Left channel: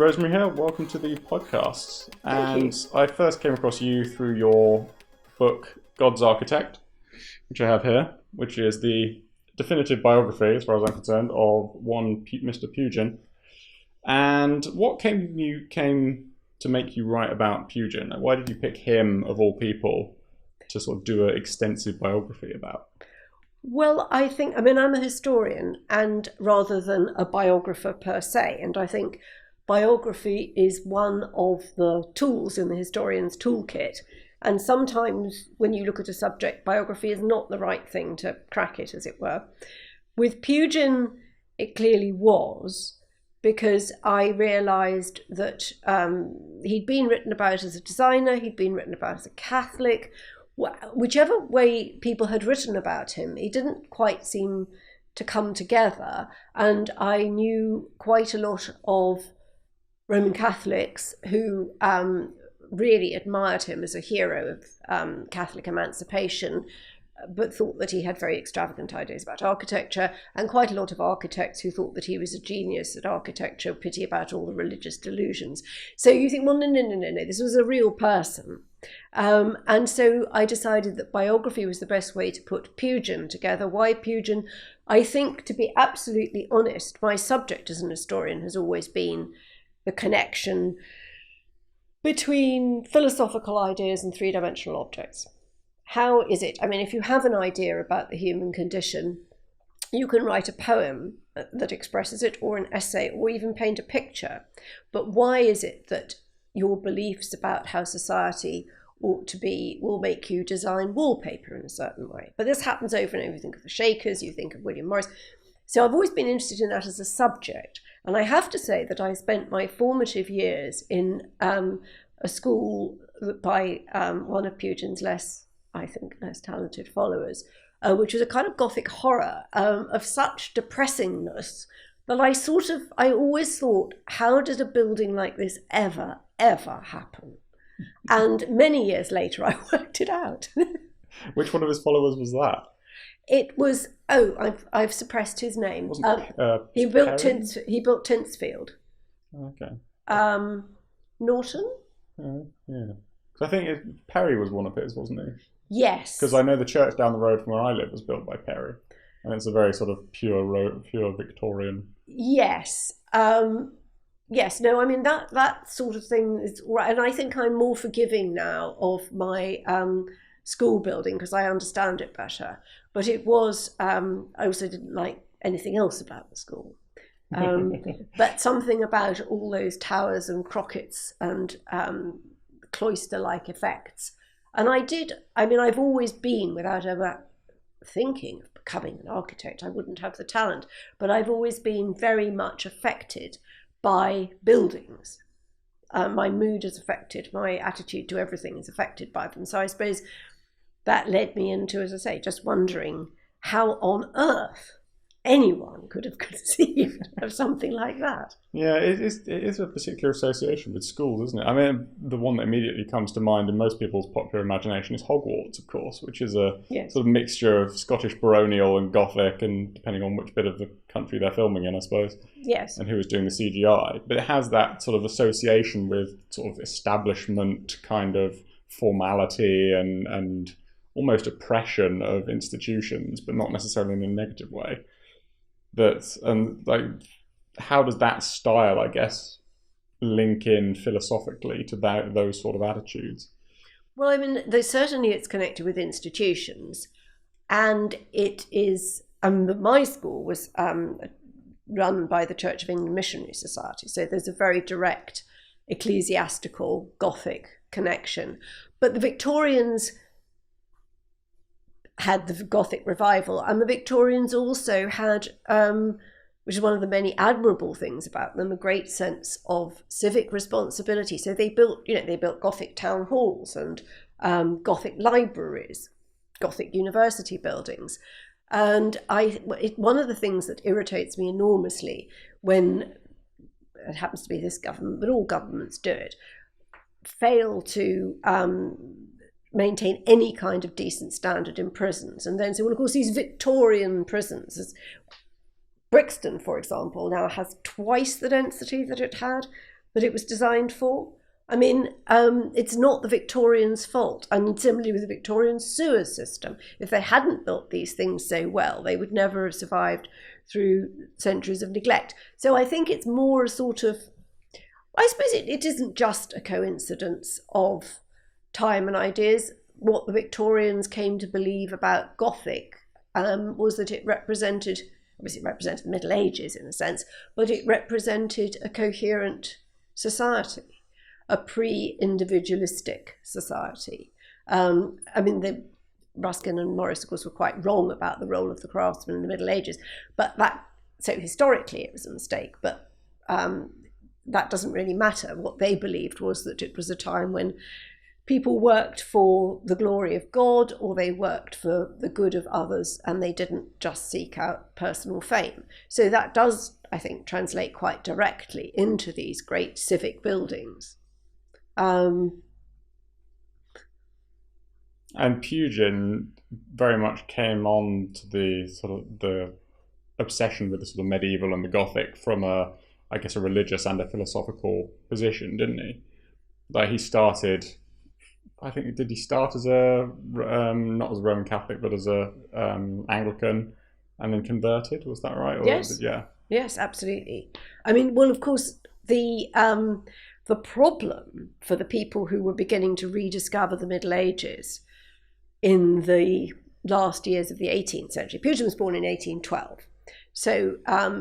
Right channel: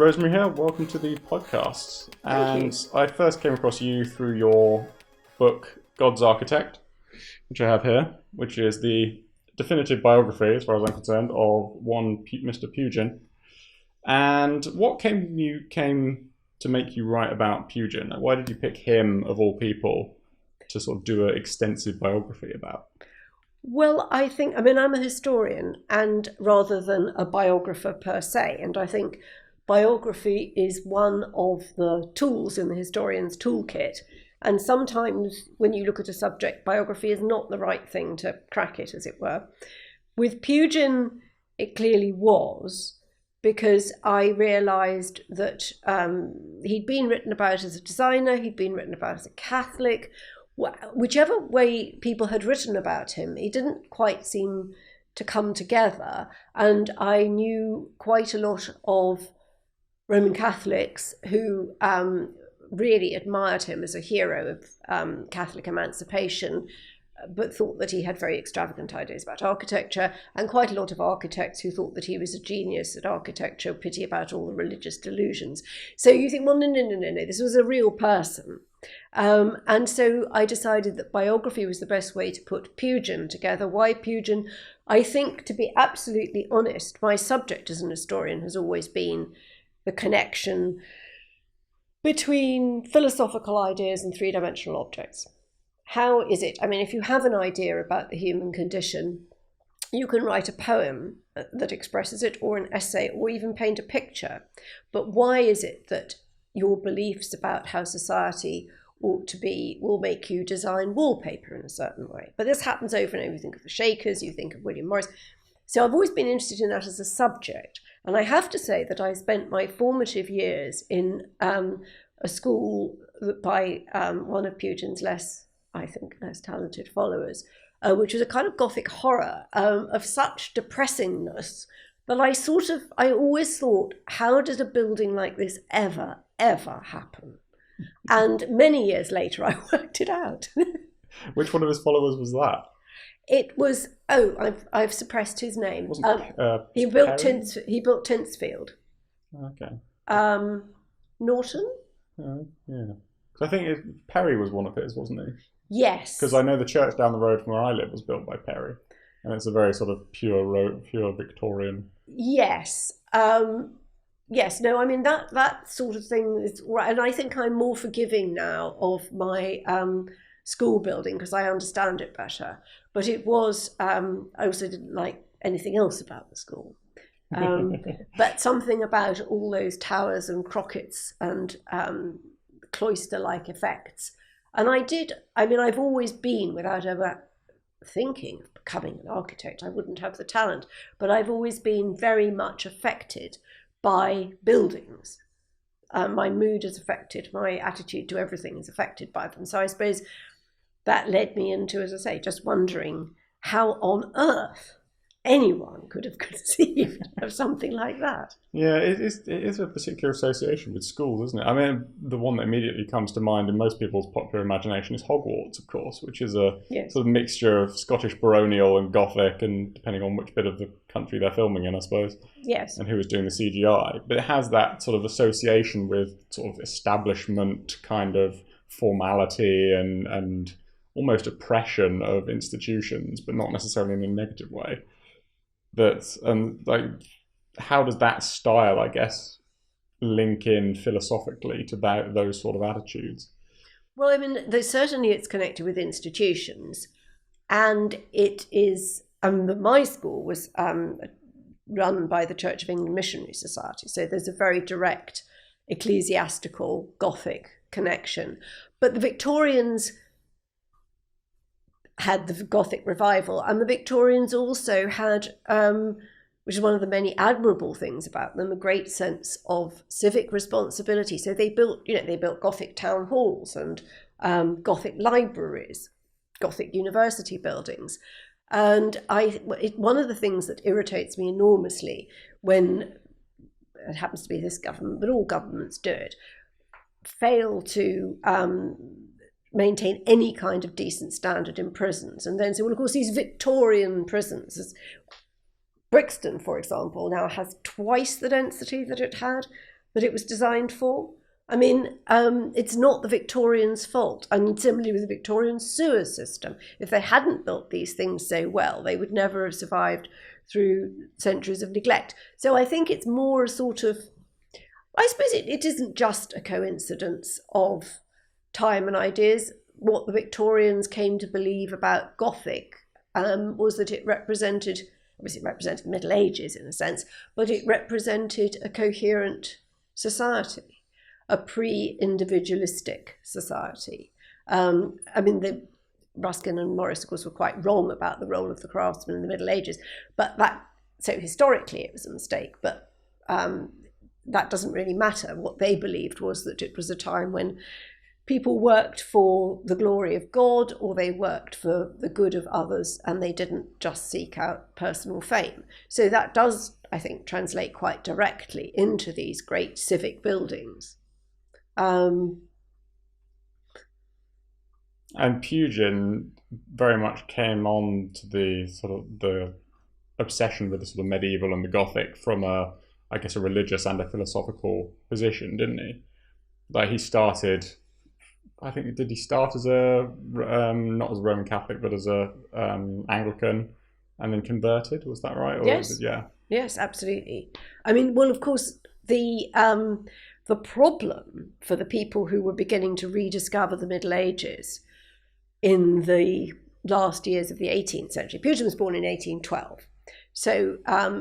Rosemary Hill, welcome to the podcast. Thank you. I first came across you through your book, God's Architect, which I have here, which is the definitive biography, as far as I'm concerned, of one Mr. Pugin. And what came to make you write about Pugin? Why did you pick him, of all people, to sort of do an extensive biography about? Well, I'm a historian, and rather than a biographer per se, and I think biography is one of the tools in the historian's toolkit. And sometimes when you look at a subject, biography is not the right thing to crack it, as it were. With Pugin, it clearly was, because I realised that he'd been written about as a designer, he'd been written about as a Catholic. Whichever way people had written about him, he didn't quite seem to come together. And I knew quite a lot of Roman Catholics who really admired him as a hero of Catholic emancipation, but thought that he had very extravagant ideas about architecture, and quite a lot of architects who thought that he was a genius at architecture, pity about all the religious delusions. So you think, well, no, this was a real person. And so I decided that biography was the best way to put Pugin together. Why Pugin? I think, to be absolutely honest, my subject as an historian has always been the connection between philosophical ideas and three-dimensional objects. How is it? I mean, if you have an idea about the human condition, you can write a poem that expresses it, or an essay, or even paint a picture. But why is it that your beliefs about how society ought to be will make you design wallpaper in a certain way? But this happens over and over. You think of the Shakers, you think of William Morris. So I've always been interested in that as a subject. And I have to say that I spent my formative years in a school by one of Pugin's less talented followers, which was a kind of Gothic horror of such depressingness that I always thought, how did a building like this ever happen? And many years later, I worked it out. Which one of his followers was that? It was, I've suppressed his name. He built Tintsfield. Okay. Norton? Yeah. I think Perry was one of his, wasn't he? Yes. Because I know the church down the road from where I live was built by Perry. And it's a very sort of pure Victorian. Yes. Yes, no, I mean, that sort of thing is right. And I think I'm more forgiving now of my school building because I understand it better. But it was, I also didn't like anything else about the school. But something about all those towers and crockets and cloister-like effects. And I've always been, without ever thinking of becoming an architect, I wouldn't have the talent, but I've always been very much affected by buildings. My mood is affected, my attitude to everything is affected by them. So I suppose that led me into, as I say, just wondering how on earth anyone could have conceived of something like that. Yeah, it is a particular association with school, isn't it? I mean, the one that immediately comes to mind in most people's popular imagination is Hogwarts, of course, which is a sort of mixture of Scottish baronial and Gothic, and depending on which bit of the country they're filming in, I suppose. Yes. And who was doing the CGI. But it has that sort of association with sort of establishment kind of formality and almost oppression of institutions, but not necessarily in a negative way. How does that style, I guess, link in philosophically to those sort of attitudes? Well, I mean, it's connected with institutions, and it is. My school was run by the Church of England Missionary Society, so there's a very direct ecclesiastical Gothic connection. But the Victorians had the Gothic Revival, and the Victorians also had, which is one of the many admirable things about them, a great sense of civic responsibility. So they built Gothic town halls and Gothic libraries, Gothic university buildings. And one of the things that irritates me enormously when it happens to be this government, but all governments do it, fail to maintain any kind of decent standard in prisons, and then say, well, of course, these Victorian prisons, Brixton, for example, now has twice the density that it had that it was designed for. I mean, it's not the Victorians' fault. And similarly with the Victorian sewer system, if they hadn't built these things so well, they would never have survived through centuries of neglect. So I think it's more a sort of, I suppose it isn't just a coincidence of time and ideas. What the Victorians came to believe about Gothic was that it represented, obviously it represented the Middle Ages in a sense, but it represented a coherent society, a pre-individualistic society. I mean, Ruskin and Morris, of course, were quite wrong about the role of the craftsman in the Middle Ages, but so historically it was a mistake, but that doesn't really matter. What they believed was that it was a time when people worked for the glory of God, or they worked for the good of others, and they didn't just seek out personal fame. So that does, I think, translate quite directly into these great civic buildings. And Pugin very much came on to the sort of the obsession with the sort of medieval and the Gothic from a religious and a philosophical position, didn't he? Like he started, I think, did he start as not as a Roman Catholic, but as a Anglican, and then converted? Was that right? Yes. Yeah. Yes, absolutely. I mean, well, of course, the problem for the people who were beginning to rediscover the Middle Ages in the last years of the 18th century, Pugin was born in 1812. So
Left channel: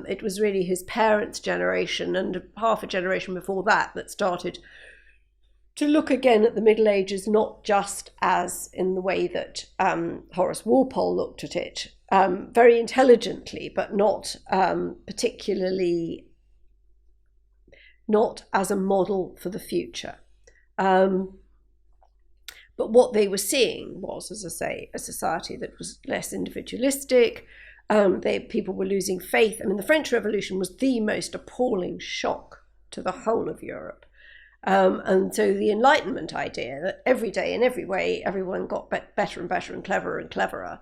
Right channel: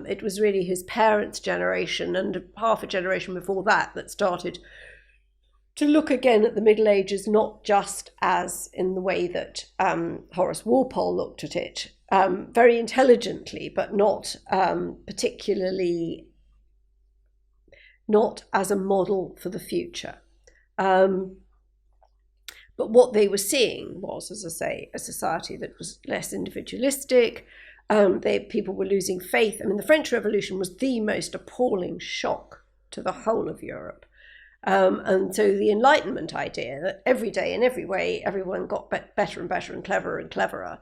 it was really his parents' generation and half a generation before that started to look again at the Middle Ages, not just as in the way that Horace Walpole looked at it, very intelligently, but not particularly, not as a model for the future. But what they were seeing was, as I say, a society that was less individualistic. People were losing faith. I mean, the French Revolution was the most appalling shock to the whole of Europe. And so the Enlightenment idea that every day in every way everyone got better and better and cleverer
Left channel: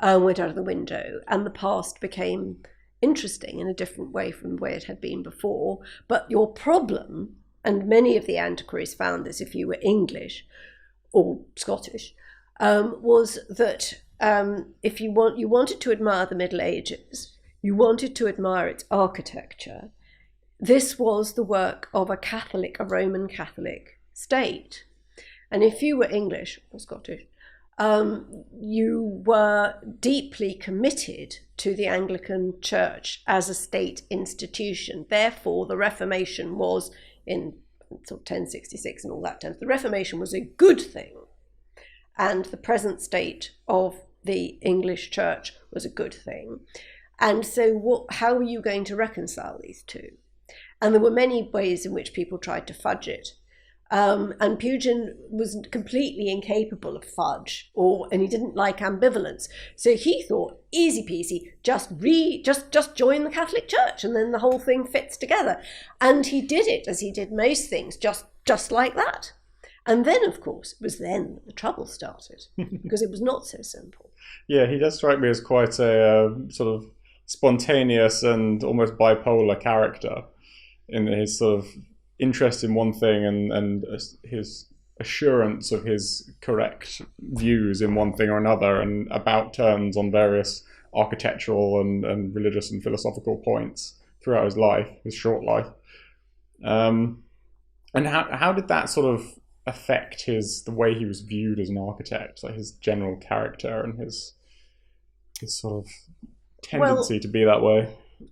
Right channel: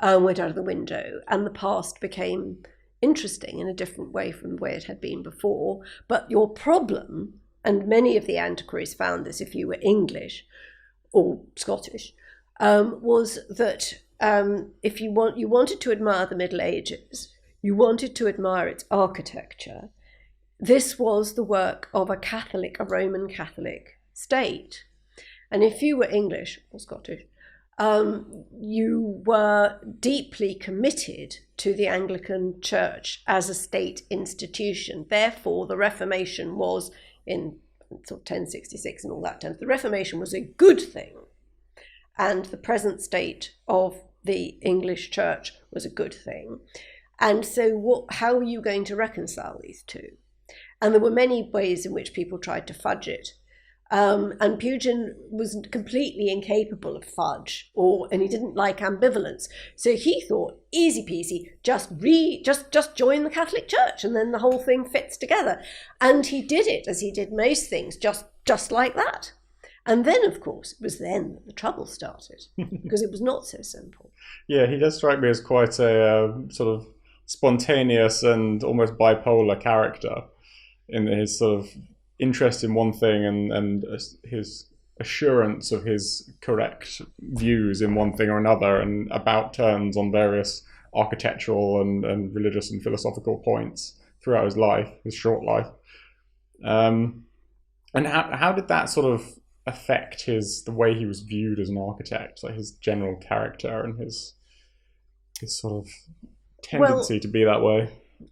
went out of the window, and the past became interesting in a different way from the way it had been before. But your problem, and many of the antiquaries found this if you were English or Scottish, was that if you wanted to admire the Middle Ages, you wanted to admire its architecture. This was the work of a Roman Catholic state. And if you were English or Scottish, you were deeply committed to the Anglican Church as a state institution. Therefore, the Reformation was, in sort of 1066 and all that terms, the Reformation was a good thing. And the present state of the English Church was a good thing. And so how are you going to reconcile these two? And there were many ways in which people tried to fudge it. And Pugin was completely incapable of fudge, and he didn't like ambivalence. So he thought, easy peasy, just join the Catholic Church, and then the whole thing fits together. And he did it, as he did most things, just like that. And then, of course, it was then that the trouble started, because it was not so simple. Yeah, he does strike me as quite a sort of spontaneous and almost bipolar character in his sort of interest in one thing and his assurance of his correct views in one thing or another, and about turns on various architectural and religious and philosophical points throughout his life, his short life. And how did that sort of affect the way he was viewed as an architect, like his general character and his sort of tendency to be that way?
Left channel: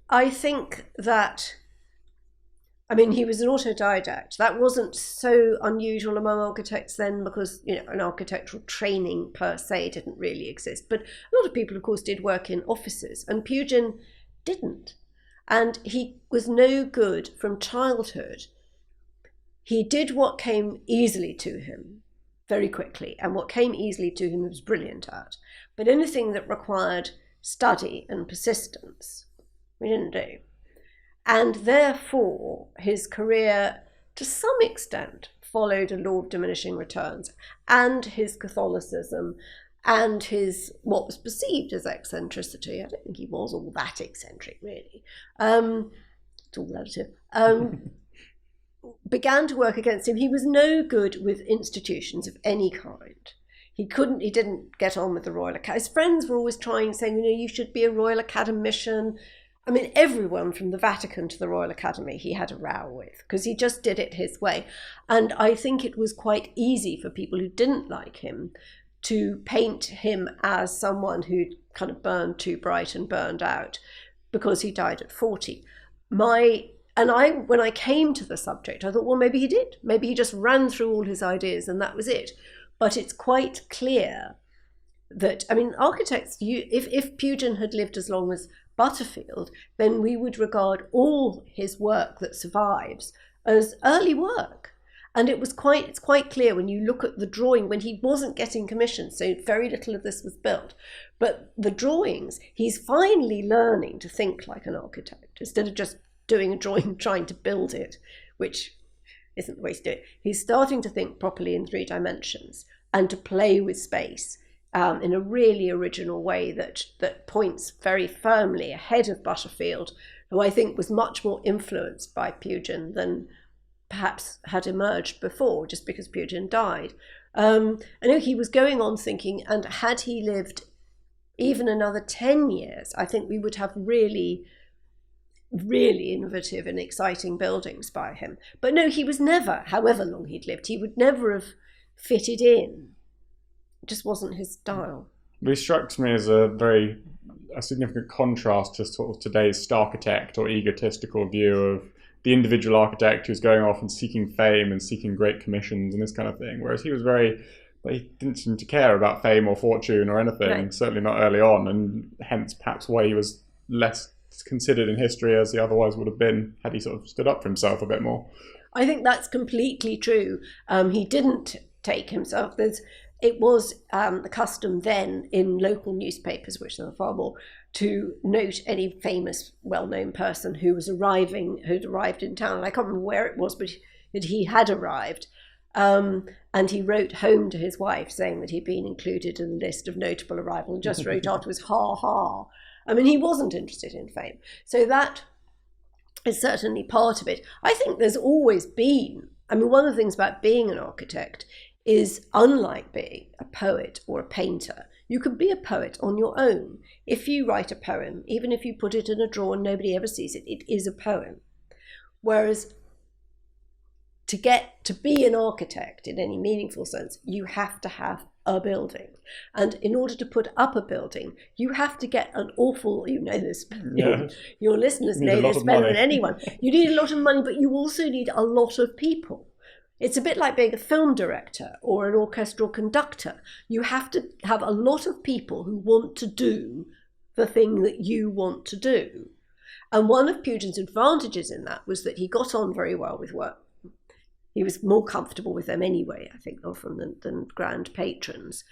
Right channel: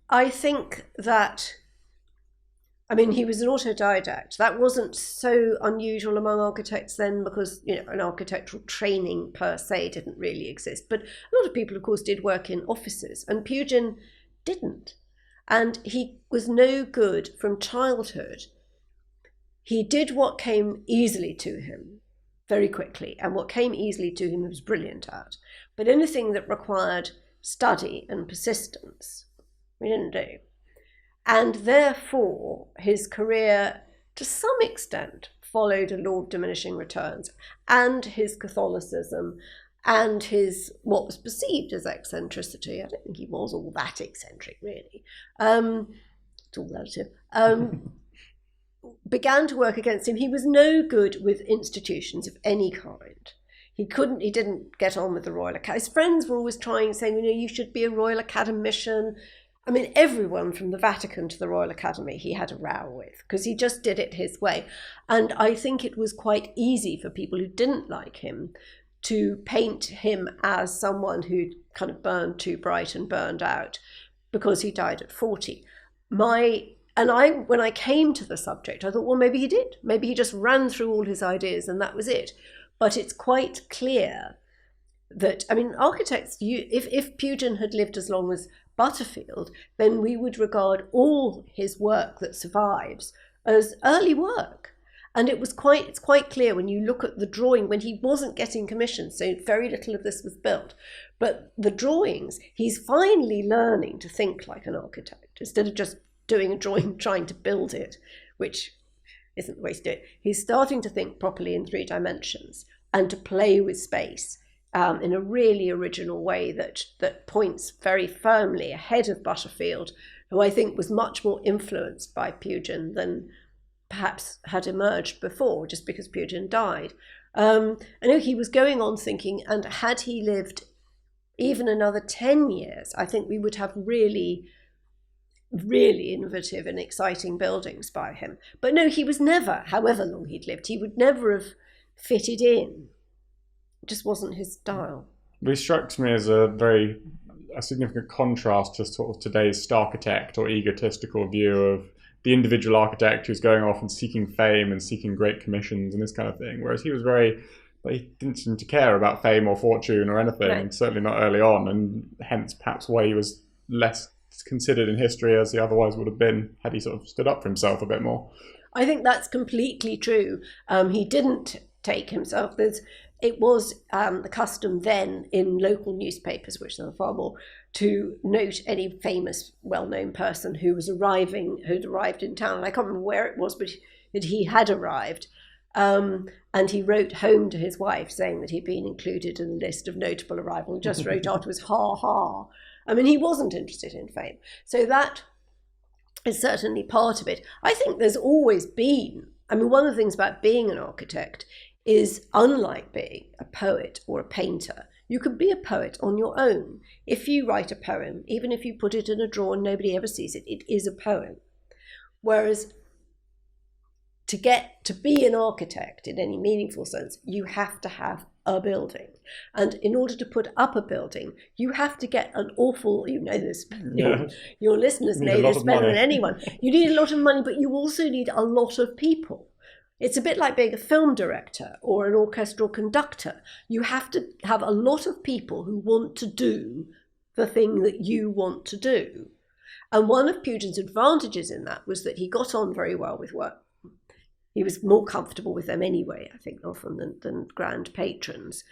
I think that, I mean, he was an autodidact. That wasn't so unusual among architects then, because, an architectural training per se didn't really exist. But a lot of people, of course, did work in offices, and Pugin didn't. And he was no good from childhood. He did what came easily to him very quickly, and what came easily to him he was brilliant at. But anything that required study and persistence, we didn't do. And therefore, his career, to some extent, followed a law of diminishing returns, and his Catholicism, and his what was perceived as eccentricity. I don't think he was all that eccentric, really. It's all relative. began to work against him. He was no good with institutions of any kind. He didn't get on with the Royal Academy. His friends were always saying, you should be a Royal Academician. I mean, everyone from the Vatican to the Royal Academy he had a row with, because he just did it his way. And I think it was quite easy for people who didn't like him to paint him as someone who'd kind of burned too bright and burned out, because he died at 40. When I came to the subject, I thought, well, maybe he did. Maybe he just ran through all his ideas and that was it. But it's quite clear that, I mean, architects, if Pugin had lived as long as Butterfield, then we would regard all his work that survives as early work. And it's quite clear when you look at the drawing, when he wasn't getting commissions, so very little of this was built. But the drawings, he's finally learning to think like an architect, instead of just doing a drawing, trying to build it, which isn't the way to do it. He's starting to think properly in 3 dimensions and to play with space in a really original way that points very firmly ahead of Butterfield, who I think was much more influenced by Pugin than perhaps had emerged before, just because Pugin died. I know he was going on thinking, and had he lived even another 10 years, I think we would have really, really innovative and exciting buildings by him. But no, he was never, however long he'd lived, he would never have fitted in. It just wasn't his style. It struck me as a significant contrast to sort of today's architect or egotistical view of the individual architect who's going off and seeking fame and seeking great commissions and this kind of thing. Whereas he didn't seem to care about fame or fortune or anything, no. Certainly not early on, and hence perhaps why he was less considered in history as he otherwise would have been had he sort of stood up for himself a bit more. I think that's completely true. He didn't take himself. It was the custom then in local newspapers, which there were far more, to note any famous, well-known person who'd arrived in town. And I can't remember where it was, but that he had arrived. And he wrote home to his wife saying that he'd been included in the list of notable arrival, and just wrote afterwards, ha ha. I mean, he wasn't interested in fame. So that is certainly part of it. I think there's always been, one of the things about being an architect is, unlike being a poet or a painter, you can be a poet on your own. If you write a poem, even if you put it in a drawer and nobody ever sees it, it is a poem. Whereas to be an architect in any meaningful sense, you have to have a building. And in order to put up a building, you have to get an awful, this, your listeners know this better than anyone. You need a lot of money, but you also need a lot of people. It's a bit like being a film director or an orchestral conductor. You have to have a lot of people who want to do the thing that you want to do. And one of Pugin's advantages in that was that he got on very well with work. He was more comfortable with them anyway, I think, often than grand patrons.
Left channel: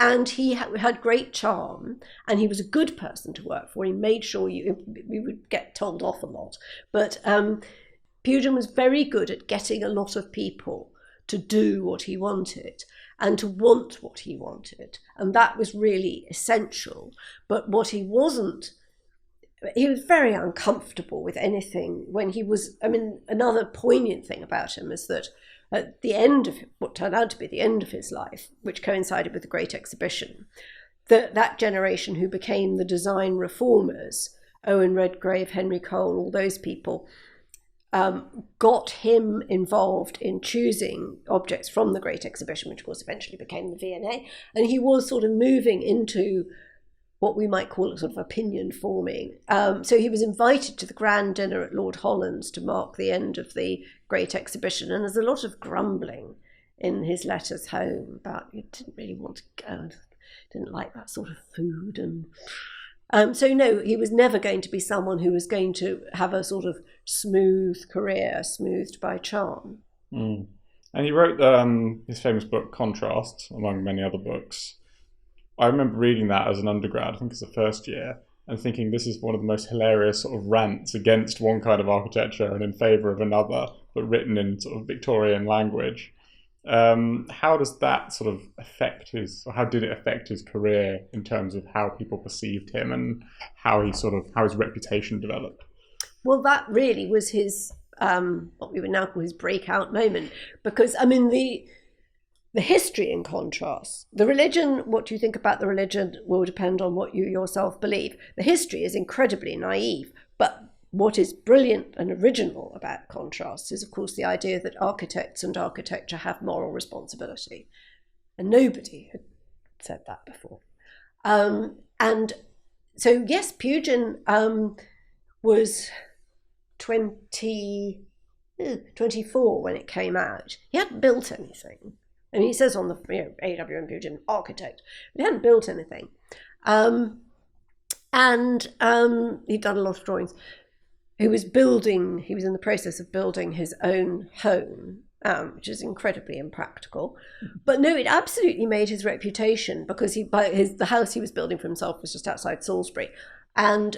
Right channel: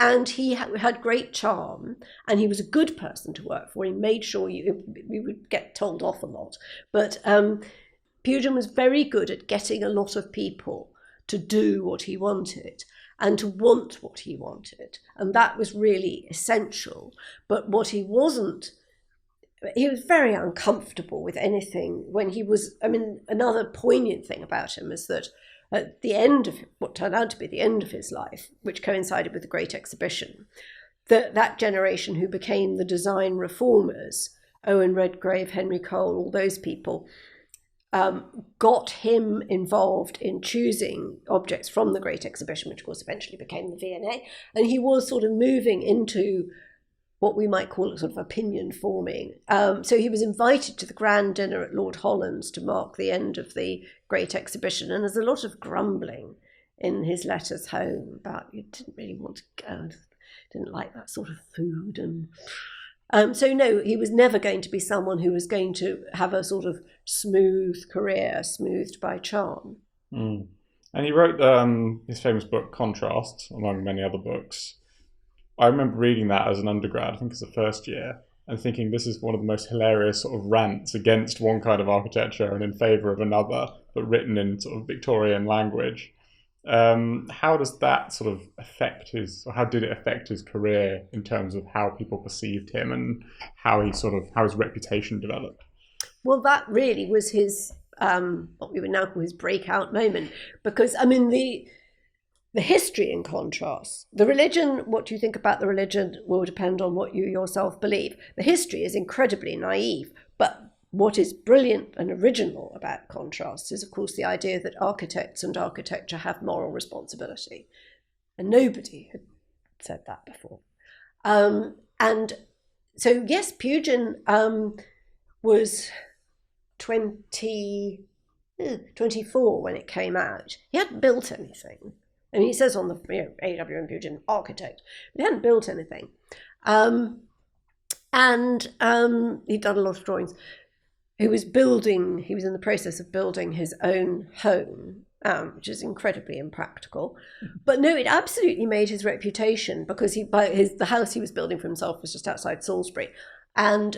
And he had great charm, and he was a good person to work for. He made sure we would get told off a lot. But Pugin was very good at getting a lot of people to do what he wanted and to want what he wanted. And that was really essential. But what he wasn't, he was very uncomfortable with anything when he was, another poignant thing about him is that at the end of what turned out to be the end of his life, which coincided with the Great Exhibition, that generation who became the design reformers, Owen Redgrave, Henry Cole, all those people, got him involved in choosing objects from the Great Exhibition, which of course eventually became the V&A. And he was sort of moving into what we might call a sort of opinion forming. So he was invited to the grand dinner at Lord Holland's to mark the end of the Great Exhibition. And there's a lot of grumbling in his letters home about he didn't really want to go, didn't like that sort of food. And so no, he was never going to be someone who was going to have a sort of smooth career, smoothed by charm. Mm. And he wrote his famous book, Contrast, among many other books. I remember reading that as an undergrad, I think it's the first year, and thinking this is one of the most hilarious sort of rants against one kind of architecture and in favour of another, but written in sort of Victorian language. How does that sort of how did it affect his career in terms of how people perceived him and how his reputation developed? Well, that really was his, what we would now call his breakout moment, because, I mean, the history, in contrast, the religion, what you think about the religion will depend on what you yourself believe. The history is incredibly naive, but what is brilliant and original about contrast is, of course, the idea that architects and architecture have moral responsibility. And nobody had said that before. And so, yes, Pugin was 24 when it came out. He hadn't built anything. And he says on the A.W.N. Pugin, architect, but he hadn't built anything. And he'd done a lot of drawings. He was in the process of building his own home, which is incredibly impractical. But no, it absolutely made his reputation, because the house he was building for himself was just outside Salisbury. And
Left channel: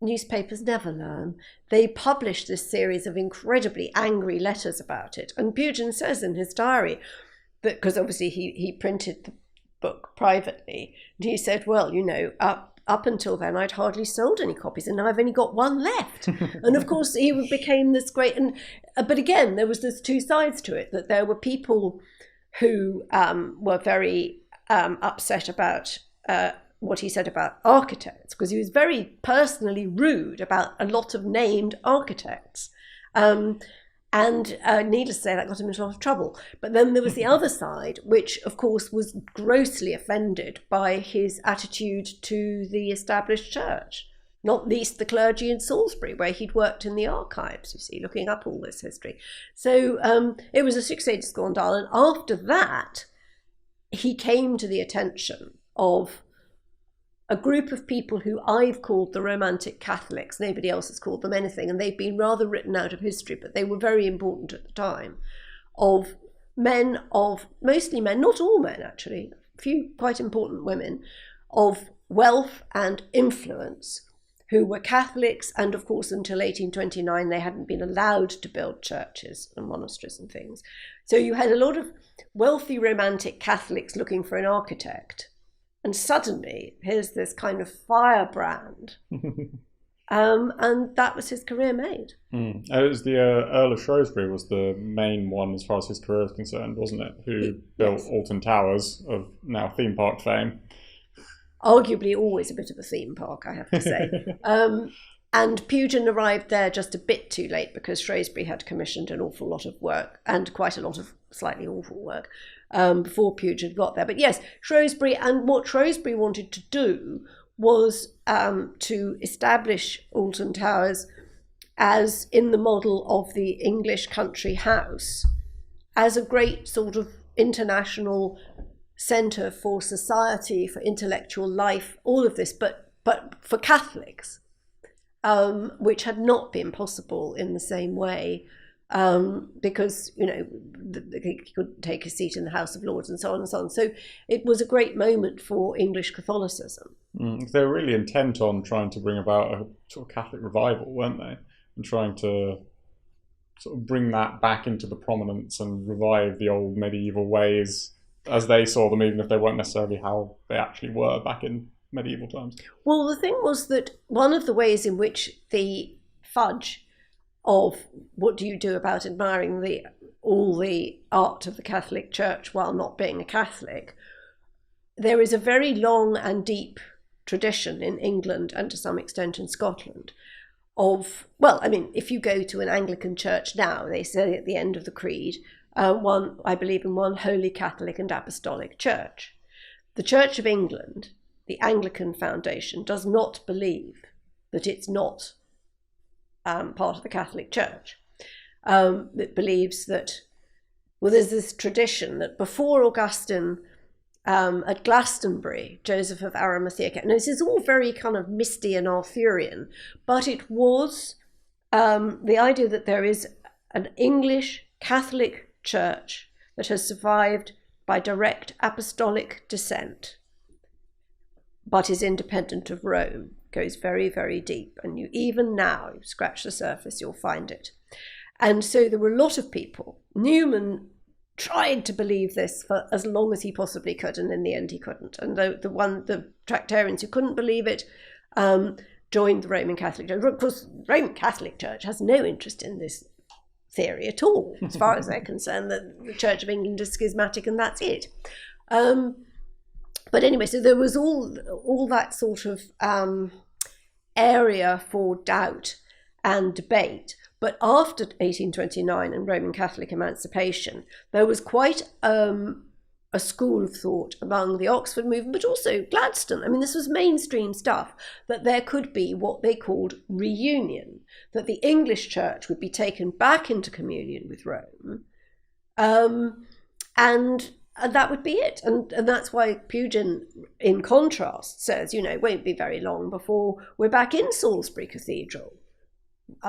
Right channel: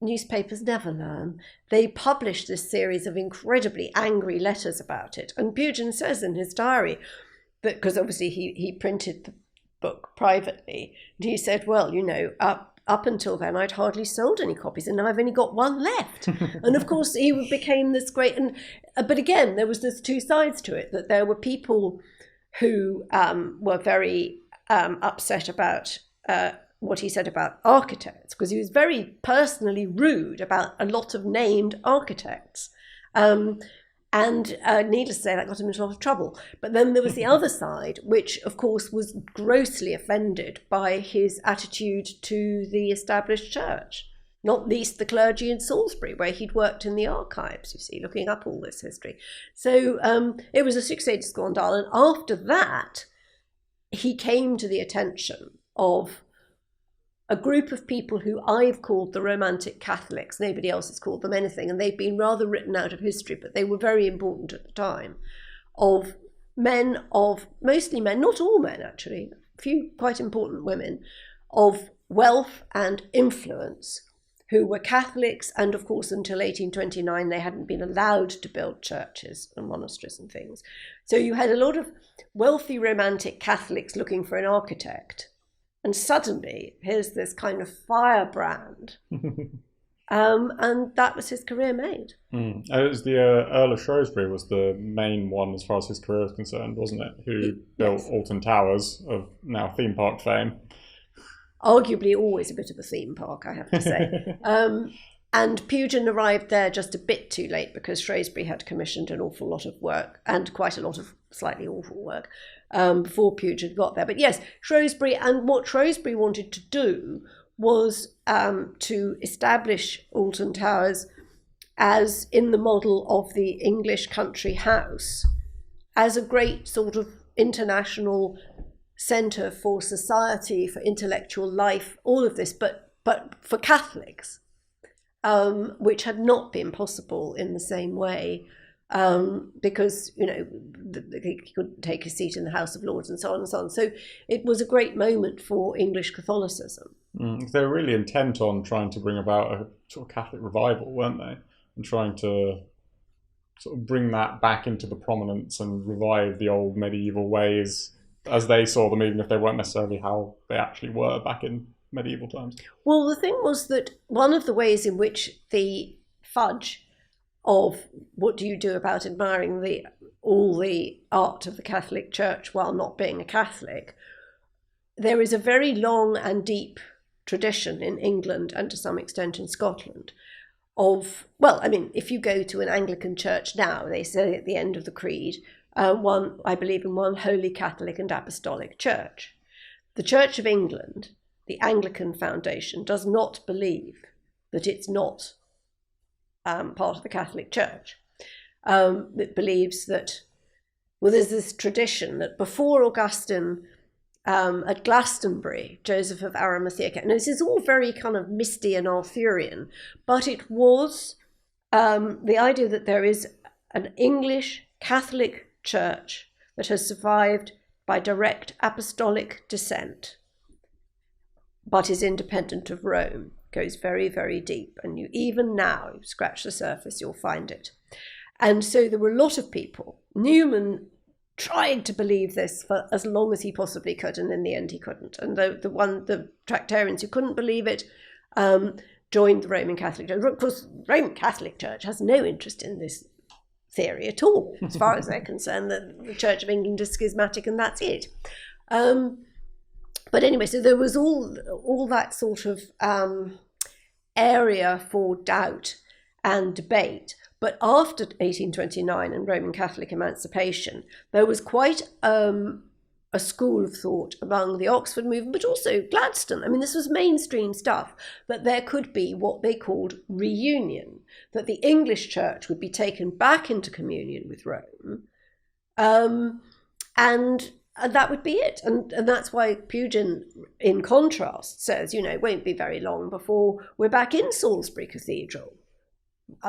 newspapers never learn. They published this series of incredibly angry letters about it. And Pugin says in his diary that, because obviously he printed the book privately, and he said, well, up until then I'd hardly sold any copies, and now I've only got one left. And of course he became this great, but again there was this two sides to it, that there were people who were very upset about what he said about architects, because he was very personally rude about a lot of named architects. And needless to say, that got him into a lot of trouble. But then there was the other side, which, of course, was grossly offended by his attitude to the established church, not least the clergy in Salisbury, where he'd worked in the archives, you see, looking up all this history. So it was a six-stage scandal. And after that, he came to the attention of a group of people who I've called the Romantic Catholics. Nobody else has called them anything, and they've been rather written out of history, but they were very important at the time, of mostly men, not all men actually, a few quite important women, of wealth and influence, who were Catholics, and of course until 1829 they hadn't been allowed to build churches and monasteries and things. So you had a lot of wealthy Romantic Catholics looking for an architect. And suddenly, here's this kind of firebrand. And that was his career made. It was the Earl of Shrewsbury was the main one as far as his career is concerned, wasn't it? Who built Alton Towers, of now theme park fame. Arguably always a bit of a theme park, I have to say. And Pugin arrived there just a bit too late, because Shrewsbury had commissioned an awful lot of work, and quite a lot of slightly awful work, before Pugin got there. But yes, Shrewsbury, and what Shrewsbury wanted to do was to establish Alton Towers as in the model of the English country house, as a great sort of international centre for society, for intellectual life, all of this, but for Catholics. Which had not been possible in the same way, because, he couldn't take a seat in the House of Lords and so on and so on. So it was a great moment for English Catholicism. They were really intent on trying to bring about a sort of Catholic revival, weren't they? And trying to sort of bring that back into the prominence and revive the old medieval ways as they saw them, even if they weren't necessarily how they actually were back in medieval times. Well, the thing was that one of the ways in which the fudge of what do you do about admiring all the art of the Catholic Church while not being a Catholic, there is a very long and deep tradition in England, and to some extent in Scotland, of, well, I mean, if you go to an Anglican church now, they say at the end of the creed, I believe in one holy Catholic and Apostolic Church. The Church of England, the Anglican Foundation, does not believe that it's not part of the Catholic Church. It believes that, well, there's this tradition that before Augustine, at Glastonbury, Joseph of Arimathea, and this is all very kind of misty and Arthurian, but it was the idea that there is an English Catholic Church that has survived by direct apostolic descent, but is independent of Rome, goes very, very deep. And you even now, you scratch the surface, you'll find it. And so there were a lot of people. Newman tried to believe this for as long as he possibly could, and in the end he couldn't. And the Tractarians who couldn't believe it, joined the Roman Catholic Church. Of course, the Roman Catholic Church has no interest in this theory at all, as far as they're concerned. That the Church of England is schismatic and that's it. But anyway, so there was all that sort of area for doubt and debate. But after 1829 and Roman Catholic emancipation, there was quite a school of thought among the Oxford movement, but also Gladstone. I mean, this was mainstream stuff, that there could be what they called reunion, that the English church would be taken back into communion with Rome, and that would be it. And that's why Pugin, in contrast, says, it won't be very long before we're back in Salisbury Cathedral.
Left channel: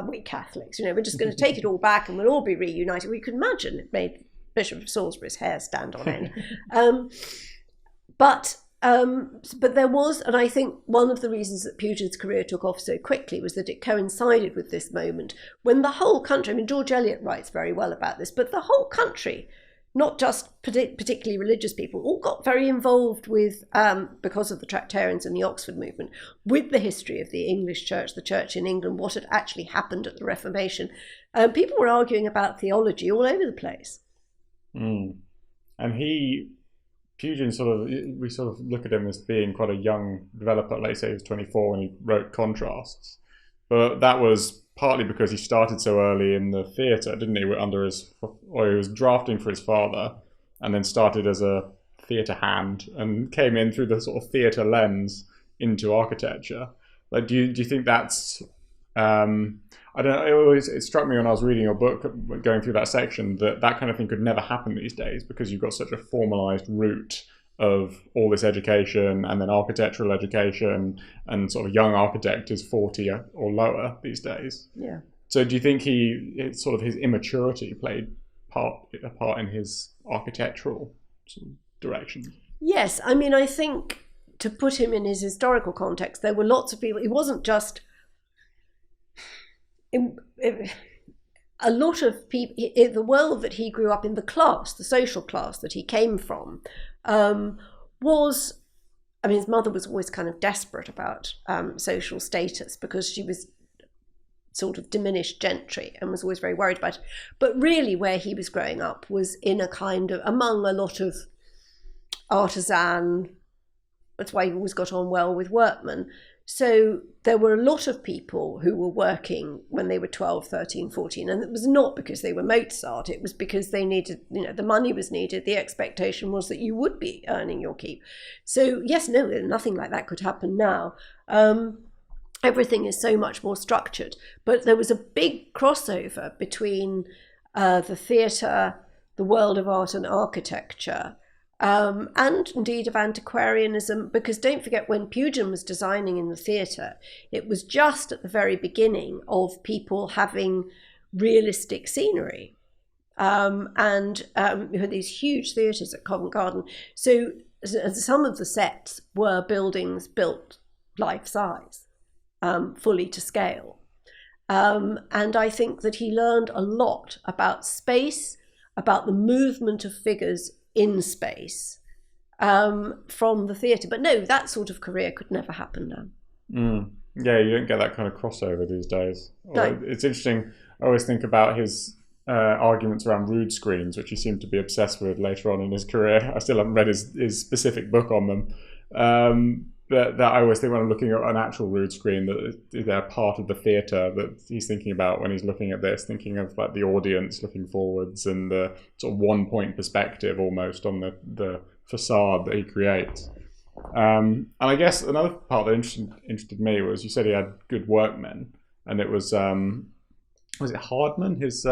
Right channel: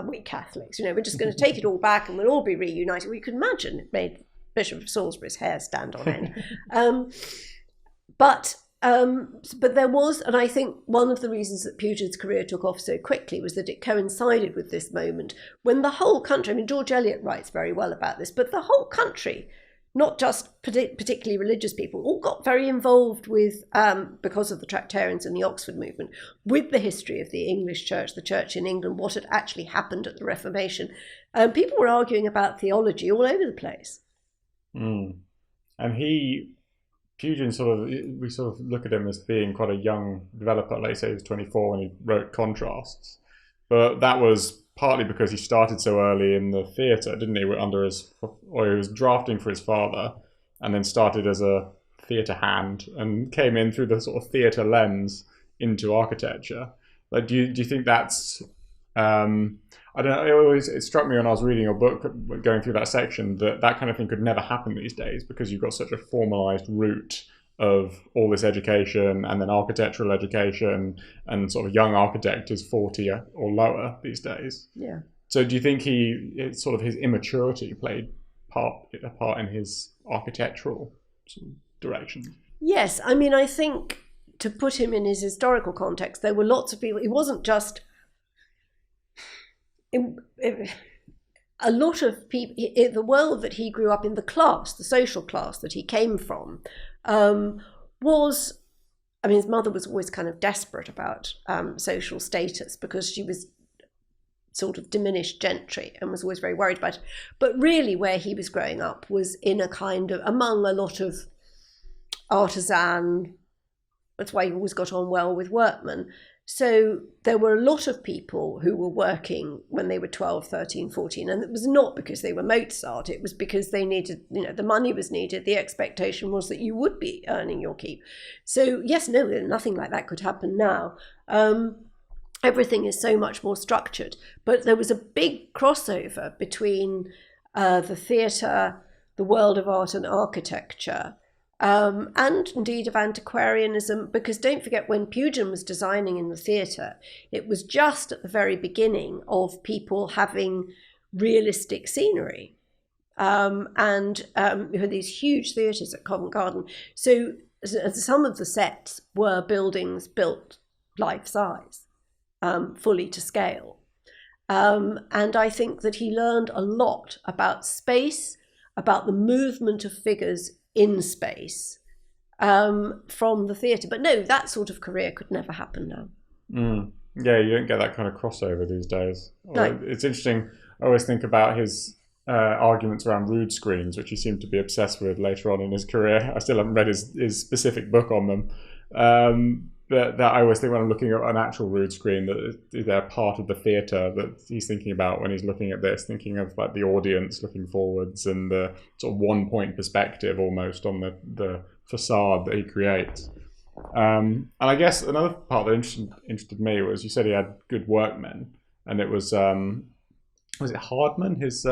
We Catholics, we're just going to take it all back and we'll all be reunited. We could imagine it made Bishop of Salisbury's hair stand on end. But there was, and I think one of the reasons that Pugin's career took off so quickly was that it coincided with this moment when the whole country, I mean, George Eliot writes very well about this, but the whole country, not just particularly religious people, all got very involved with, because of the Tractarians and the Oxford movement, with the history of the English church, the church in England, what had actually happened at the Reformation. People were arguing about theology all over the place. And Pugin we sort of look at him as being quite a young developer. Like you say, he was 24 when he wrote Contrasts. But that was partly because he started so early in the theatre, didn't he? He was drafting for his father, and then started as a theatre hand, and came in through the sort of theatre lens into architecture. Like, do you think that's? I don't know. It struck me when I was reading your book, going through that section, that kind of thing could never happen these days because you've got such a formalised route of all this education and then architectural education, and sort of young architect is 40 or lower these days. Yeah. So do you think his immaturity played a part in his architectural direction? Yes, I mean, I think to put him in his historical context, there were lots of people. It wasn't just a lot of people. The world that he grew up in, the social class that he came from, was. I mean, his mother was always kind of desperate about social status because she was sort of diminished gentry and was always very worried about it. But really where he was growing up was in a kind of, among a lot of artisan, that's why he always got on well with workmen. So there were a lot of people who were working when they were 12, 13, 14, and it was not because they were Mozart, it was because they needed, the money was needed, the expectation was that you would be earning your keep. So yes, no, nothing like that could happen now. Everything is so much more structured, but there was a big crossover between the theatre, the world of art and architecture, and indeed of antiquarianism, because don't forget, when Pugin was designing in the theatre, it was just at the very beginning of people having realistic scenery. And we had these huge theatres at Covent Garden. So some of the sets were buildings built life-size, fully to scale. And I think that he learned a lot about space, about the movement of figures in space, from the theatre. But no, that sort of career could never happen now. Yeah, you don't get that kind of crossover these days. No. It's interesting. I always think about his arguments around rood screens, which he seemed to be obsessed with later on in his career. I still haven't read his specific book on them. But I always think when I'm looking at an actual rood screen, that they're part of the theatre that he's thinking about when he's looking at this, thinking of like the audience looking forwards and the sort of one-point perspective almost on the facade that he creates. And I guess another part that interested me was, you said he had good workmen, and it was it Hardman, his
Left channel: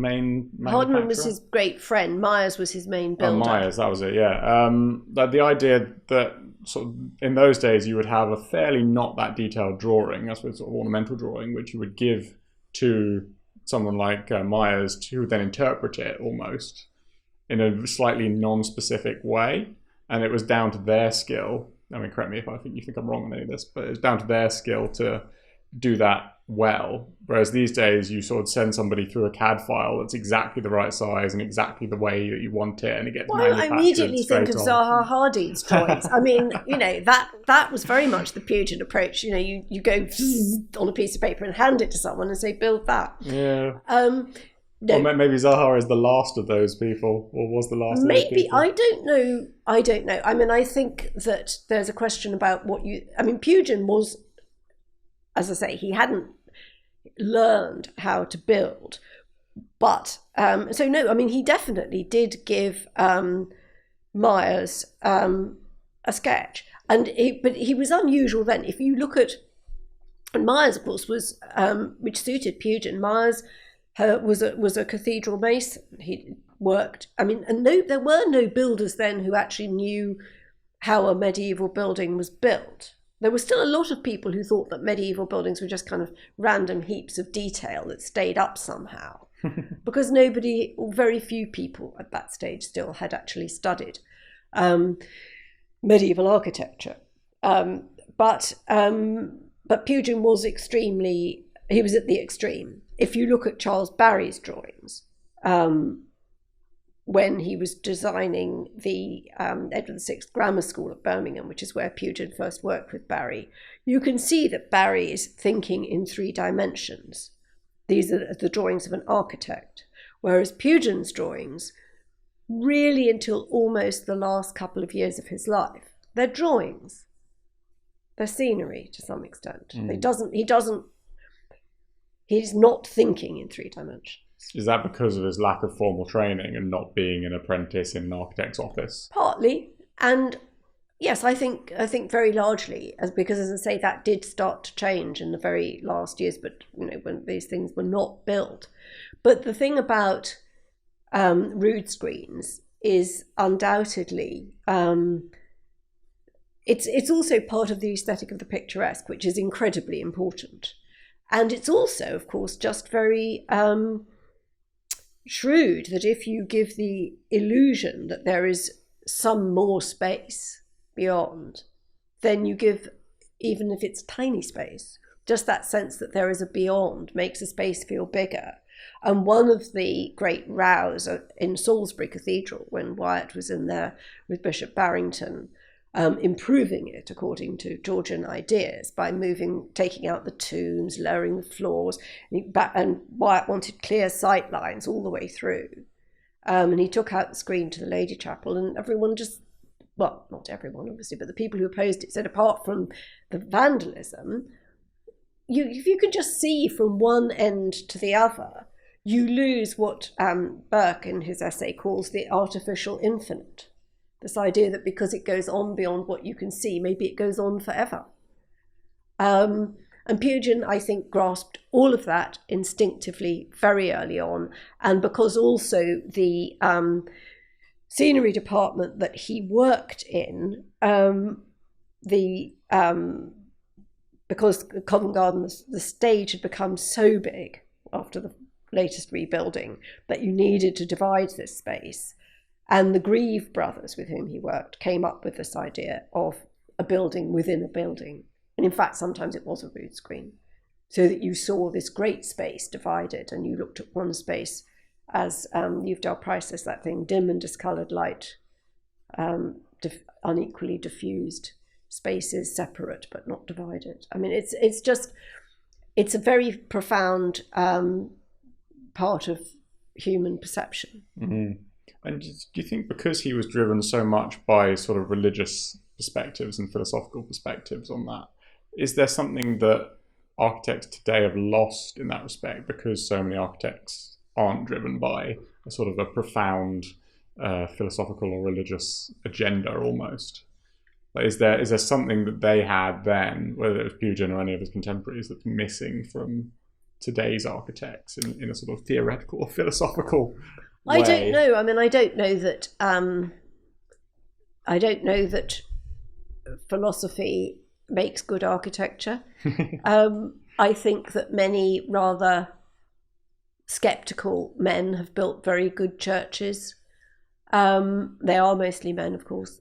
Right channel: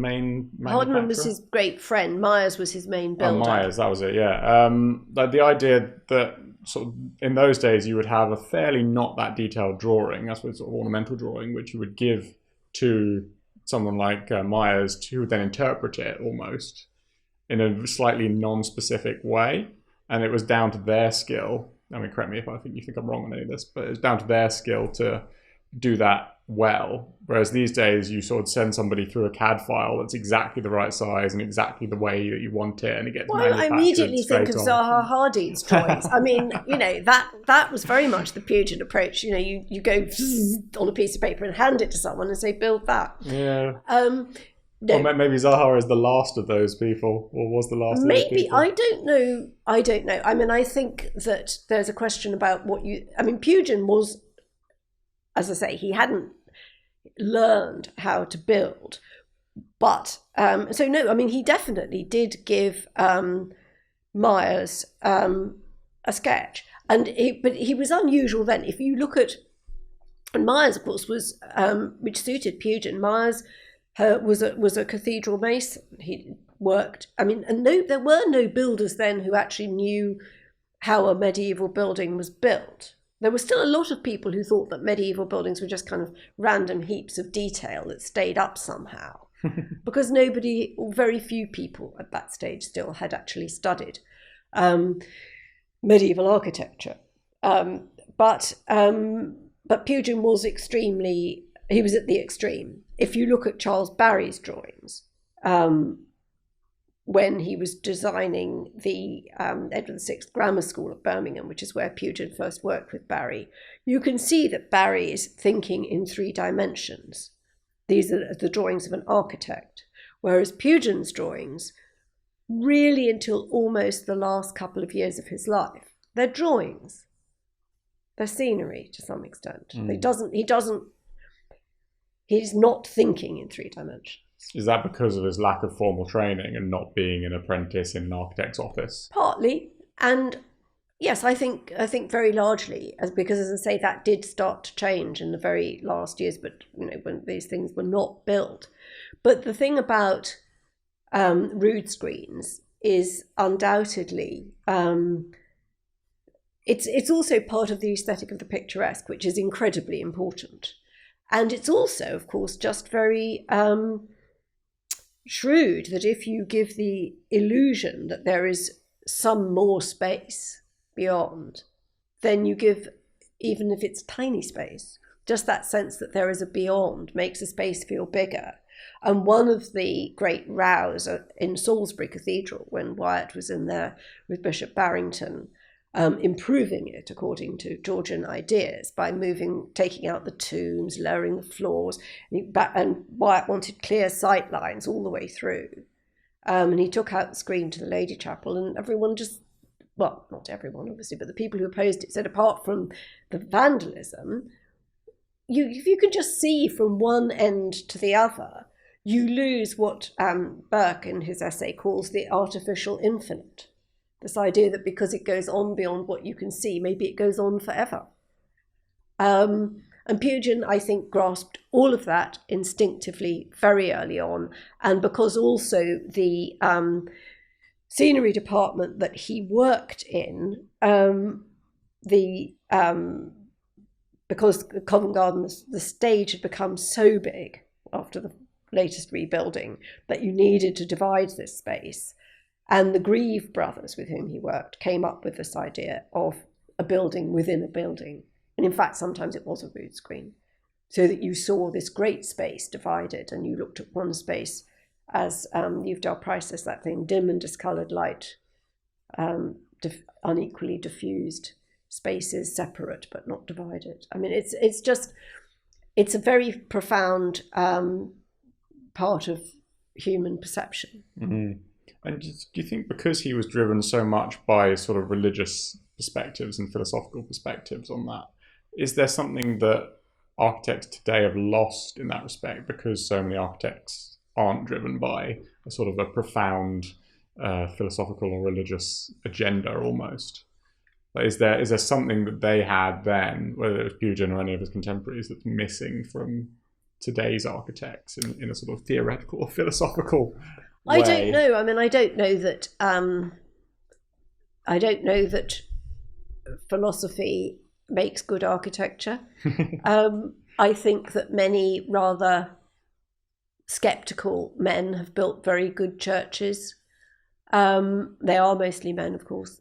main... Hardman was his great friend. Myers was his main builder. Myers, that was it, yeah. But the idea that sort of in those days you would have a fairly not that detailed drawing, that's what sort of ornamental drawing, which you would give to someone like Myers to then interpret it almost in a slightly non-specific way, and it was down to their skill. I mean, correct me if you think I'm wrong in this, but it's down to their skill to do that well. Whereas these days, you sort of send somebody through a CAD file that's exactly the right size and exactly the way that you want it. And it gets well, I immediately think of Zaha Hadid's drawings. I mean, you know, that was very much the Pugin approach. You know, you go on a piece of paper and hand it to someone and say, build that. Yeah. No. Well, maybe Zaha is the last of those people, or was the last. Maybe, I don't know. I mean, I think that there's a question about Pugin was, as I say, he hadn't learned how to build, but so no, I mean, he definitely did give Myers a sketch, but he was unusual then. If you look at, and Myers, of course, was which suited Pugin. Myers was a cathedral mason. He worked. I mean, and there were no builders then who actually knew how a medieval building was built. There were still a lot of people who thought that medieval buildings were just kind of random heaps of detail that stayed up somehow, because very few people at that stage still had actually studied medieval architecture. But Pugin was he was at the extreme. If you look at Charles Barry's drawings, when he was designing the Edward VI Grammar School at Birmingham, which is where Pugin first worked with Barry, you can see that Barry is thinking in 3 dimensions. These are the drawings of an architect, whereas Pugin's drawings, really until almost the last couple of years of his life, they're drawings. They're scenery to some extent. He's not thinking in 3 dimensions. Is that because of his lack of formal training and not being an apprentice in an architect's office? Partly, and yes, I think very largely, because as I say, that did start to change in the very last years. But you know, when these things were not built. But the thing about rood screens is undoubtedly it's also part of the aesthetic of the picturesque, which is incredibly important, and it's also, of course, just very shrewd that if you give the illusion that there is some more space beyond, then you give, even if it's tiny space, just that sense that there is a beyond makes a space feel bigger. And one of the great rows in Salisbury Cathedral, when Wyatt was in there with Bishop Barrington, improving it according to Georgian ideas by taking out the tombs, lowering the floors, and Wyatt wanted clear sight lines all the way through. And he took out the screen to the Lady Chapel, and everyone well, not everyone obviously, but the people who opposed it said, apart from the vandalism, if you can just see from one end to the other, you lose what Burke in his essay calls the artificial infinite. This idea that because it goes on beyond what you can see, maybe it goes on forever. And Pugin, I think, grasped all of that instinctively very early on. And because also the scenery department that he worked in, because Covent Garden, the stage had become so big after the latest rebuilding that you needed to divide this space. And the Grieve brothers, with whom he worked, came up with this idea of a building within a building. And in fact, sometimes it was a rood screen, so that you saw this great space divided, and you looked at one space as Eudel Price says, that thing, dim and discoloured light, unequally diffused spaces, separate but not divided. I mean, it's a very profound part of human perception. Mm-hmm. And do you think because he was driven so much by sort of religious perspectives and philosophical perspectives on that, is there something that architects today have lost in that respect, because so many architects aren't driven by a sort of a profound philosophical or religious agenda almost? Is there something that they had then, whether it's Pugin or any of his contemporaries, that's missing from today's architects in a sort of theoretical or philosophical way? I don't know. I mean, I don't know that philosophy makes good architecture. I think that many rather sceptical men have built very good churches. They are mostly men, of course.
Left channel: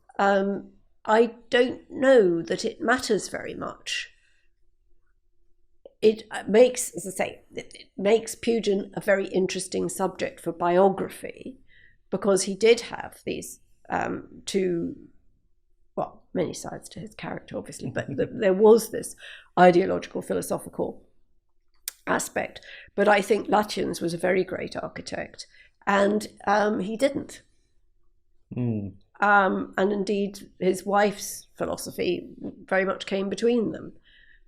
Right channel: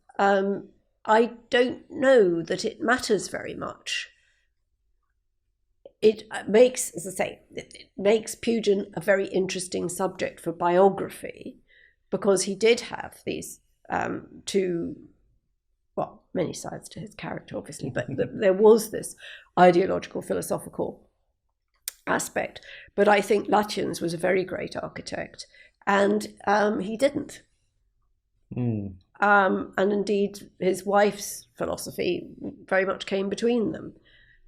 I don't know that it matters very much it makes, as I say, it makes Pugin a very interesting subject for biography, because he did have these two, well, many sides to his character, obviously, but there was this ideological, philosophical aspect. But I think Lutyens was a very great architect, and he didn't. And indeed, his wife's philosophy very much came between them.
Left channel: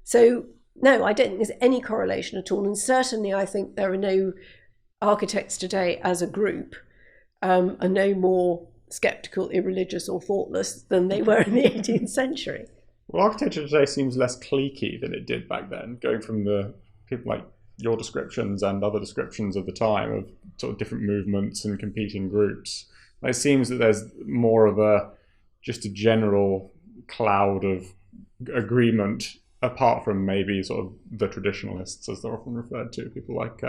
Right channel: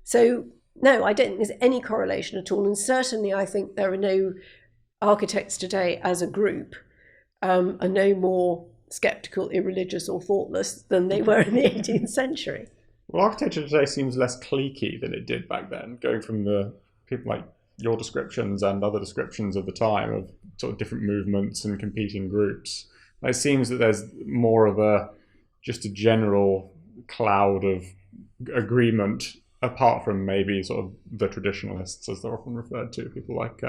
So, no, I don't think there's any correlation at all. And certainly, I think there are no architects today as a group are no more sceptical, irreligious, or thoughtless than they were in the 18th century. Well, architecture today seems less cliquey than it did back then, going from the people like your descriptions and other descriptions of the time of sort of different movements and competing groups. It seems that there's more of just a general cloud of agreement, apart from maybe sort of the traditionalists, as they're often referred to, people like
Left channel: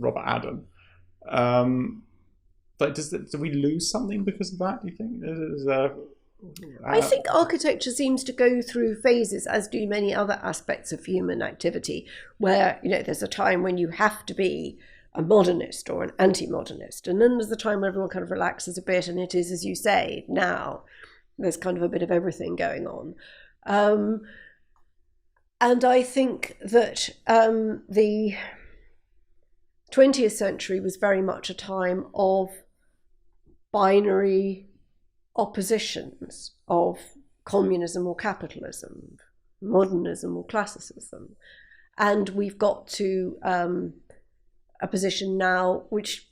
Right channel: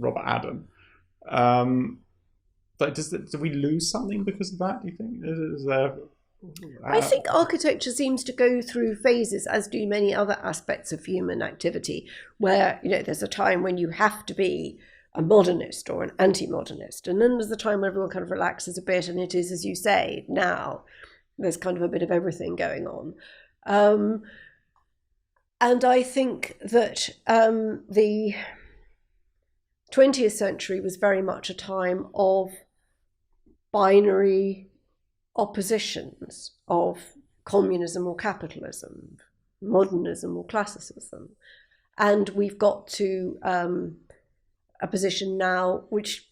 Robert Adam. But do we lose something because of that, do you think? I think architecture seems to go through phases, as do many other aspects of human activity, where, you know, there's a time when you have to be a modernist or an anti-modernist, and then there's the time where everyone kind of relaxes a bit, and it is, as you say, now there's kind of a bit of everything going on. And I think that the 20th century was very much a time of binary oppositions, of communism or capitalism, modernism or classicism. And we've got to a position now which,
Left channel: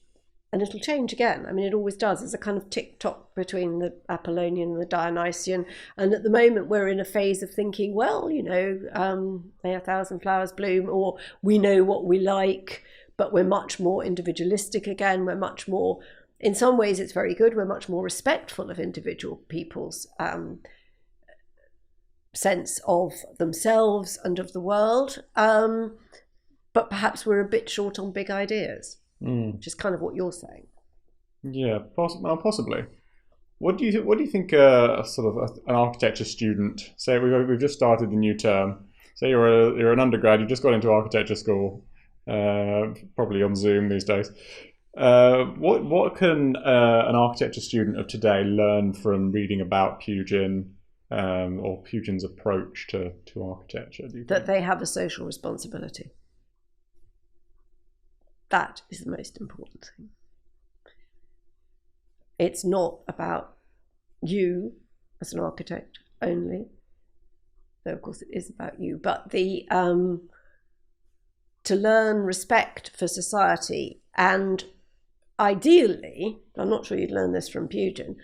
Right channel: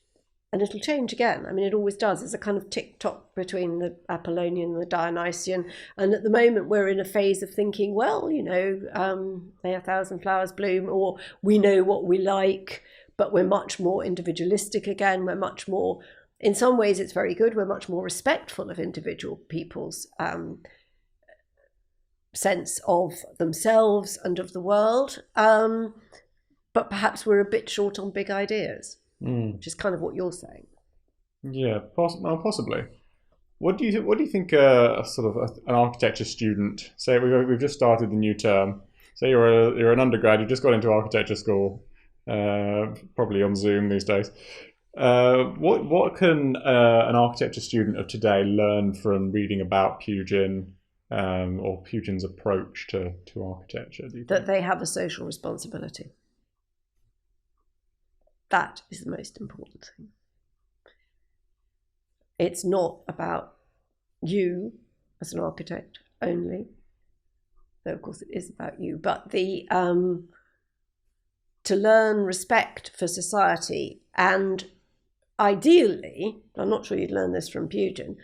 and it'll change again, I mean, it always does, it's a kind of tick-tock between the Apollonian and the Dionysian. And at the moment we're in a phase of thinking, well, you know, may a thousand flowers bloom, or we know what we like, but we're much more individualistic again. We're much more, in some ways it's very good, we're much more respectful of individual people's sense of themselves and of the world. But perhaps we're a bit short on big ideas, which is kind of what you're saying. Yeah, possibly. What do you think sort of an architecture student, say we've just started the new term, say you're an undergrad, you've just got into architecture school, probably on Zoom these days. What can an architecture student of today learn from reading about Pugin or Pugin's approach to architecture? That they have a social responsibility. That is the most important thing. It's not about you as an architect only, though of course it is about you, but the to learn respect for society, and ideally, I'm not sure you'd learn this from Pugin,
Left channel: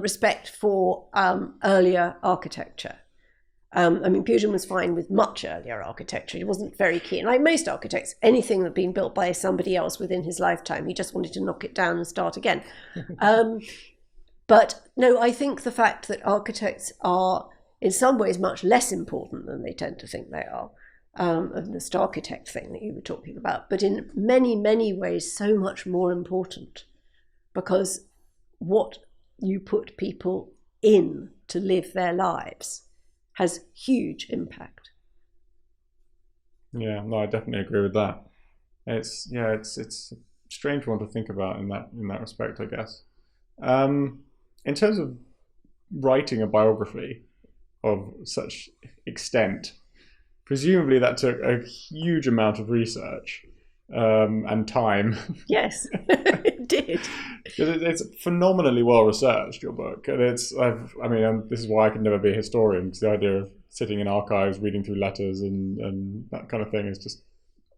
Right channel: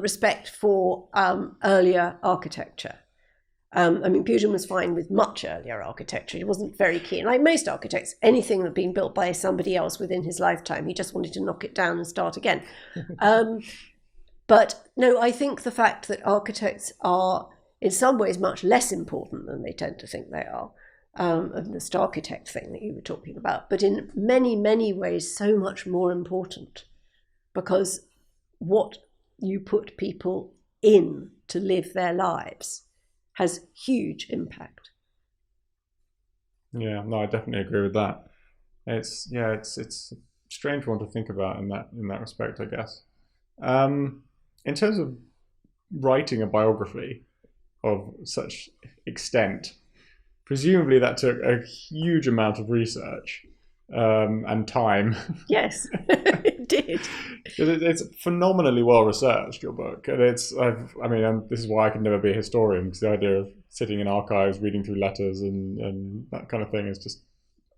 respect for earlier architecture. I mean, Pugin was fine with much earlier architecture. He wasn't very keen. Like most architects, anything that had been built by somebody else within his lifetime, he just wanted to knock it down and start again. But no, I think the fact that architects are in some ways much less important than they tend to think they are, of the star architect thing that you were talking about, but in many, many ways so much more important, because what you put people in to live their lives has huge impact. Yeah, no, I definitely agree with that. It's a strange one to think about in that respect, I guess. In terms of writing a biography of such extent, presumably that took a huge amount of research and time. Yes, it did. It's phenomenally well researched, your book. And this is why I can never be a historian, because the idea of sitting in archives, reading through letters and that kind of thing is just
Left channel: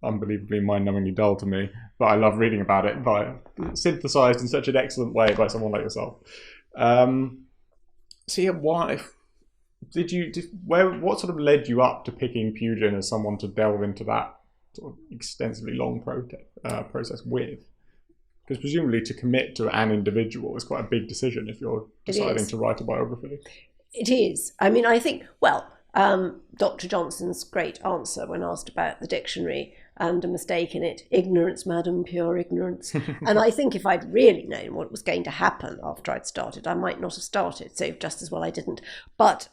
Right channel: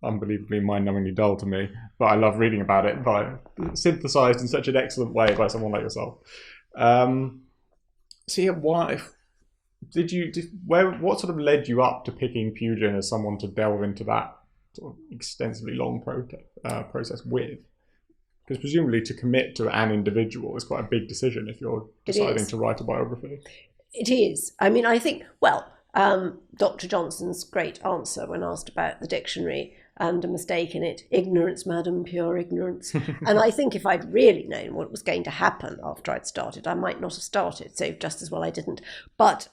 unbelievably mind-numbingly dull to me. But I love reading about it, but synthesized in such an excellent way by someone like yourself. So yeah, why? What sort of led you up to picking Pugin as someone to delve into that sort of extensively long process with? Because presumably to commit to an individual is quite a big decision if you're deciding to write a biography. It is. I mean, I think, well, Dr. Johnson's great answer when asked about the dictionary and a mistake in it, ignorance, madam, pure ignorance. And I think if I'd really known what was going to happen after I'd started, I might not have started, so just as well I didn't. But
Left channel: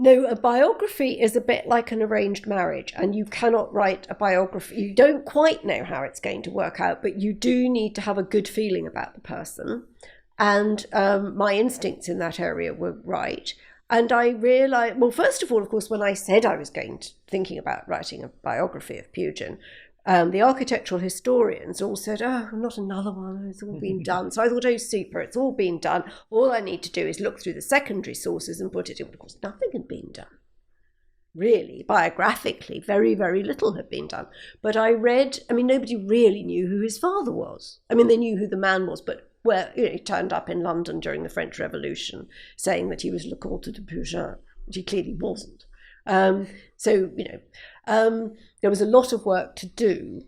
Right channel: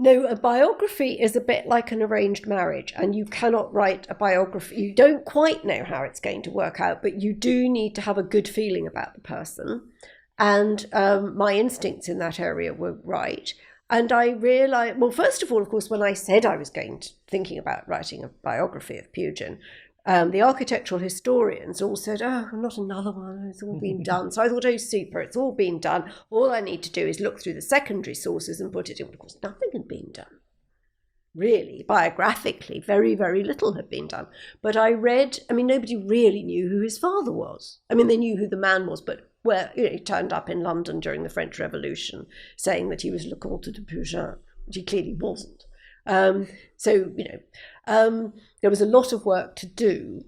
No, a biography is a bit like an arranged marriage, and you cannot write a biography. You don't quite know how it's going to work out, but you do need to have a good feeling about the person. And my instincts in that area were right. And I realised, well, first of all, of course, when I said I was thinking about writing a biography of Pugin, the architectural historians all said, oh, not another one, it's all been done. So I thought, oh, super, it's all been done. All I need to do is look through the secondary sources and put it in. But of course, nothing had been done. Really, biographically, very, very little had been done. But I read, nobody really knew who his father was. They knew who the man was, but he turned up in London during the French Revolution saying that he was Le Comte de Pugin, which he clearly wasn't. There was a lot of work to do.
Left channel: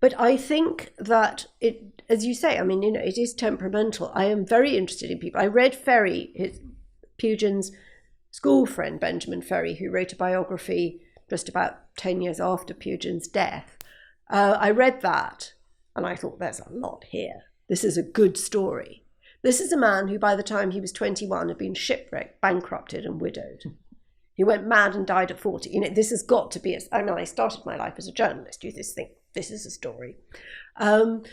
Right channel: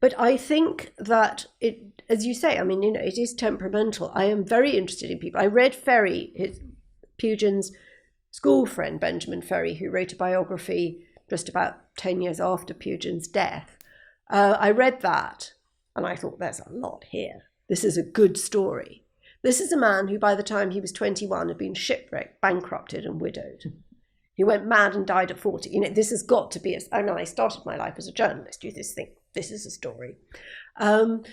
But I think that it, as you say, it is temperamental. I am very interested in people. I read Ferry, Pugin's school friend, Benjamin Ferry, who wrote a biography just about 10 years after Pugin's death. I read that and I thought, there's a lot here. This is a good story. This is a man who, by the time he was 21, had been shipwrecked, bankrupted and widowed. He went mad and died at 40. This has got to be, I started my life as a journalist. You just think, this is a story. And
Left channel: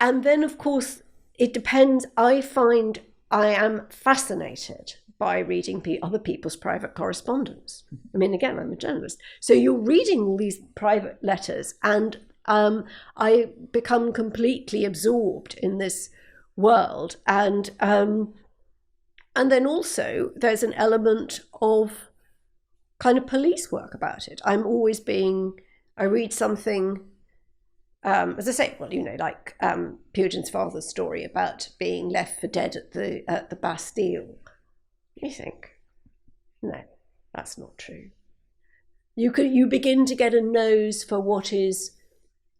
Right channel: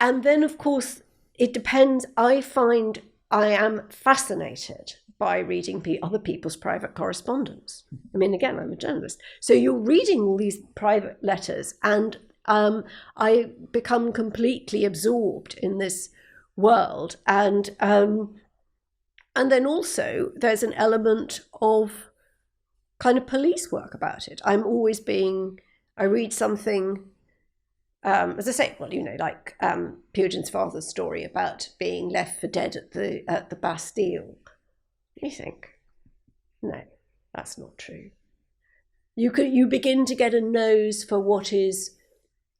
then, of course, it depends. I find I am fascinated by reading other people's private correspondence. Again, I'm a journalist. So you're reading all these private letters and I become completely absorbed in this world. And then also there's an element of kind of police work about it. I read something, as I say, like Pugin's father's story about being left for dead at the Bastille. You think, no, that's not true. You begin to get a nose for what is,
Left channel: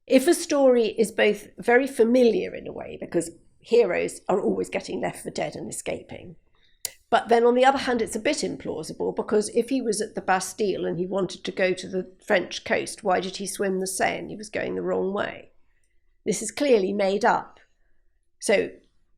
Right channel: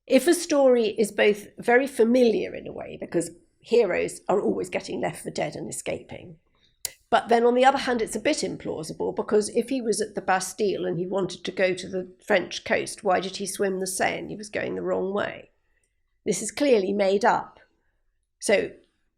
if a story is both very familiar in a way, because heroes are always getting left for dead and escaping. But then on the other hand, it's a bit implausible, because if he was at the Bastille and he wanted to go to the French coast, why did he swim the Seine? He was going the wrong way. This is clearly made up. So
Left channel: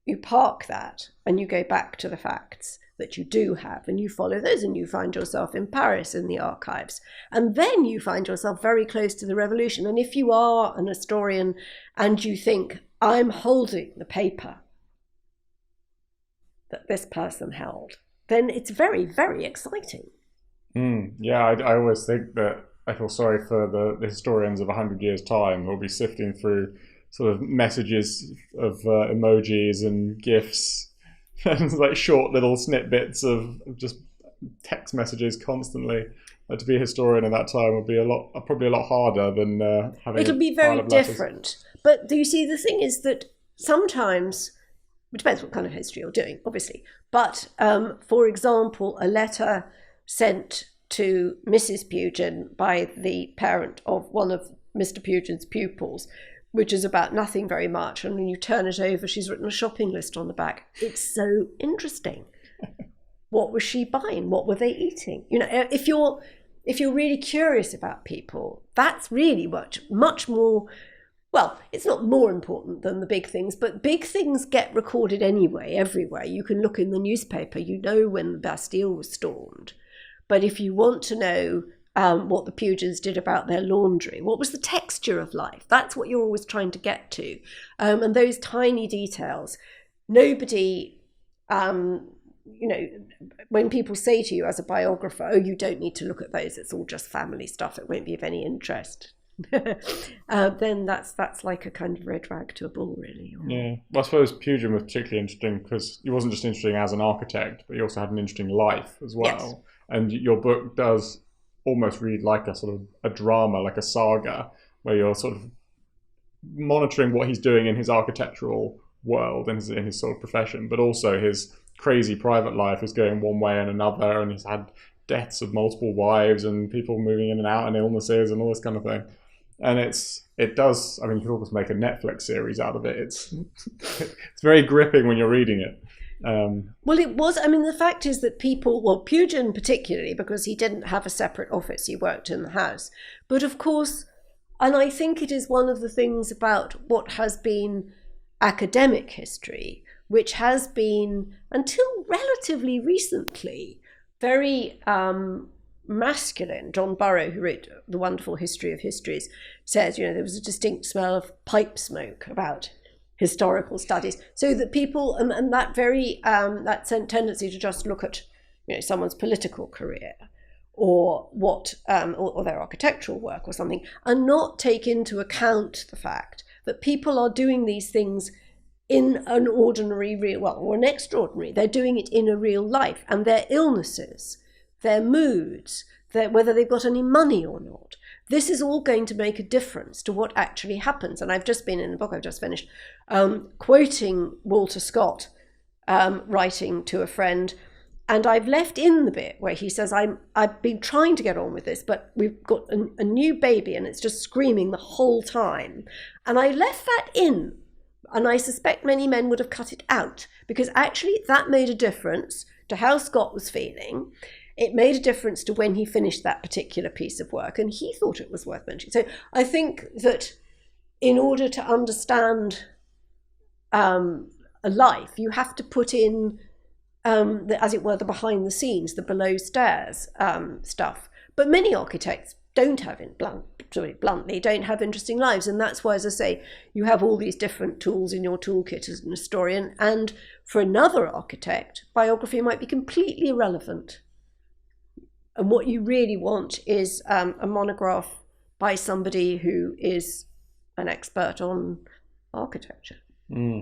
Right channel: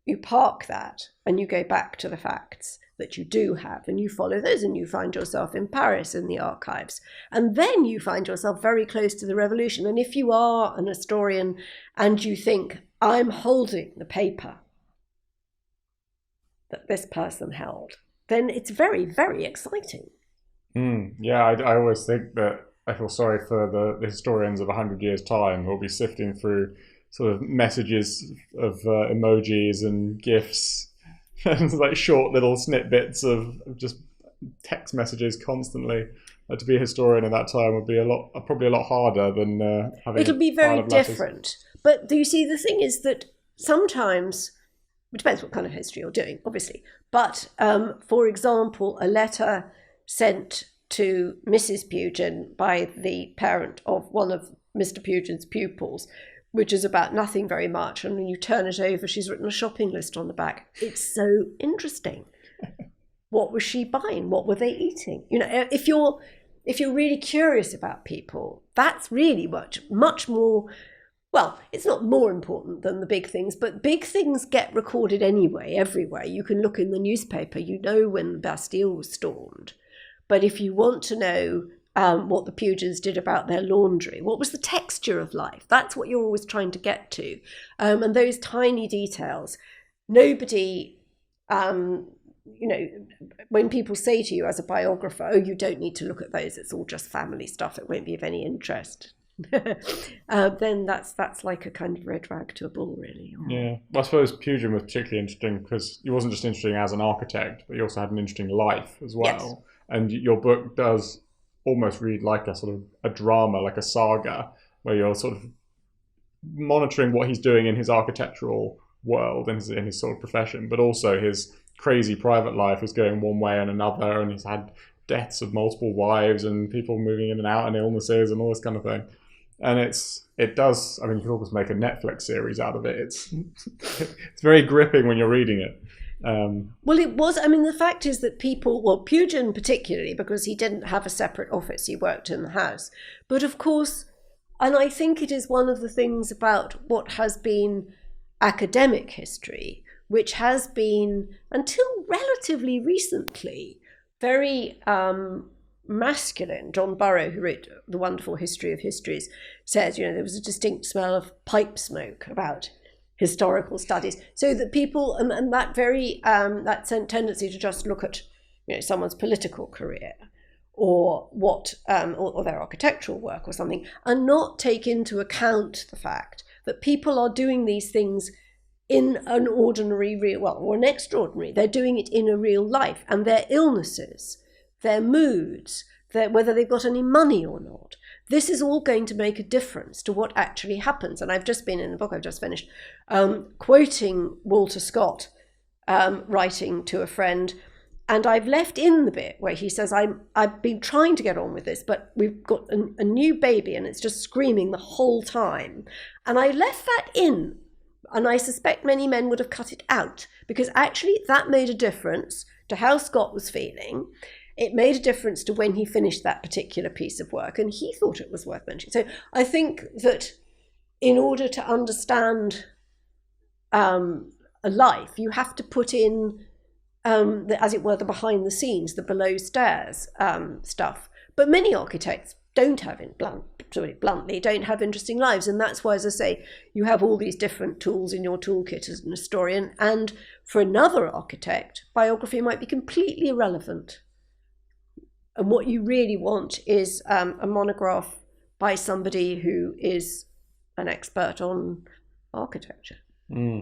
you park that and you go back to the facts that you do have, and you follow those, and you find yourself in Paris in the archives. And then you find yourself very close to the revolution. And if you are an historian and you think, I'm holding the paper that this person held, then it's very, very exciting. I always think that I feel sorry for the historians of 100 years' time who will be sifting through sort of messages of emojis and GIFs and like short little snippets of just text messages constantly. To be a historian at that time would be probably a lot harder than. It'll be very different. But do you see, the thing is that sometimes, it depends what kind of history you're doing, obviously. But for example, a letter sent to Mrs. Pugin by the parent of one of Mr. Pugin's pupils, which is about nothing very much, and when you turn it over, she's written a shopping list on the back. It's so interesting. What was she buying? What were they eating? If you're really curious about people, that's really much more. Well, it's not more important than the big things, but big things get recorded anyway, everywhere. You can look in the newspaper, when the Bastille was stormed. But if you want to know what the Pugins did about their laundry, what was the texture of life, that's what you're always trying to get to. And those tiny details, nobody, when people say to you as a biographer, oh, you don't need to look at those, it's all just family stuff, it won't be of any interest. Then that's like a kind of red rag to a bull, really. Yeah. Well, I suppose Pugin was particularly interesting because he wasn't just interesting as an architect, but he also had an interesting life as well. Yes. And your book does almost read like a sort of a drama, like a saga, where you're sort of monitoring what he's doing in his architectural world and in his sort of profession, but also his crazy private life is going one way and another, and he's had deaths of multiple wives and people moving in and out and illnesses and all this kind of thing. And it does, you can almost make a Netflix series out of it. It's very gripping when you're reading it. Well, it was, the fact is that Pugin particularly, because he didn't have a separate office, he worked in the house. But of course, and I think it is one of the things about what has been academic history, which has been, until relatively recently, very masculine. John Burrow, who wrote The Wonderful History of Histories, says, there was a distinct smell of pipe smoke about historical studies. So that people, and that very, that tendency to just look at, someone's political career or what, or their architectural work or something, and not take into account the fact that people are doing these things in an ordinary, or an extraordinary. They're doing it in a real life, and their illnesses, their moods, whether they've got any money or not. This is all going to make a difference to what actually happens. And I've just been in the book I've just finished, quoting Walter Scott, writing to a friend, and I've left in the bit where he says, I've been trying to get on with this, but we've got a new baby and it's just screaming the whole time. And I left that in, and I suspect many men would have cut it out, because actually that made a difference to how Scott was feeling. It made a difference to when he finished that particular piece of work, and he thought it was worth mentioning. So I think that in order to understand a life, you have to put in, as it were, the behind the scenes, the below stairs stuff. But many architects don't have, bluntly, don't have interesting lives. And that's why, as I say, you have all these different tools in your toolkit as an historian. And for another architect, biography might be completely irrelevant. And what you really want is a monograph by somebody who is an expert on architecture.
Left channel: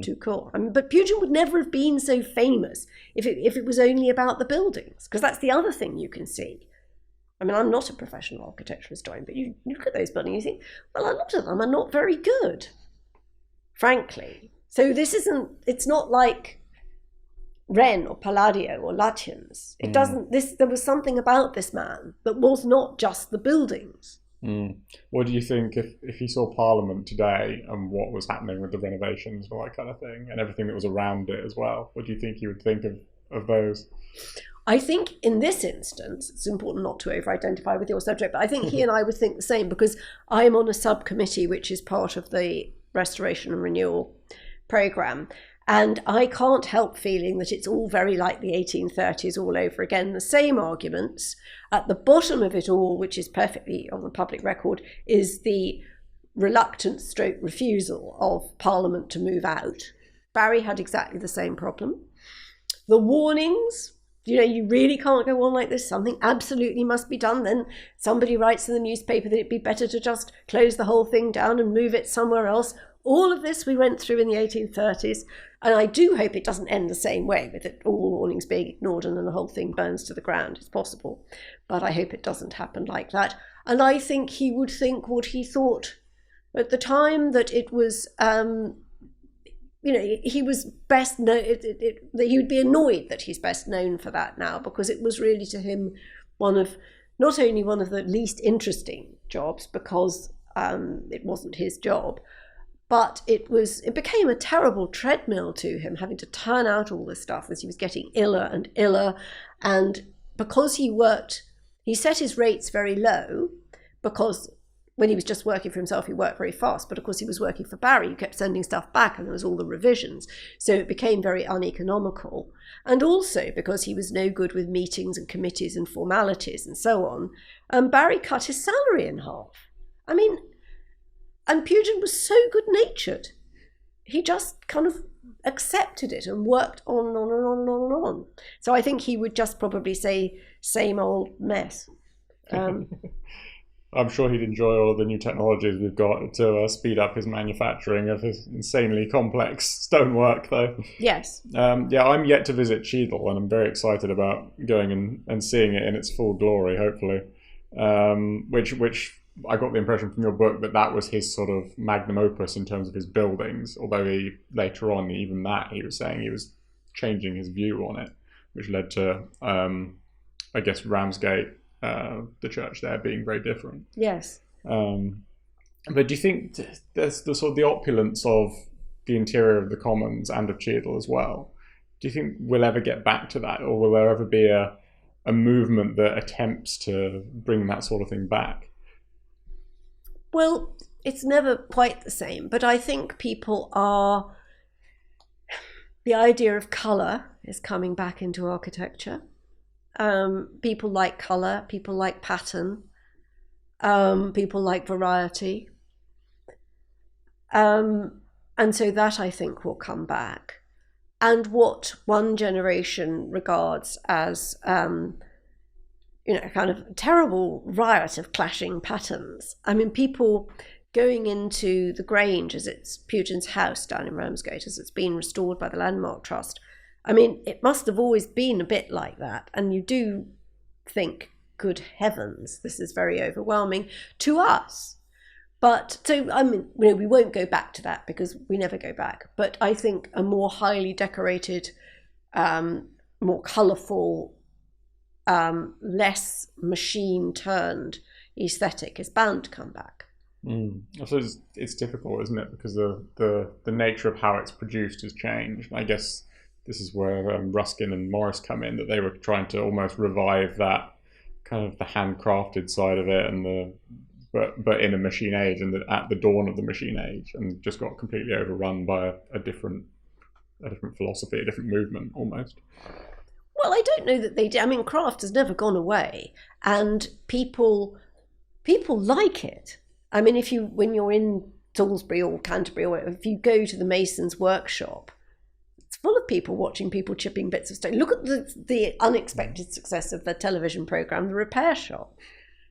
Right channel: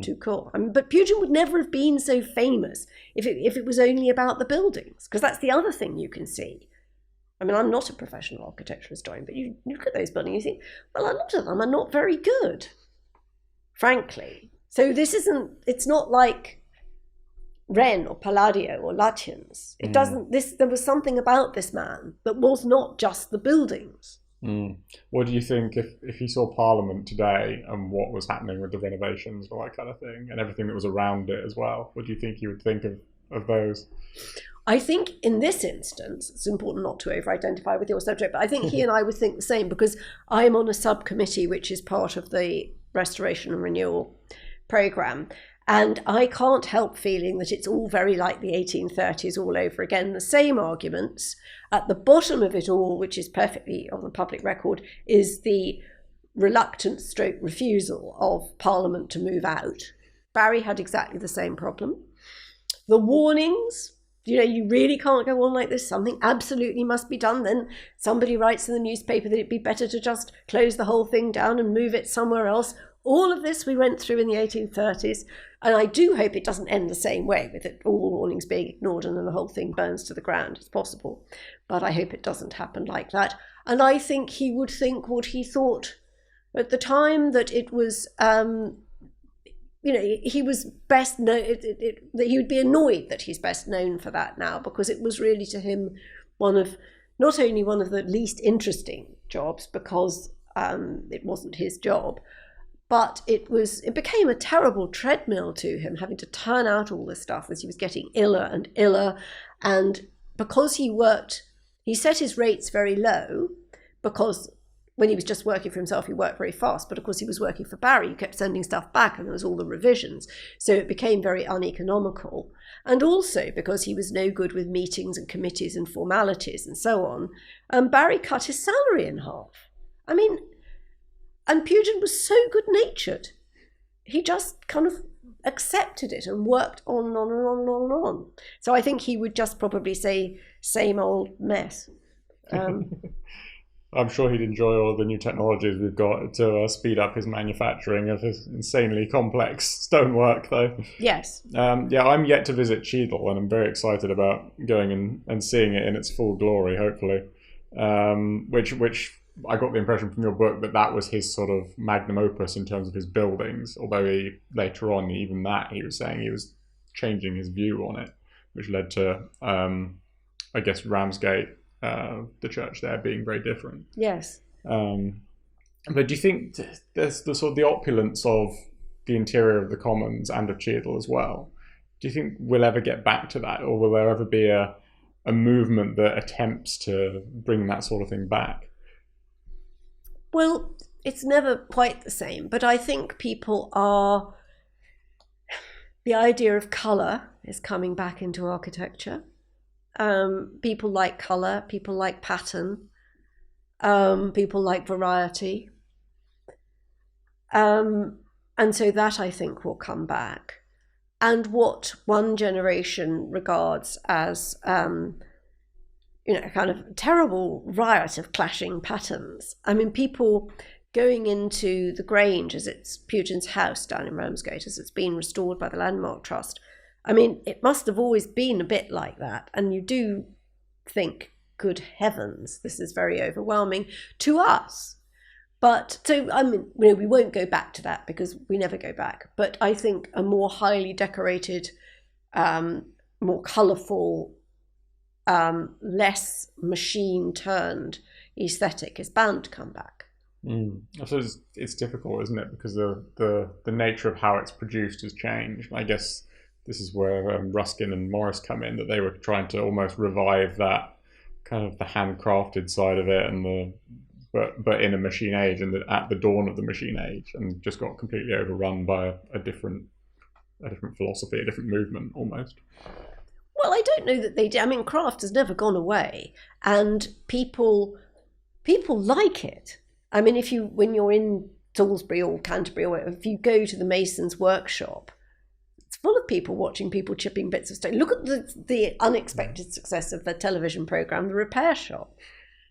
Too cool. But Pugin would never have been so famous if it was only about the buildings, because that's the other thing you can see. I'm not a professional architectural historian, but you look at those buildings, you think, well, a lot of them are not very good, frankly. So it's not like Wren or Palladio or Lutyens. There was something about this man that was not just the buildings. What do you think if you saw Parliament today and what was happening with the renovations, all that kind of thing, and everything that was around it as well? What do you think you would think of those? I think in this instance, it's important not to over-identify with your subject, but I think he and I would think the same, because I'm on a subcommittee which is part of the Restoration and Renewal programme. And I can't help feeling that it's all very like the 1830s all over again. The same arguments. At the bottom of it all, which is perfectly on the public record, is the reluctant stroke refusal of Parliament to move out. Barry had exactly the same problem. The warnings, you really can't go on like this. Something absolutely must be done. Then somebody writes in the newspaper that it'd be better to just close the whole thing down and move it somewhere else. All of this we went through in the 1830s, and I do hope it doesn't end the same way, with it, all the warnings being ignored and then the whole thing burns to the ground. It's possible, but I hope it doesn't happen like that. And I think he would think what he thought at the time, that it was, he was best known, that he would be annoyed that he's best known for that now, because it was really to him not only one of the least interesting jobs, because it wasn't his job, but it became a terrible treadmill to him, having to turn out all this stuff as he was getting iller and iller. And because he set his rates very low, because when he was just working for himself, he worked very fast. But of course, he was working for Barry, he kept sending stuff back, and there was all the revisions. So it became very uneconomical. And also because he was no good with meetings and committees and formalities and so on, Barry cut his salary in half. And Pugin was so good-natured. He just kind of accepted it and worked on and on and on and on and on. So I think he would just probably say, same old mess. I'm sure he'd enjoy all the new technologies we've got to speed up his manufacturing of his insanely complex stonework, though. Yes. I'm yet to visit Cheadle, and I'm very excited about going and seeing it in its full glory, hopefully. Which I got the impression from your book that was his sort of magnum opus in terms of his buildings, although later on, even that, he was saying he was changing his view on it, which led to, I guess, Ramsgate, the church there, being very different. Yes. But do you think there's the sort of the opulence of the interior of the Commons and of Cheadle as well? Do you think we'll ever get back to that, or will there ever be a movement that attempts to bring that sort of thing back? Well, it's never quite the same, but I think the idea of colour is coming back into architecture. People like colour, people like pattern, people like variety. And so that, I think, will come back. And what one generation regards as, a kind of terrible riot of clashing patterns. I mean, people going into the Grange, as it's Pugin's house down in Ramsgate, as it's been restored by the Landmark Trust. I mean, it must have always been a bit like that. And you do think, good heavens, this is very overwhelming to us. But so, I mean, we won't go back to that because we never go back. But I think a more highly decorated, more colourful, less machine-turned aesthetic is bound to come back. I suppose it's difficult, isn't it? Because the nature of how it's produced has changed. I guess this is where Ruskin and Morris come in, that they were trying to almost revive that kind of the handcrafted side of it, and but in a machine age, and at the dawn of the machine age, and just got completely overrun by a different philosophy, a different movement almost. Well, I don't know that they did. I mean, craft has never gone away, and people like it. I mean, when you're in Salisbury or Canterbury, or if you go to the mason's workshop, it's full of people watching people chipping bits of stone. Look at the unexpected success of the television programme, The Repair Shop.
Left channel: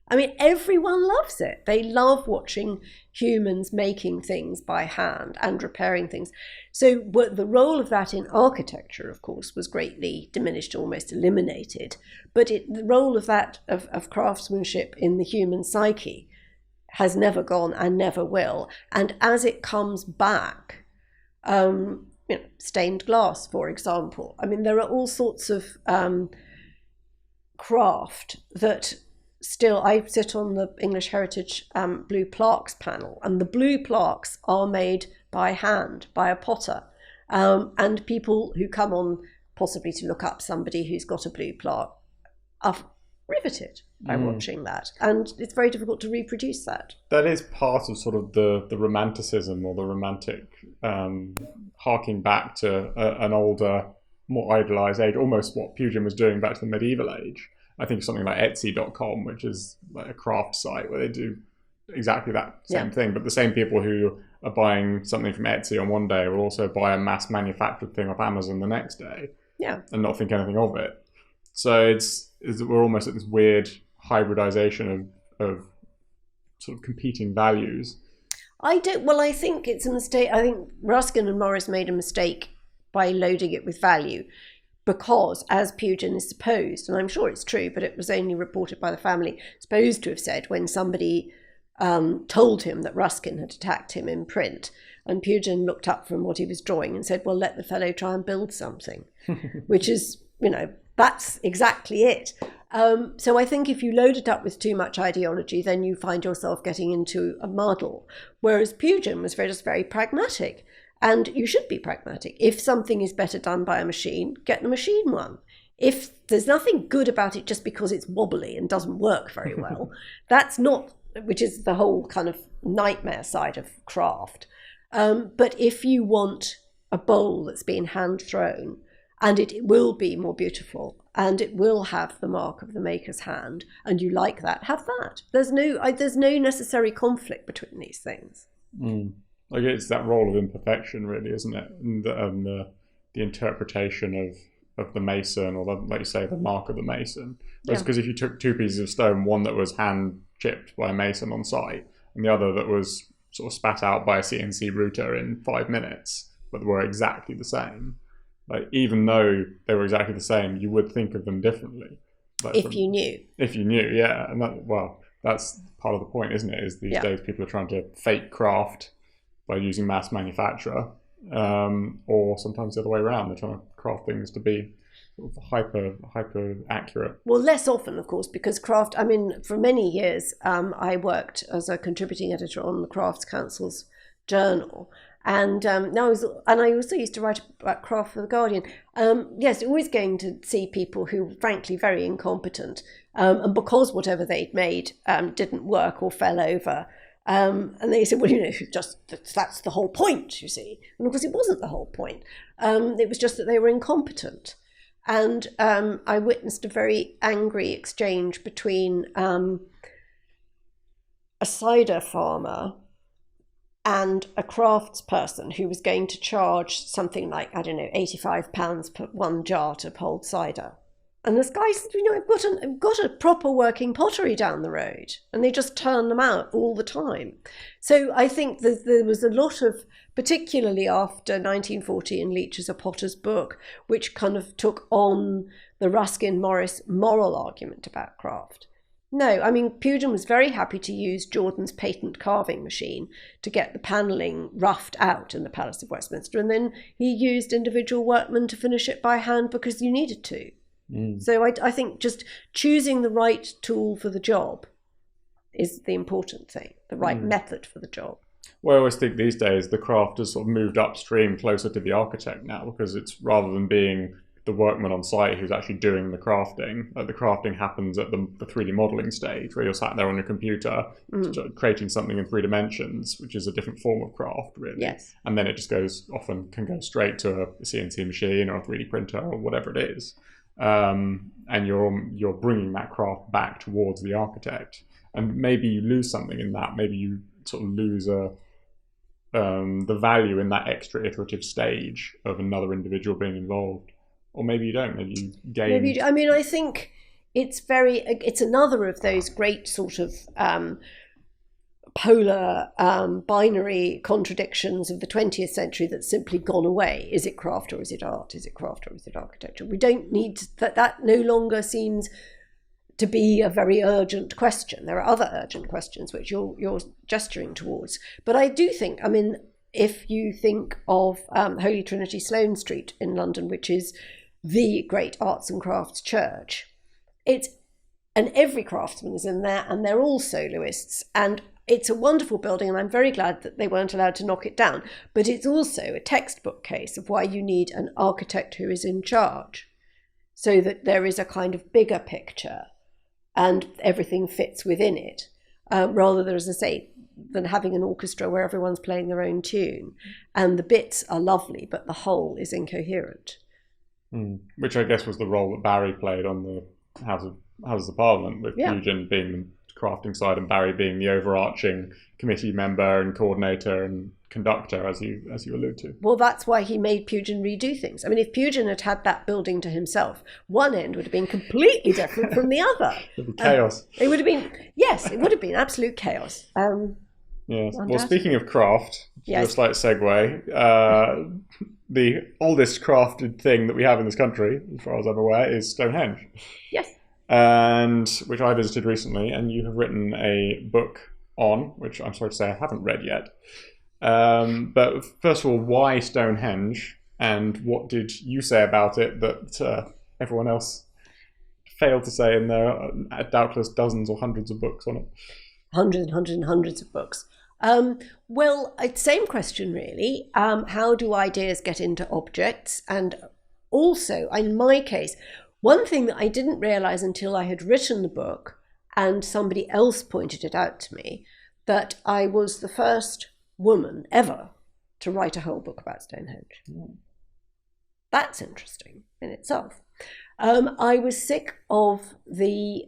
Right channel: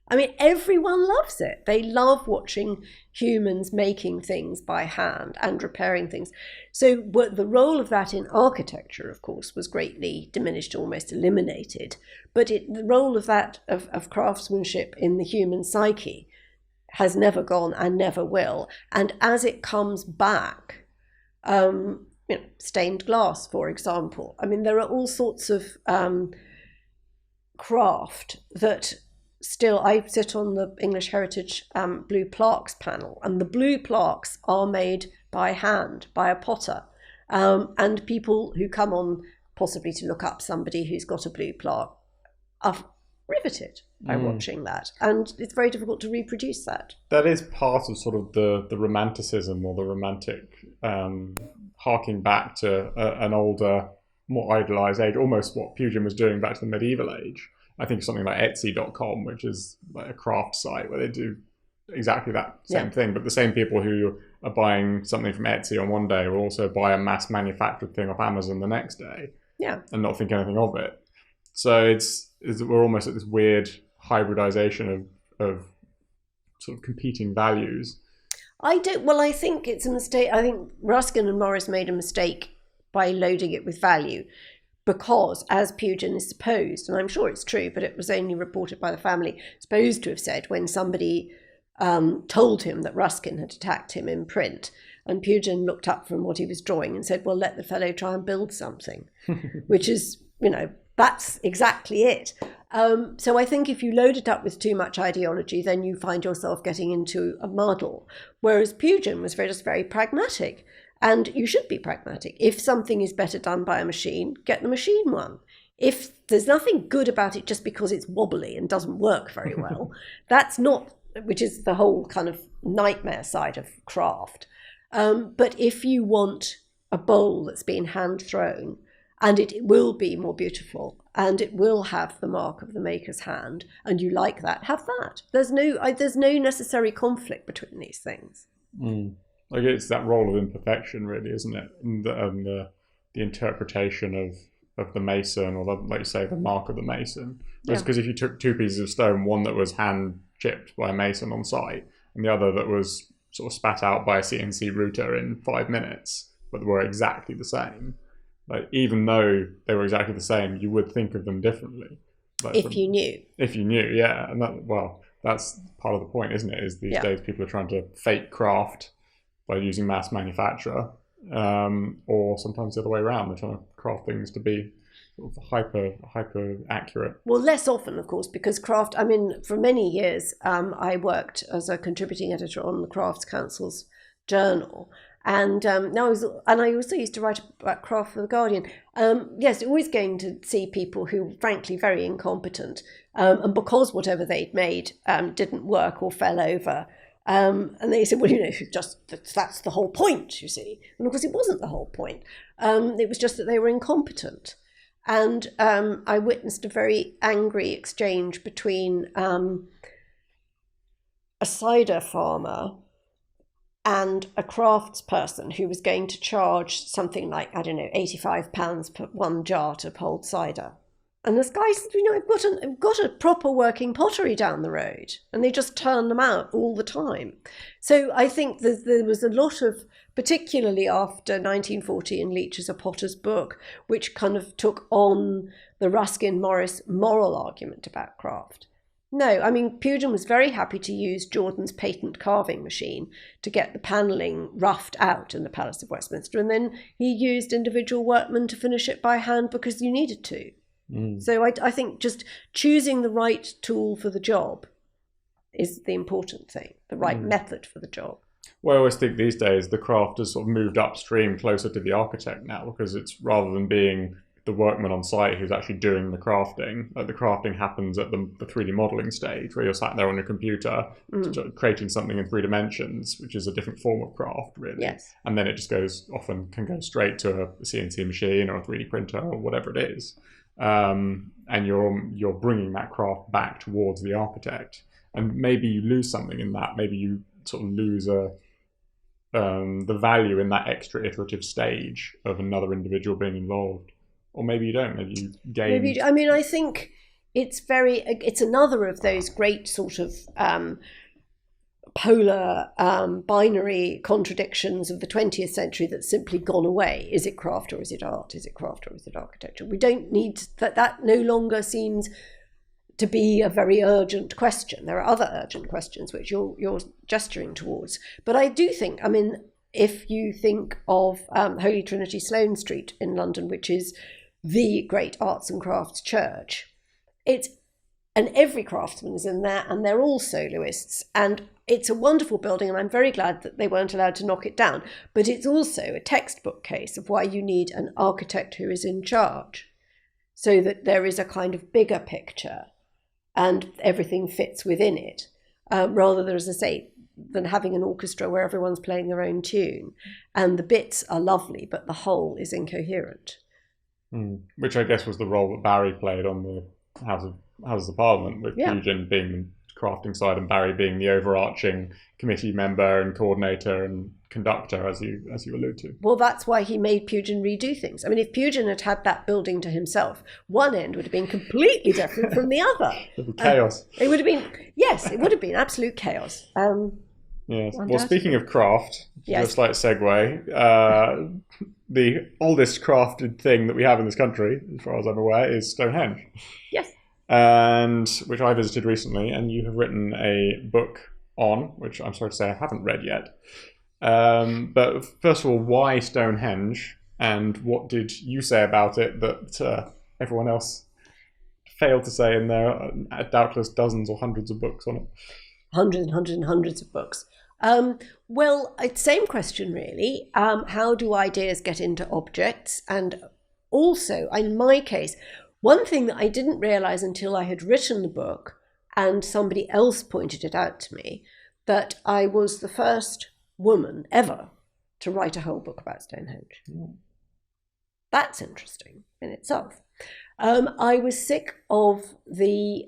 I mean, everyone loves it. They love watching humans making things by hand and repairing things. So the role of that in architecture, of course, was greatly diminished, almost eliminated. But the role of that, of craftsmanship in the human psyche, has never gone and never will. And as it comes back, stained glass, for example. I mean, there are all sorts of craft that... Still, I sit on the English Heritage blue plaques panel, and the blue plaques are made by hand, by a potter. And people who come on possibly to look up somebody who's got a blue plaque are riveted by watching that. And it's very difficult to reproduce that. That is part of sort of the romanticism, or the romantic harking back to an older, more idealised age, almost what Pugin was doing back to the medieval age. I think something like Etsy.com, which is like a craft site where they do exactly that same thing, but the same people who are buying something from Etsy on one day will also buy a mass manufactured thing off Amazon the next day. Yeah. And not think anything of it. So we're almost at this weird hybridization of sort of competing values. I think it's a mistake. I think Ruskin and Morris made a mistake by loading it with value. Because, as Pugin is supposed, and I'm sure it's true, but it was only reported by the family, supposed to have said when somebody told him that Ruskin had attacked him in print, and Pugin looked up from what he was drawing and said, well, let the fellow try and build something, which is, that's exactly it. So I think if you load it up with too much ideology, then you find yourself getting into a muddle, whereas Pugin was just very pragmatic. And you should be pragmatic. If something is better done by a machine, get the machine one. If there's nothing good about it just because it's wobbly and doesn't work very well, that's not, which is the whole kind of nightmare side of craft. But if you want a bowl that's been hand thrown, and it will be more beautiful, and it will have the mark of the maker's hand, and you like that, have that. There's no necessary conflict between these things. Like, it's that role of imperfection, really, isn't it? And the interpretation of the mason, or like you say, the mark of the mason. Yeah. Because if you took two pieces of stone, one that was hand chipped by a mason on site, and the other that was sort of spat out by a CNC router in 5 minutes, but were exactly the same. Like, even though they were exactly the same, you would think of them differently. Like, if you knew. If you knew, yeah. And that's part of the point, isn't it? Is these days people are trying to fake craft by using mass manufacture, or sometimes the other way around. They're trying to craft things to be hyper accurate. Well, less often, of course, because craft. I mean, for many years, I worked as a contributing editor on the Crafts Council's journal, and I also used to write about craft for the Guardian. Yes, always going to see people who were frankly very incompetent, and because whatever they'd made didn't work or fell over. And they said, well, that's the whole point, you see. And of course, it wasn't the whole point. It was just that they were incompetent. And I witnessed a very angry exchange between a cider farmer and a craftsperson who was going to charge something like, I don't know, £85 per one jar to hold cider. And this guy said, I've got a proper working pottery down the road, and they just turn them out all the time. So I think there was a lot of, particularly after 1940 in Leach's A Potter's Book, which kind of took on the Ruskin-Morris moral argument about craft. No, I mean, Pugin was very happy to use Jordan's patent carving machine to get the panelling roughed out in the Palace of Westminster, and then he used individual workmen to finish it by hand because you needed to. So I think just choosing the right tool for the job is the important thing, the right method for the job. Well, I always think these days the craft has sort of moved upstream closer to the architect now, because it's rather than being the workman on site who's actually doing the crafting, the crafting happens at the 3D modelling stage, where you're sat there on your computer creating something in 3 dimensions, which is a different form of craft, really. Yes. And then it just can go straight to a CNC machine or a 3D printer or whatever it is. And you're bringing that craft back towards the architect, and maybe you lose something in that. Maybe you sort of lose the value in that extra iterative stage of another individual being involved, or maybe you don't. Maybe you gain. Maybe you do. I mean, I think it's another of those great sort of polar binary contradictions of the 20th century that's simply gone away. Is it craft or is it art? Is it craft or is it architecture? We don't need that no longer seems to be a very urgent question. There are other urgent questions which you're gesturing towards. But I do think, I mean, if you think of Holy Trinity Sloane Street in London, which is the great arts and crafts church, and every craftsman is in there, and they're all soloists, and it's a wonderful building, and I'm very glad that they weren't allowed to knock it down. But it's also a textbook case of why you need an architect who is in charge, so that there is a kind of bigger picture and everything fits within it, rather than, as I say, than having an orchestra where everyone's playing their own tune. And the bits are lovely, but the whole is incoherent. Which I guess was the role that Barry played on the House of Parliament, with Pugin being crafting side and Barry being the overarching committee member and coordinator and conductor, as you alluded to. Well, that's why he made Pugin redo things. I mean, if Pugin had had that building to himself, one end would have been completely different from the other. Chaos. It would have been, yes, it would have been absolute chaos. Undoubtedly. Well, speaking of craft, yes, slight segue. The oldest crafted thing that we have in this country, as far as I'm aware, is Stonehenge. Yes. And which I visited recently, and you have written a book on, which I'm sorry to say I haven't read yet. But first of all, why Stonehenge, and what did you say about it that everyone else failed to say in their doubtless dozens or hundreds of books on it? Hundreds of books. Well, same question really. How do ideas get into objects? And also, in my case, one thing that I didn't realise until I had written the book and somebody else pointed it out to me, that I was the first woman ever to write a whole book about Stonehenge. That's interesting in itself. I was sick of the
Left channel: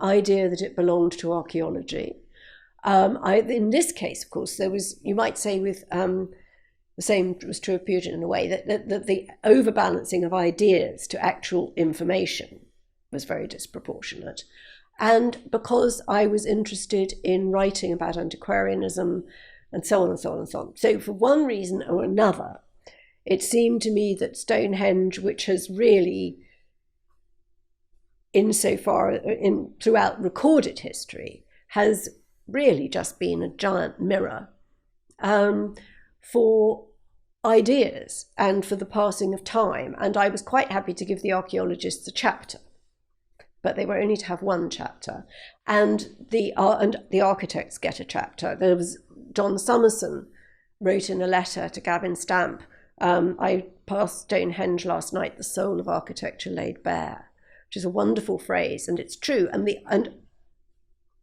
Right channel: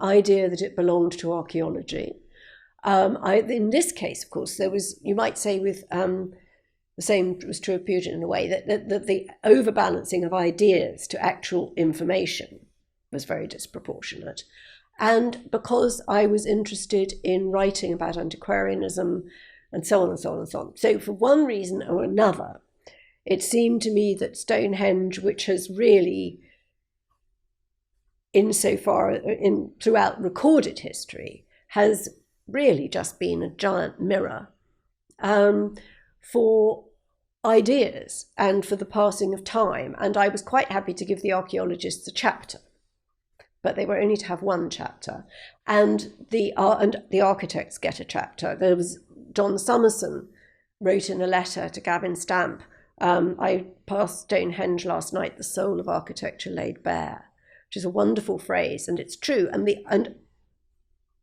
idea that it belonged to archaeology. In this case, of course, there was, you might say with the same was true of Pugin in a way, that the overbalancing of ideas to actual information was very disproportionate. And because I was interested in writing about antiquarianism and so on and so on and so on. So for one reason or another, it seemed to me that Stonehenge, which has really, throughout recorded history, has really just been a giant mirror for ideas and for the passing of time. And I was quite happy to give the archaeologists a chapter, but they were only to have one chapter. And the architects get a chapter. There was John Summerson wrote in a letter to Gavin Stamp, I passed Stonehenge last night, the soul of architecture laid bare, which is a wonderful phrase, and it's true. And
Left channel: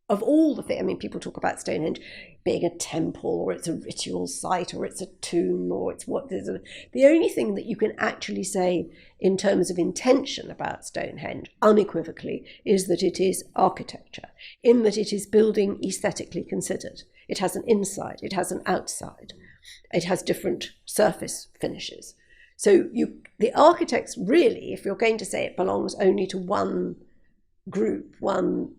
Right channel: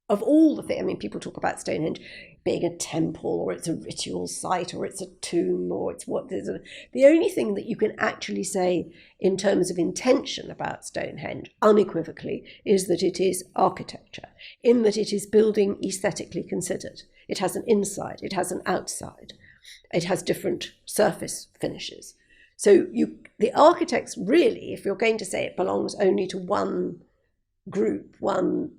of all the things, I mean, people talk about Stonehenge being a temple, or it's a ritual site, or it's a tomb, or it's what. The only thing that you can actually say in terms of intention about Stonehenge, unequivocally, is that it is architecture, in that it is building aesthetically considered. It has an inside, it has an outside, it has different surface finishes. So the architects really, if you're going to say it belongs only to one group, one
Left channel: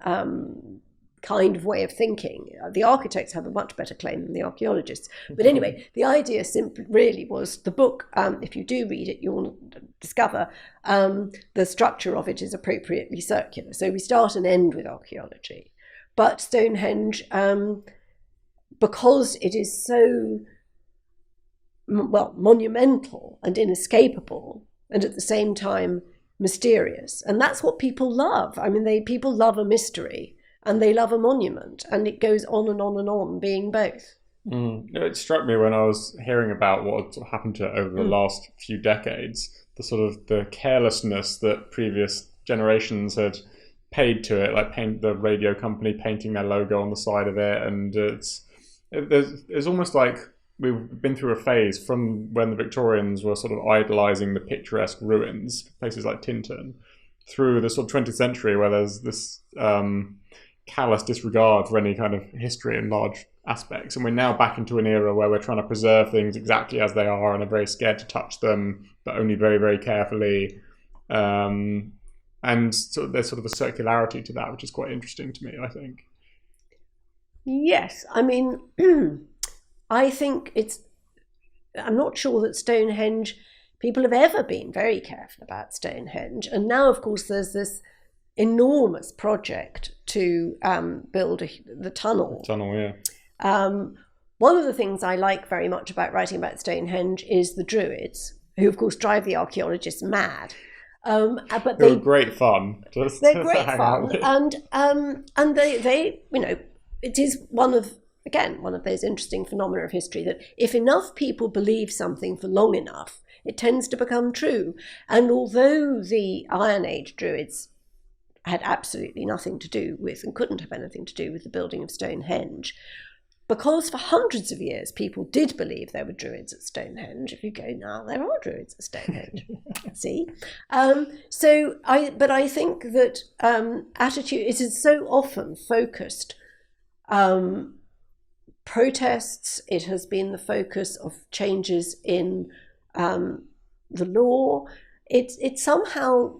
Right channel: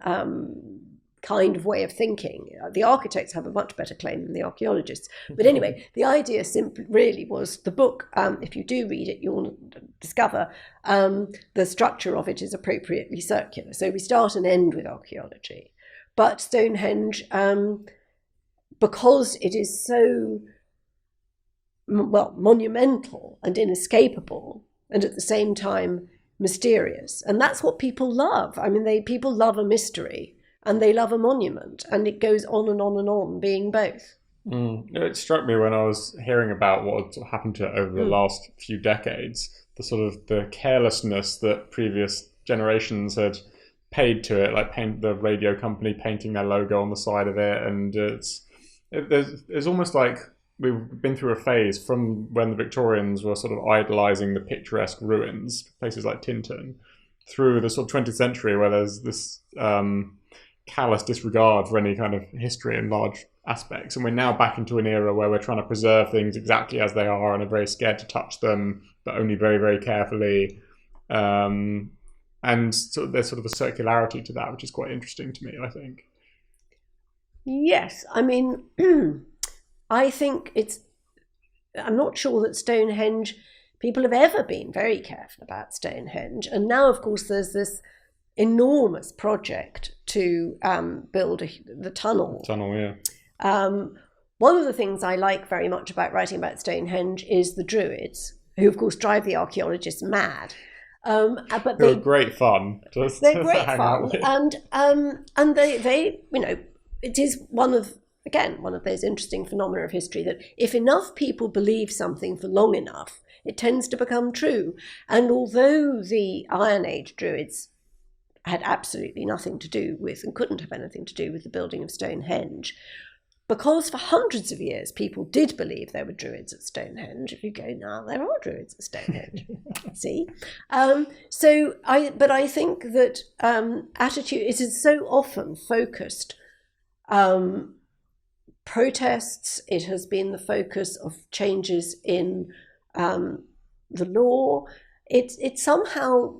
kind of way of thinking, the architects have a much better claim than the archaeologists. But anyway, the idea simply really was the book, if you do read it, you'll discover the structure of it is appropriately circular. So we start and end with archaeology. But Stonehenge, because it is so, well, monumental and inescapable, and at the same time mysterious, and that's what people love. I mean, people love a mystery, and they love a monument, and it goes on and on and on, being both. It struck me when I was hearing about what happened to it over the last few decades, the sort of the carelessness that previous generations had paid to it, like the radio company painting their logo on the side of it, and it's almost like we've been through a phase from when the Victorians were sort of idolising the picturesque ruins, places like Tinton, through the sort of 20th century where there's this callous disregard for any kind of history and large aspects, and we're now back into an era where we're trying to preserve things exactly as they are and are very scared to touch them, but only very, very carefully. And sort of there's sort of a circularity to that, which is quite interesting to me, I think. Yes, I mean, I think I'm not sure that Stonehenge, people have ever been very careful about Stonehenge. And now, of course, there's this enormous project to build the tunnel. One of the things I like very much about writing about Stonehenge is the Druids, who, of course, drive the archaeologists mad. But they're great fun. They're great fun, and they it is one of those interesting phenomena of history that if enough people believe something for long enough, it tends to become true. And although the Iron Age Druids had absolutely nothing to do with, and couldn't have anything to do with, the building of Stonehenge, because for hundreds of years people did believe there were Druids at Stonehenge. If you go now, there are Druids at Stonehenge. See? But I think that attitude, it is so often focused protests, it has been the focus of changes in the law. It somehow,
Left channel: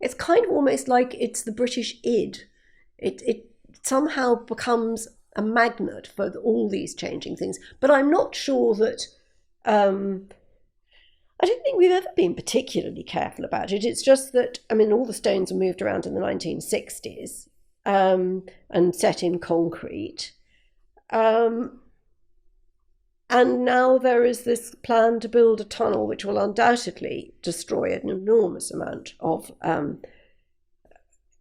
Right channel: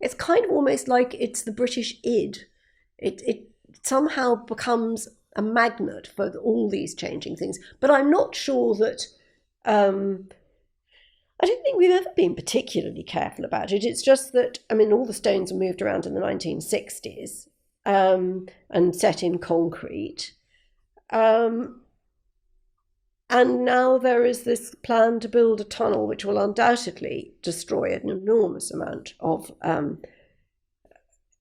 it's kind of almost like it's the British id. It somehow becomes a magnet for all these changing things. But I'm not sure that, I don't think we've ever been particularly careful about it. It's just that, I mean, all the stones were moved around in the 1960s and set in concrete. And now there is this plan to build a tunnel which will undoubtedly destroy an enormous amount of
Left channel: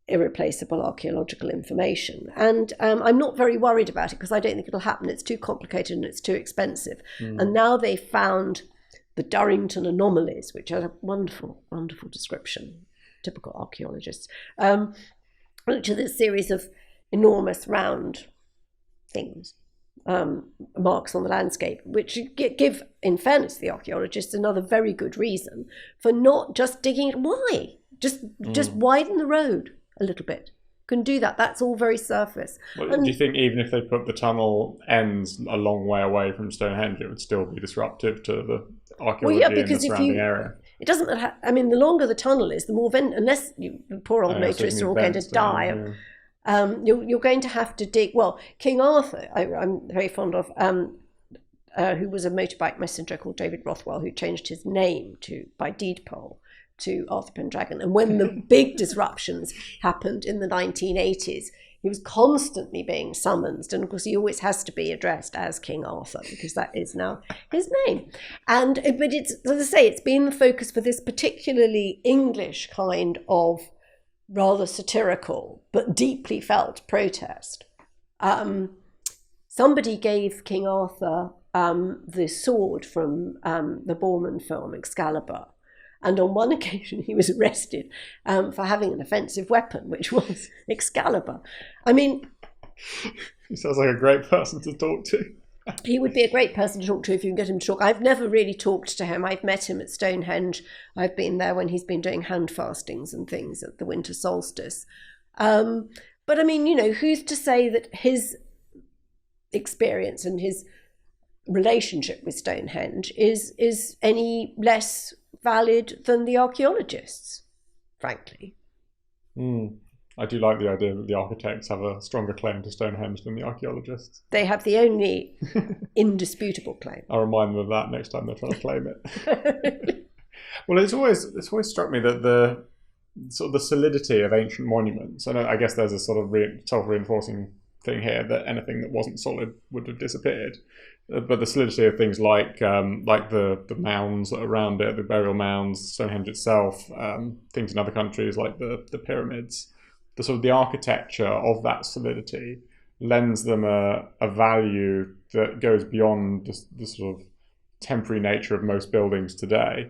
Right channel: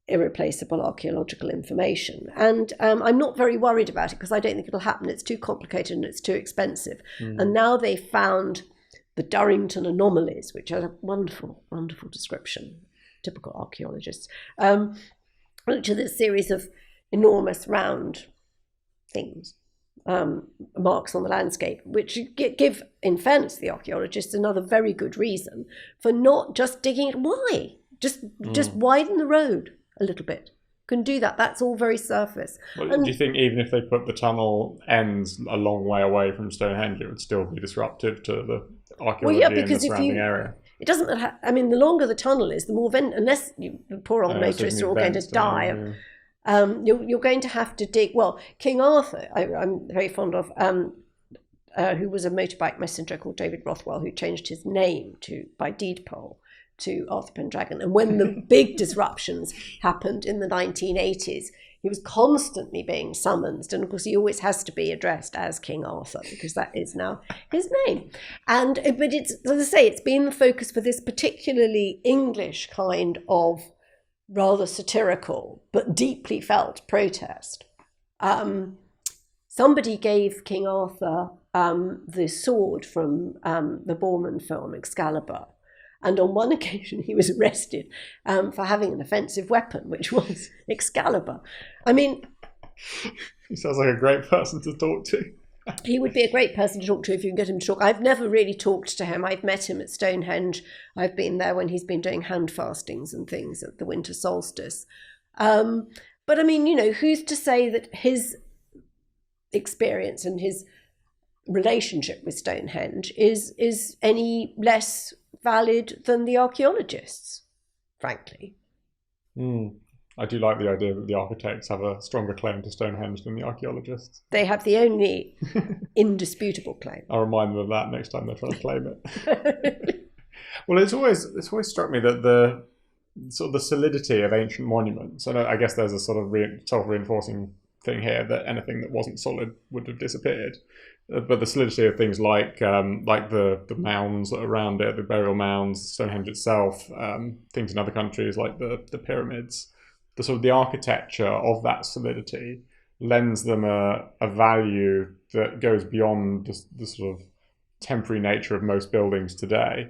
irreplaceable archaeological information. And I'm not very worried about it because I don't think it'll happen. It's too complicated and it's too expensive. And now they found the Durrington Anomalies, which are a wonderful, wonderful description, typical archaeologists, which are this series of enormous round things, marks on the landscape, which give, in fairness to the archaeologists, another very good reason for not just digging it. Why? Just widen the road a little bit. Can do that. That's all very surface. Well, do you think even if they put the tunnel ends a long way away from Stonehenge, it would still be disruptive to the archaeology? Well, yeah, because if you, it doesn't matter. I mean, the longer the tunnel is, the more unless the poor old motorists are all going to die of. You're going to have to dig. Well, King Arthur, I'm very fond of, who was a motorbike messenger called David Rothwell, who changed his name by deed poll to Arthur Pendragon. And when the big disruptions happened in the 1980s, he was constantly being summoned. And of course, he always has to be addressed as King Arthur because that is now his name. But it's, as I say, it's been the focus for this particularly English kind of rather satirical but deeply felt protest. Somebody gave King Arthur the sword from the Boorman film Excalibur, and on one occasion he was arrested for having an offensive weapon, which was Excalibur. I mean, He sounds like a great person to talk to. He would be a great person to talk to if you can get him to talk. I've never really talked to him. I've met him at Stonehenge. I've been there when he's been doing hand fastings and things at the winter solstice. But I mean, who's to say that his experience and his relationship with Stonehenge is any less valid than the archaeologists, frankly. I do like the idea that the architects have a stronger claim to Stonehenge than the archaeologists. They have the only indisputable claim. I'll remind them of that next time they try to claim it. Well, it's always struck me that the sort of the solidity of ancient monuments, and I guess there's a sort of self-reinforcing thing here that anything that wasn't solid would have disappeared. But the solidity of things like the mounds around it, the burial mounds, Stonehenge itself, things in other countries like the pyramids, the sort of the architecture of that solidity lends them a value that goes beyond the sort of temporary nature of most buildings today.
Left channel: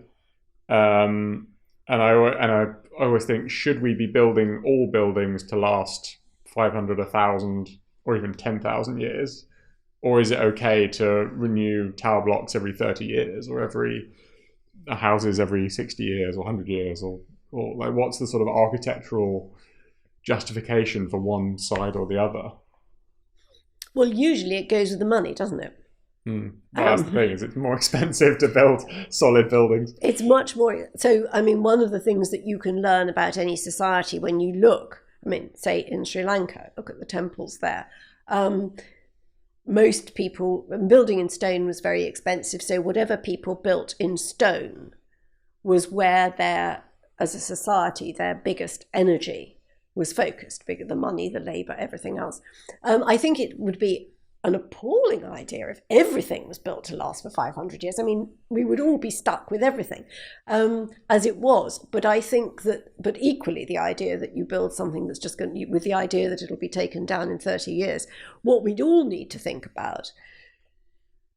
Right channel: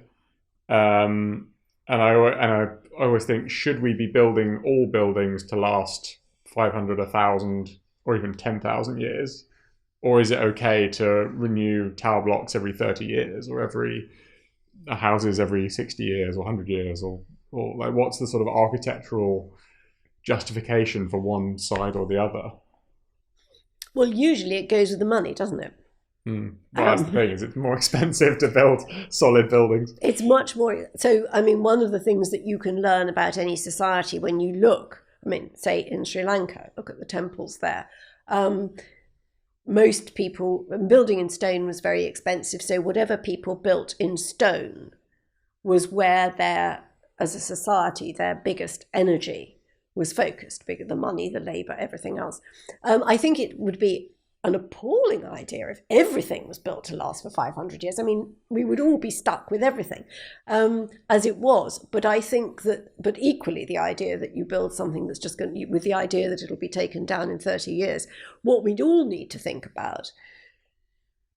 And I always think, should we be building all buildings to last 500, 1,000, or even 10,000 years? Or is it okay to renew tower blocks every 30 years, or houses every 60 years, or 100 years, or like what's the sort of architectural justification for one side or the other? Well, usually it goes with the money, doesn't it? It's more expensive to build solid buildings. It's much more. So, I mean, one of the things that you can learn about any society when you look, say in Sri Lanka, look at the temples there. Most people, building in stone was very expensive, so whatever people built in stone was where as a society, their biggest energy was focused, the money, the labour, everything else. I think it would be an appalling idea if everything was built to last for 500 years. I mean, we would all be stuck with everything as it was. But I think but equally the idea that you build something that's just with the idea that it'll be taken down in 30 years, what we'd all need to think about,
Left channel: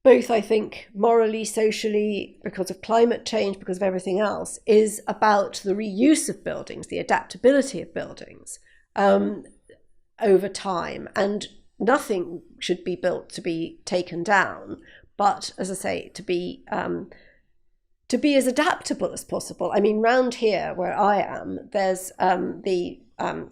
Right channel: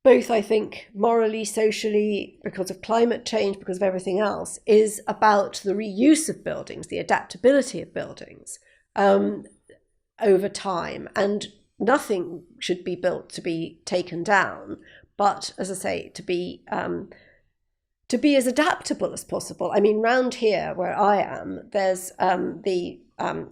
both I think morally, socially, because of climate change, because of everything else, is about the reuse of buildings, the adaptability of buildings over time. And nothing should be built to be taken down, but as I say, to be as adaptable as possible. I mean, round here where I am, there's the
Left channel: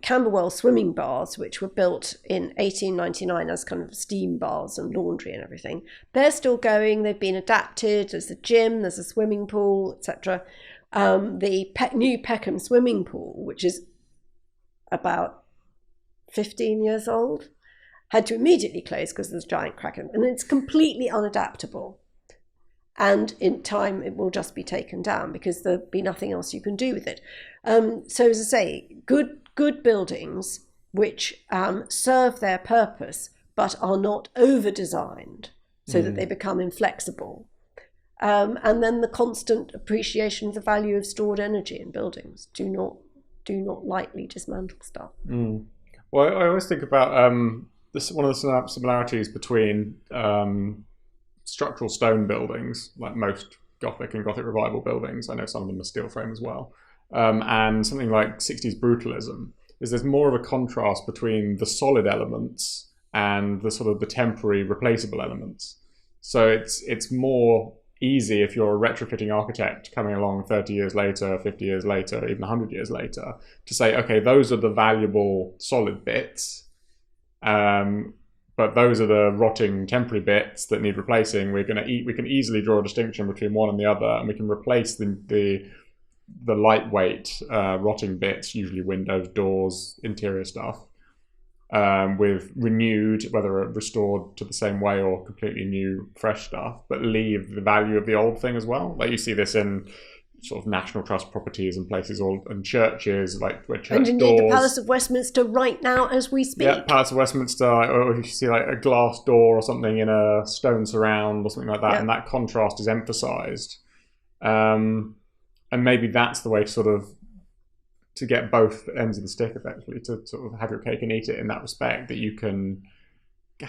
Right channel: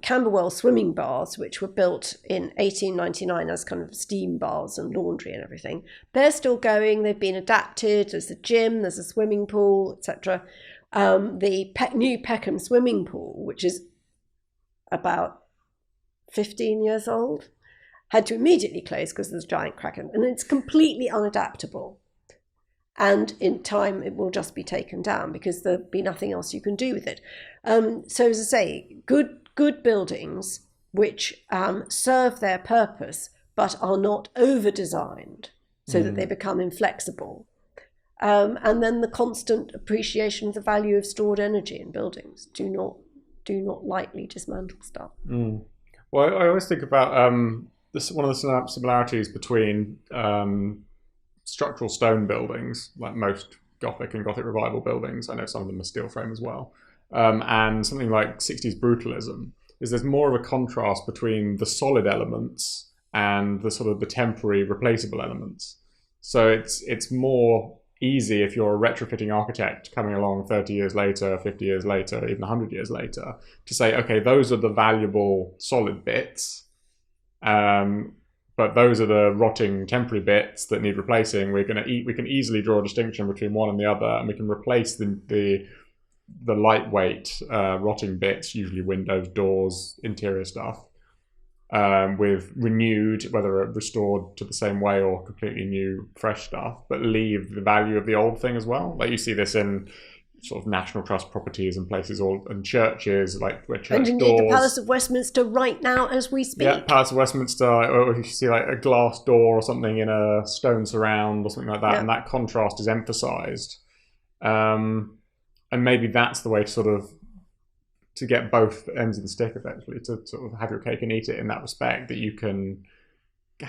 Camberwell swimming baths, which were built in 1899 as kind of steam baths and laundry and everything. They're still going. They've been adapted. There's a gym, there's a swimming pool, etc. The new Peckham swimming pool, which is about 15 years old, had to immediately close because there's a giant crack in it. And it's completely unadaptable. And in time, it will just be taken down because there'll be nothing else you can do with it. So as I say, good buildings which serve their purpose but are not over-designed so that they become inflexible. And then the constant appreciation of the value of stored energy in buildings. Do not lightly dismantle stuff. Well, I always think about one of the similarities between structural stone buildings, like most Gothic and Gothic Revival buildings, I know some of them are steel frame as well, and something like 60s brutalism, is there's more of a contrast between the solid elements and the sort of the temporary replaceable elements. So it's more easy if you're a retrofitting architect coming along 30 years later, 50 years later, even 100 years later, to say, okay, those are the valuable solid bits, but those are the rotting temporary bits that need replacing. We can easily draw a distinction between one and the other, and we can replace the lightweight rotting bits, usually windows, doors, interior stuff, with renewed, whether restored to the same way or completely new, fresh stuff, but leave the value of the old thing as well. Like you see this in sort of National Trust properties and places, and churches, and indeed doors. The Palace of Westminster right now as we speak. Yeah, Palace of Westminster, or you see like a glass door or something in a stone surround or something like that, and that contrast is emphasised. And maybe that's the way to get both ends of the stick, effectively, to sort of have your cake and eat it in that respect, that you can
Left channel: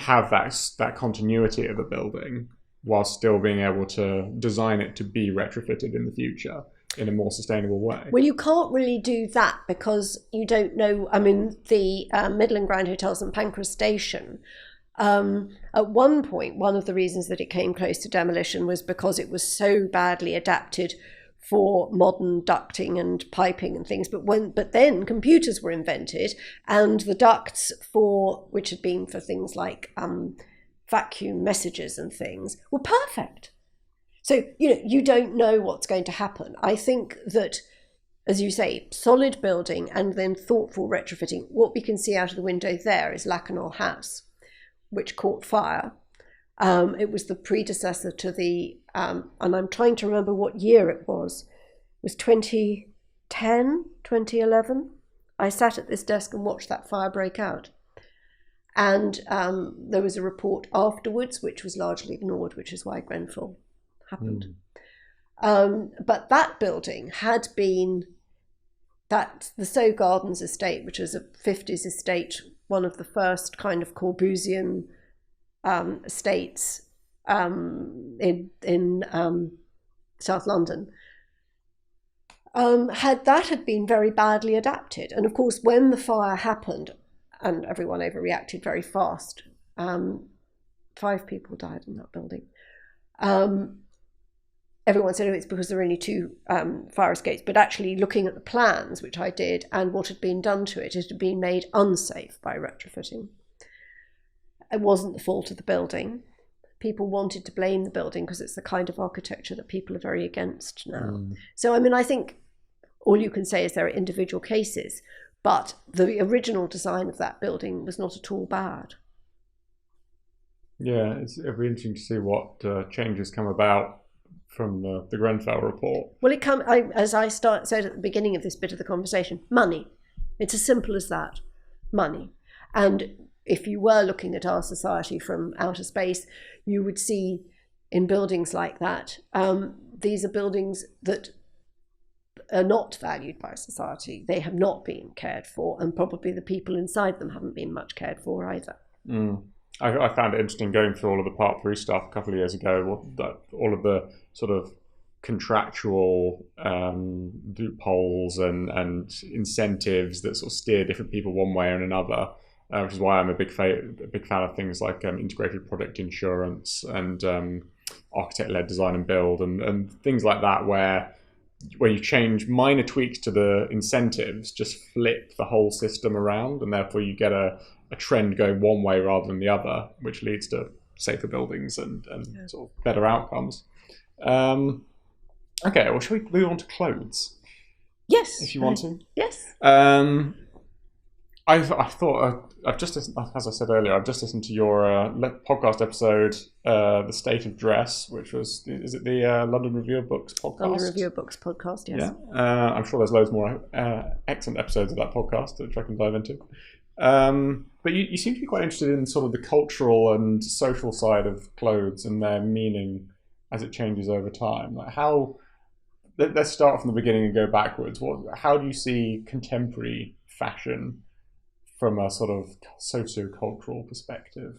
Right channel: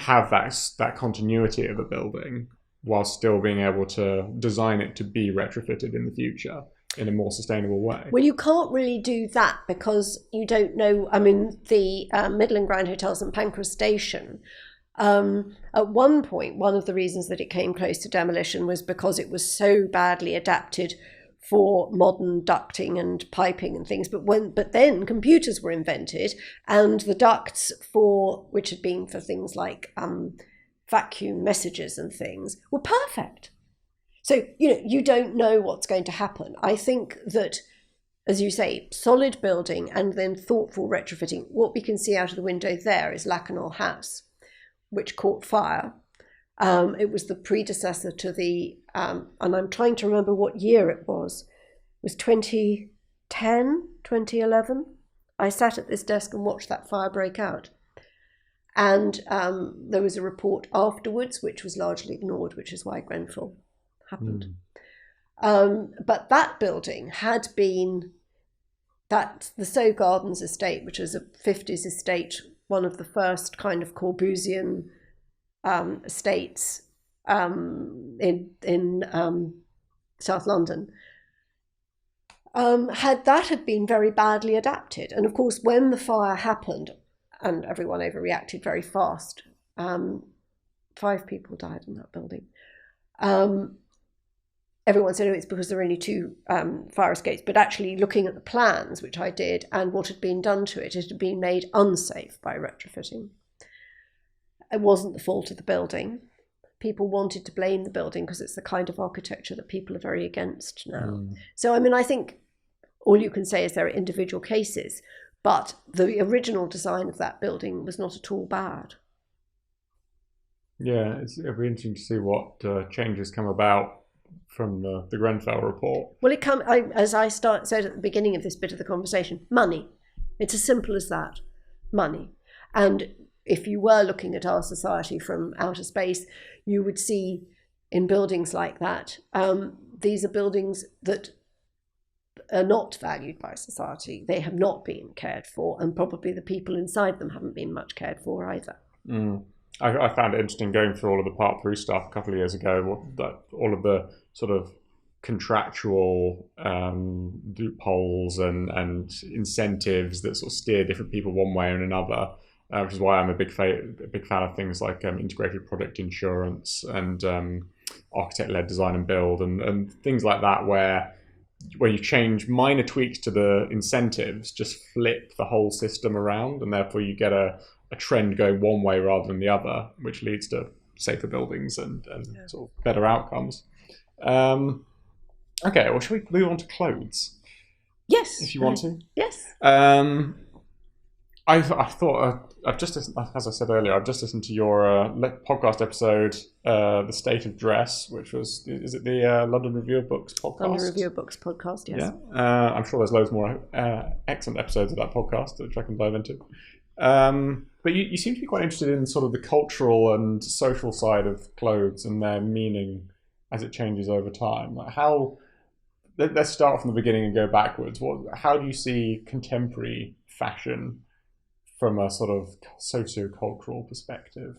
have that continuity of a building while still being able to design it to be retrofitted in the future in a more sustainable way. Well, you can't really do that because you don't know. I mean, the Middle and Grand Hotel St Pancras Station At one point, one of the reasons that it came close to demolition was because it was so badly adapted for modern ducting and piping and things. But then computers were invented, and the ducts which had been for things like vacuum messages and things were perfect. So, you don't know what's going to happen. I think that, as you say, solid building and then thoughtful retrofitting. What we can see out of the window there is Lakanal House, which caught fire. It was the predecessor to the, and I'm trying to remember what year it was. It was 2010, 2011. I sat at this desk and watched that fire break out. And there was a report afterwards, which was largely ignored, which is why Grenfell happened. But that building had been, the Sow Gardens estate, which was a 50s estate, one of the first kind of Corbusian estates in South London, had been very badly adapted. And of course, when the fire happened, and everyone overreacted very fast, 5 people died in that building. Everyone said, it's because there were only 2 fire escapes. But actually, looking at the plans, which I did, and what had been done to it, it had been made unsafe by retrofitting. It wasn't the fault of the building. People wanted to blame the building because it's the kind of architecture that people are very against now. So, I think all you can say is there are individual cases, but the original design of that building was not at all bad. Yeah, it'll be interesting to see what changes come about from the Grenfell report. Well, as I said at the beginning of this bit of the conversation, money. It's as simple as that, money. And if you were looking at our society from outer space, you would see in buildings like that, these are buildings that are not valued by society. They have not been cared for, and probably the people inside them haven't been much cared for either. I found it interesting going through all of the Part 3 stuff a couple of years ago, all of the sort of contractual loopholes and incentives that sort of steer different people one way or another, which is why I'm a big fan of things like integrated project insurance and architect-led design and build and things like that, where you change minor tweaks to the incentives, just flip the whole system around, and therefore you get a trend going one way rather than the other, which leads to safer buildings and sort of better outcomes. Okay, well, should we move on to clothes? Yes. Yes. I thought, I've just, as I said earlier, I've just listened to your podcast episode, The State of Dress, which was, is it the London Review of Books podcast? London Review of Books podcast, yes. Yeah. I'm sure there's loads more excellent episodes of that podcast that I can dive into. But you seem to be quite interested in sort of the cultural and social side of clothes and their meaning as it changes over time. Like let's start from the beginning and go backwards. How do you see contemporary fashion from a sort of socio-cultural perspective?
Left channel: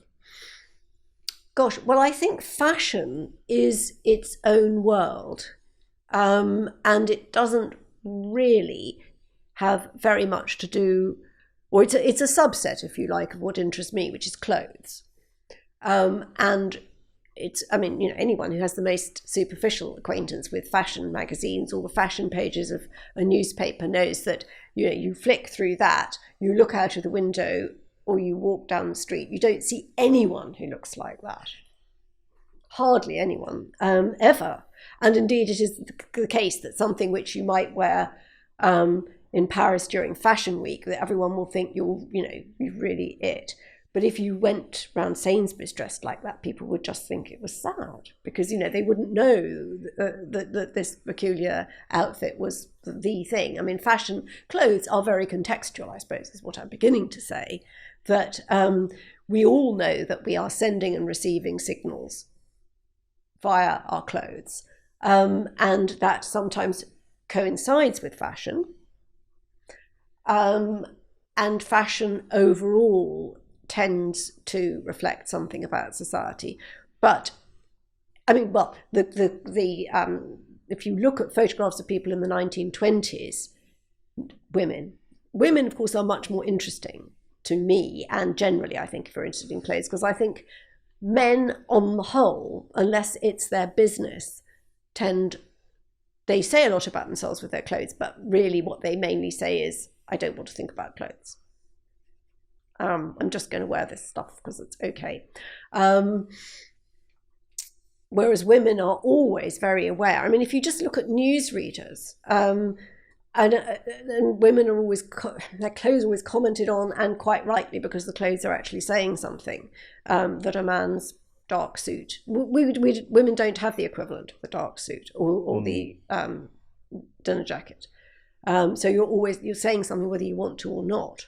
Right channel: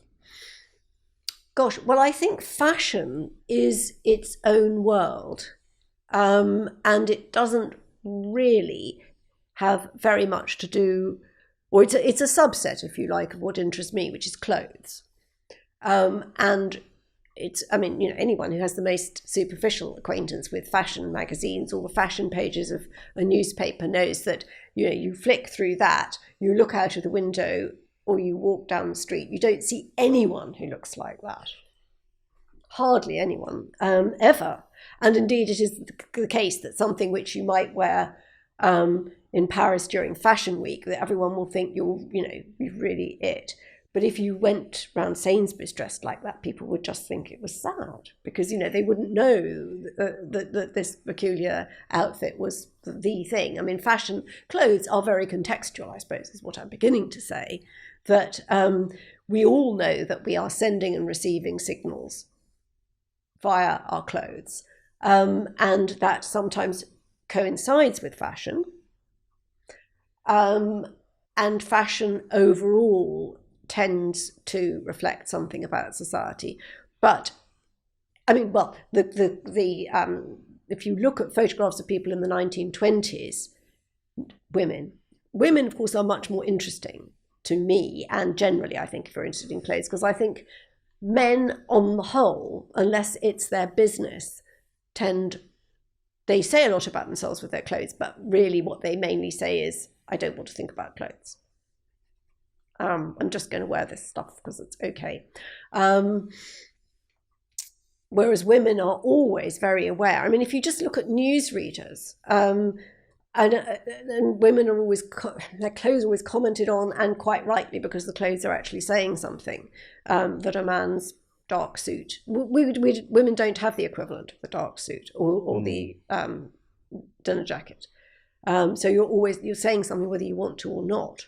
Gosh, well, I think fashion is its own world, and it doesn't really have very much to do, or it's a subset, if you like, of what interests me, which is clothes. And it's, anyone who has the most superficial acquaintance with fashion magazines or the fashion pages of a newspaper knows that, you flick through that, you look out of the window or you walk down the street, you don't see anyone who looks like that. Hardly anyone, ever. And indeed, it is the case that something which you might wear in Paris during Fashion Week, that everyone will think you're really it. But if you went round Sainsbury's dressed like that, people would just think it was sad, because, they wouldn't know that this peculiar outfit was the thing. Fashion, clothes are very contextual, I suppose, is what I'm beginning to say, that we all know that we are sending and receiving signals via our clothes, and that sometimes coincides with fashion, and fashion overall tends to reflect something about society. But if you look at photographs of people in the 1920s, women of course are much more interesting, to me, and generally I think if you're interested in clothes, because I think men on the whole, unless it's their business, they say a lot about themselves with their clothes, but really what they mainly say is, I don't want to think about clothes. I'm just going to wear this stuff because it's okay. Whereas women are always very aware. I mean, if you just look at newsreaders, and women are always, their clothes are always commented on, and quite rightly, because the clothes are actually saying something, that a man's dark suit. Women don't have the equivalent of the dark suit or the dinner jacket. So you're saying something whether you want to or not.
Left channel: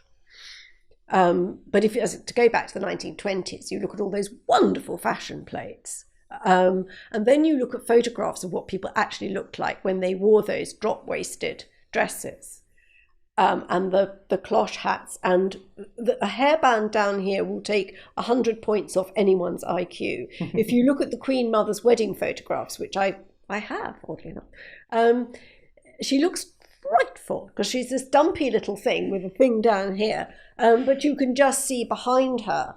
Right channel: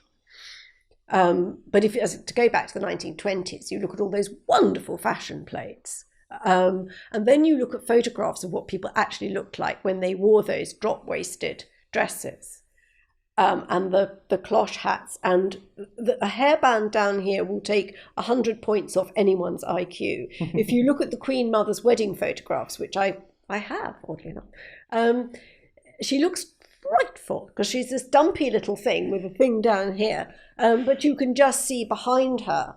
But to go back to the 1920s, you look at all those wonderful fashion plates. And then you look at photographs of what people actually looked like when they wore those drop-waisted dresses, and the cloche hats, and a hairband down here will take 100 points off anyone's IQ. If you look at the Queen Mother's wedding photographs, which I have, oddly enough, she looks frightful because she's this dumpy little thing with a thing down here, but you can just see behind her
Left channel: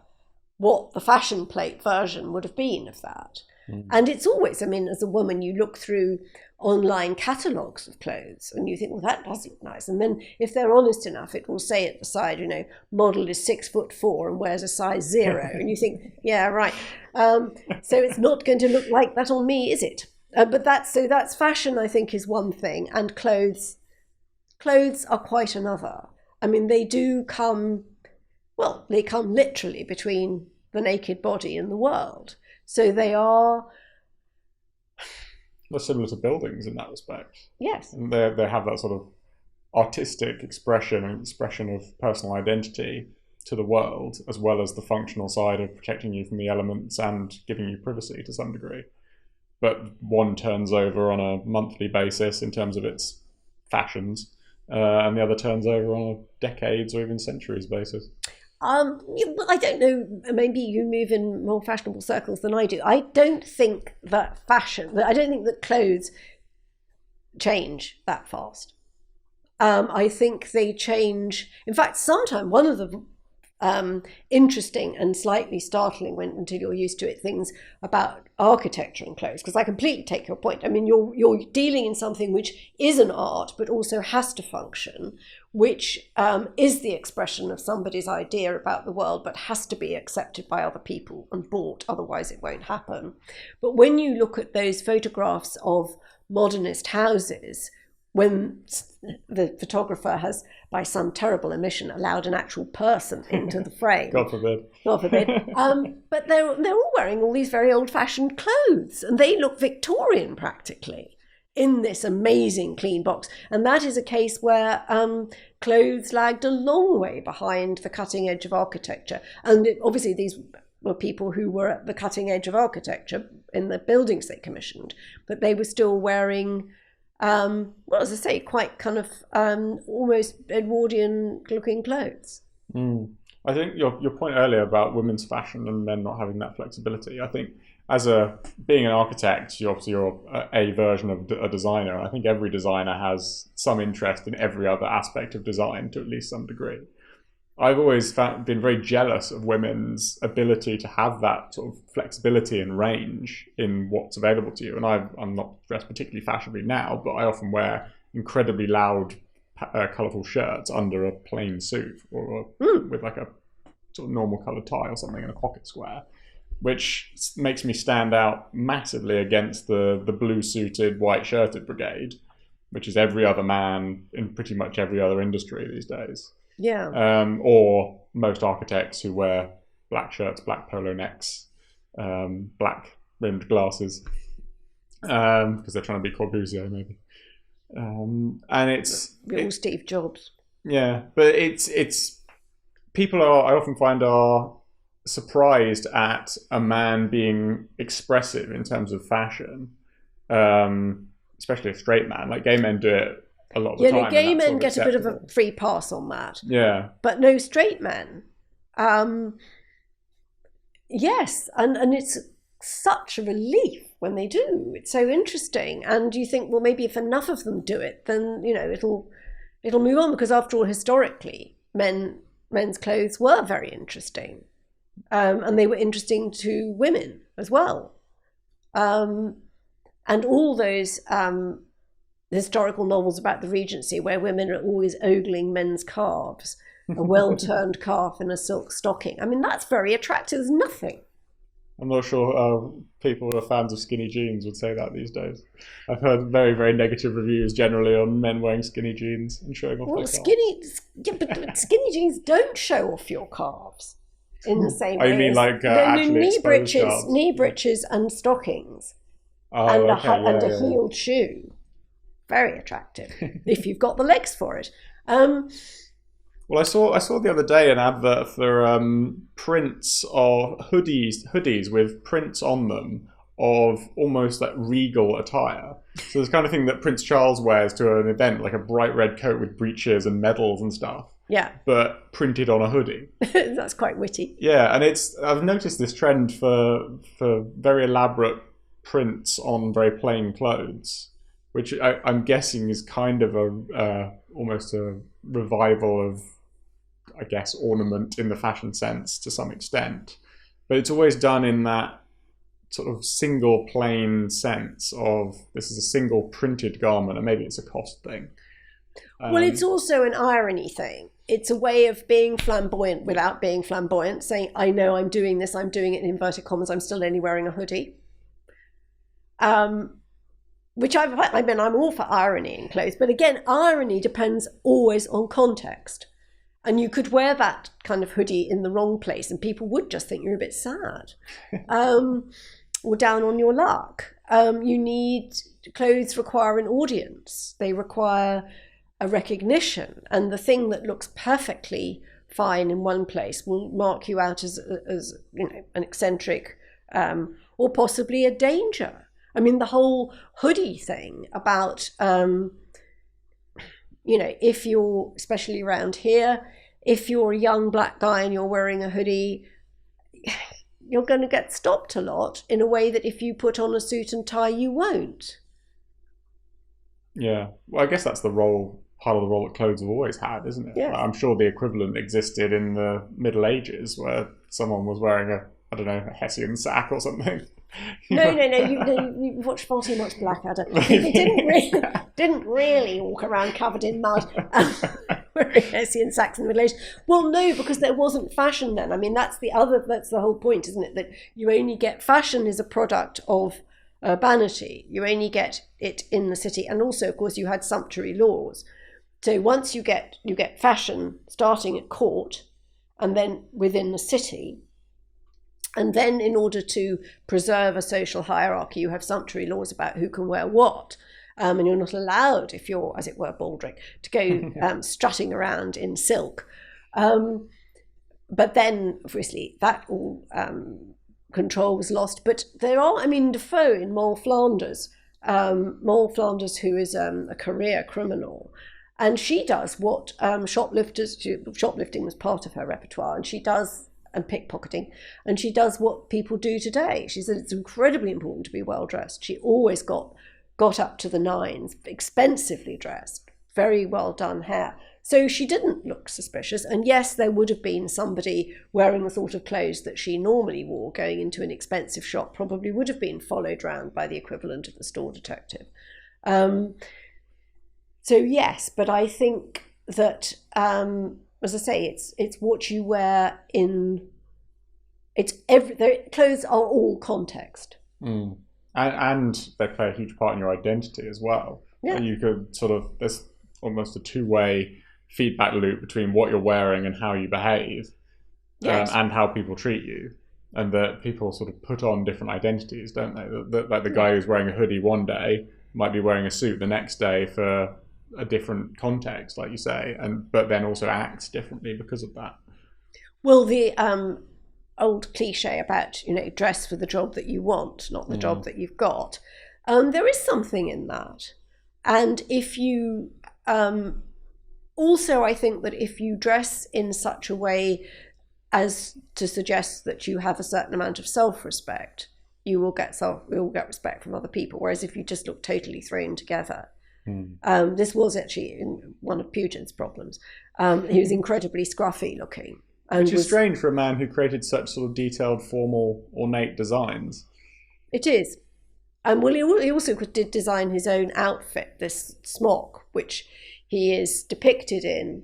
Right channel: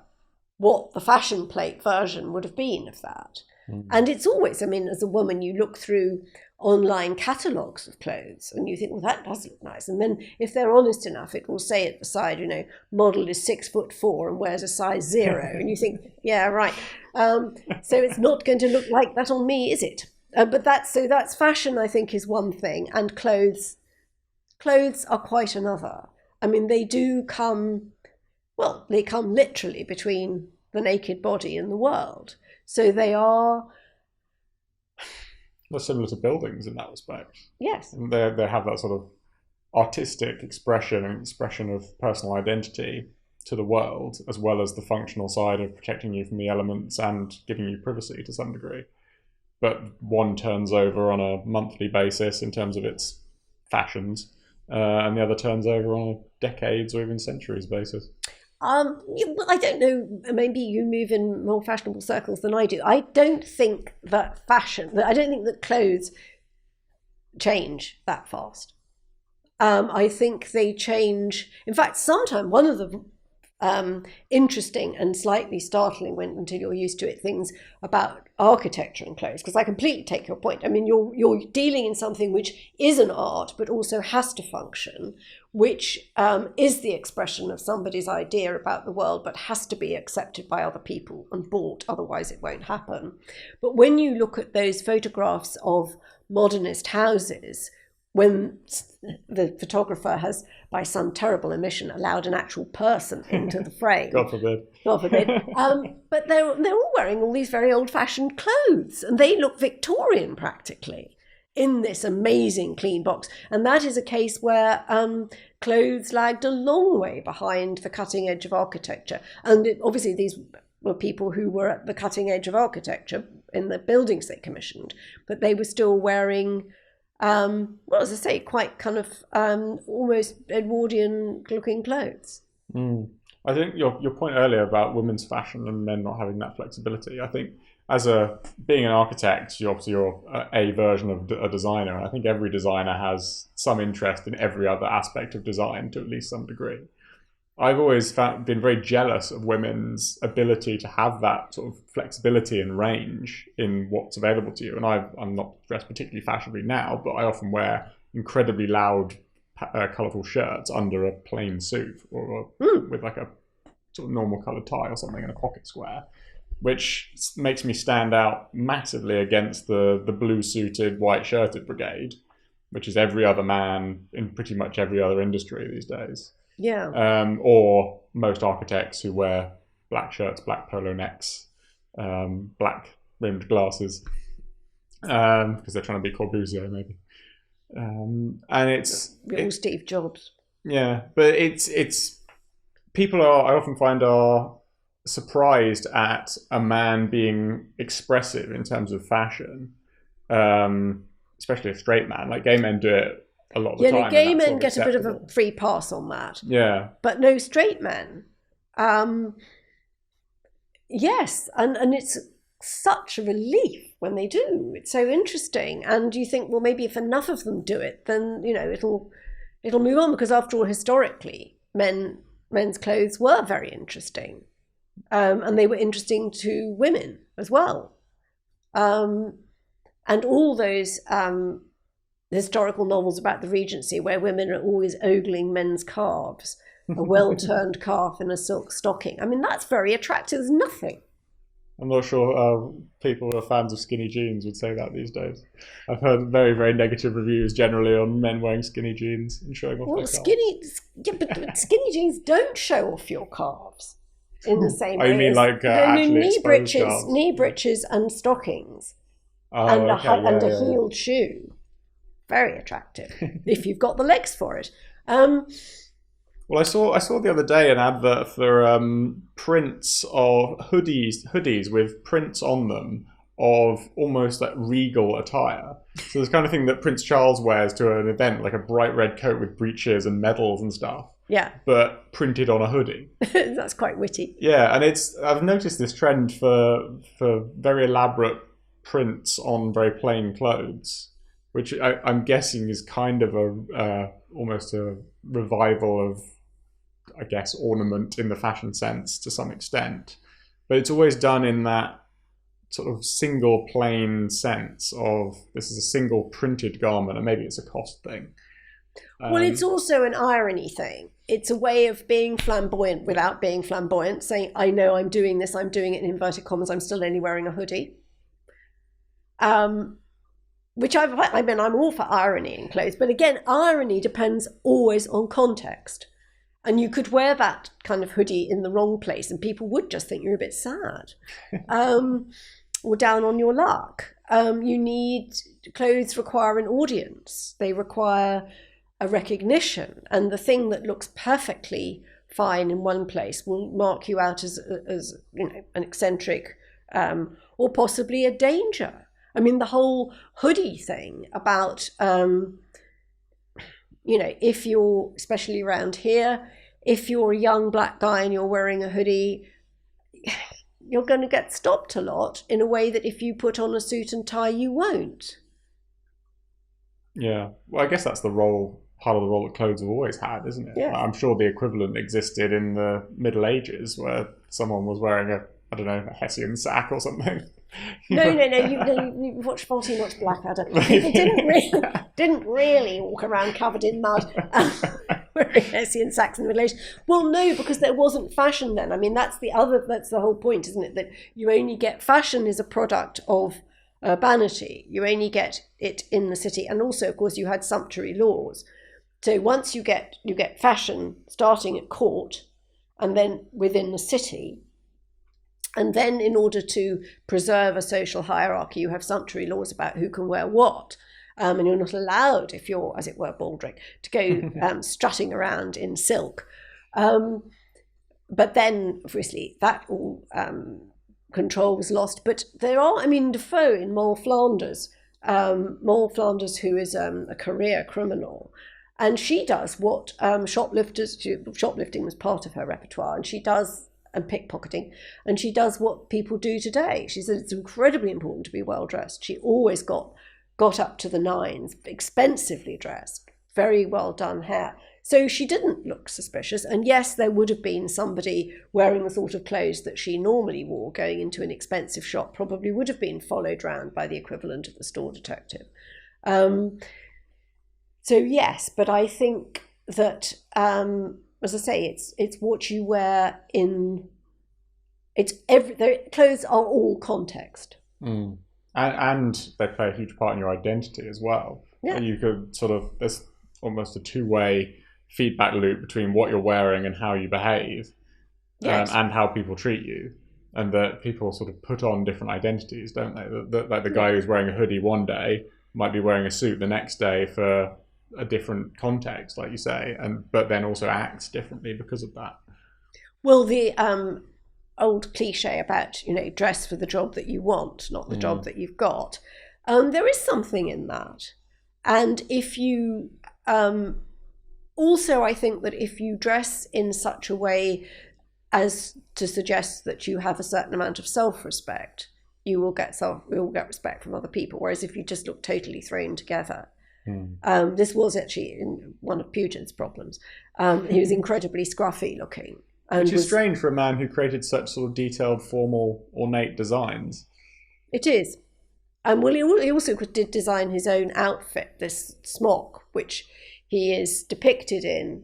what the fashion plate version would have been of that. And it's always, I mean, as a woman, you look through online catalogues of clothes and you think, well, that does look nice. And then if they're honest enough, it will say at the side, model is 6'4" and wears a size 0. And you think, yeah, right. So it's not going to look like that on me, is it? But that's fashion, I think, is one thing. And clothes are quite another. I mean, they come literally between the naked body and the world. So they are... They're similar to buildings in that respect. Yes. And they have that sort of artistic expression of personal identity to the world, as well as the functional side of protecting you from the elements and giving you privacy to some degree. But one turns over on a monthly basis in terms of its fashions, and the other turns over on a decades or even centuries basis. I don't know, maybe you move in more fashionable circles than I do. I don't think that clothes change that fast. I think they change. In fact, sometimes one of the interesting and slightly startling, until you're used to it, things about architecture and clothes, because I completely take your point. I mean, you're dealing in something which is an art, but also has to function, which is the expression of somebody's idea about the world, but has to be accepted by other people and bought, otherwise it won't happen. But when you look at those photographs of modernist houses, when the photographer has, by some terrible omission, allowed an actual person into the frame. God forbid. But they're all wearing all these very old-fashioned clothes, and they look Victorian practically in this amazing clean box. And that is a case where clothes lagged a long way behind the cutting edge of architecture. And obviously these were people who were at the cutting edge of architecture in the buildings they commissioned, but they were still wearing... as I say, quite kind of almost Edwardian-looking clothes. I think your point earlier about women's fashion and men not having that flexibility, I think being an architect, you're a version of a designer. I think every designer has some interest in every other aspect of design to at least some degree. I've always been very jealous of women's ability to have that sort of flexibility and range in what's available to you. And I'm not dressed particularly fashionably now, but I often wear incredibly loud, colourful shirts under a plain suit, or with like a sort of normal coloured tie or something in a pocket square, which makes me stand out massively against the blue-suited, white-shirted brigade, which is every other man in pretty much every other industry these days. Yeah. Or most architects who wear black shirts, black polo necks, black rimmed glasses, because they're trying to be Corbusier maybe. And it's all Steve Jobs. Yeah, but it's people I often find are surprised at a man being expressive in terms of fashion, especially a straight man. Like gay men do it. Gay men get a bit of a free pass on that. Yeah. But no straight men. Yes, and it's such a relief when they do. It's so interesting. And you think, well, maybe if enough of them do it, then, it'll move on, because after all, historically, men men's clothes were very interesting. And they were interesting to women as well. And all those historical novels about the Regency where women are always ogling men's calves, a well-turned calf in a silk stocking. I mean, that's very attractive. There's nothing. I'm not sure people who are fans of skinny jeans would say that these days. I've heard very, very negative reviews generally on men wearing skinny jeans and showing off. Well, but skinny jeans don't show off your calves in the same way as knee breeches and stockings, and a heeled shoe. Very attractive if you've got the legs for it. Well, I saw the other day an advert for prints of hoodies with prints on them of almost like regal attire. So it's the kind of thing that Prince Charles wears to an event, like a bright red coat with breeches and medals and stuff. Yeah. But printed on a hoodie. That's quite witty. Yeah, and I've noticed this trend for very elaborate prints on very plain clothes, which I'm guessing is kind of almost a revival of, I guess, ornament in the fashion sense to some extent. But it's always done in that sort of single plain sense of this is a single printed garment, and maybe it's a cost thing. Well, it's also an irony thing. It's a way of being flamboyant without being flamboyant, saying, I know I'm doing this, I'm doing it in inverted commas, I'm still only wearing a hoodie. Which I'm all for irony in clothes, but again, irony depends always on context. And you could wear that kind of hoodie in the wrong place and people would just think you're a bit sad. Or down on your luck. Clothes require an audience. They require a recognition. And the thing that looks perfectly fine in one place will mark you out as an eccentric or possibly a danger. I mean, the whole hoodie thing about, if you're, especially around here, if you're a young black guy and you're wearing a hoodie, you're going to get stopped a lot in a way that if you put on a suit and tie, you won't. Yeah, well, I guess that's part of the role that clothes have always had, isn't it? Yes. I'm sure the equivalent existed in the Middle Ages where someone was wearing a Hessian sack or something. No. You watch far too much Blackadder. People didn't really walk around covered in mud wearing Hessian sacks in the Middle Ages. Well, no, because there wasn't fashion then. I mean, that's the whole point, isn't it? That you only get fashion is a product of urbanity. You only get it in the city, and also, of course, you had sumptuary laws. So once you get fashion starting at court, and then within the city. And then in order to preserve a social hierarchy, you have sumptuary laws about who can wear what. And you're not allowed, if you're, as it were, baldric, to go strutting around in silk. But then, obviously, that all control was lost. But there are, Defoe in Moll Flanders, who is a career criminal, and she does what shoplifting was part of her repertoire, and she does, and pickpocketing, and she does what people do today. She said it's incredibly important to be well dressed. She always got up to the nines, expensively dressed, very well done hair. So she didn't look suspicious. And yes, there would have been somebody wearing the sort of clothes that she normally wore going into an expensive shop, probably would have been followed round by the equivalent of the store detective. So yes, but I think that, as I say, it's what you wear in. Clothes are all context. Mm. And they play a huge part in your identity as well. Yeah. You could there's almost a two-way feedback loop between what you're wearing and how you behave. Yes. And how people treat you. And that people sort of put on different identities, don't they? Like the guy who's wearing a hoodie one day might be wearing a suit the next day for a different context, like you say, but then also acts differently because of that. Well, the old cliche about, dress for the job that you want, not the job that you've got. There is something in that. And if you, also I think that if you dress in such a way as to suggest that you have a certain amount of self-respect, you will get respect from other people. Whereas if you just look totally thrown together, This was actually one of Pugin's problems. He was incredibly scruffy looking. And It's was strange for a man who created such sort of detailed, formal, ornate designs. It is. And well, he also did design his own outfit, this smock, which he is depicted in,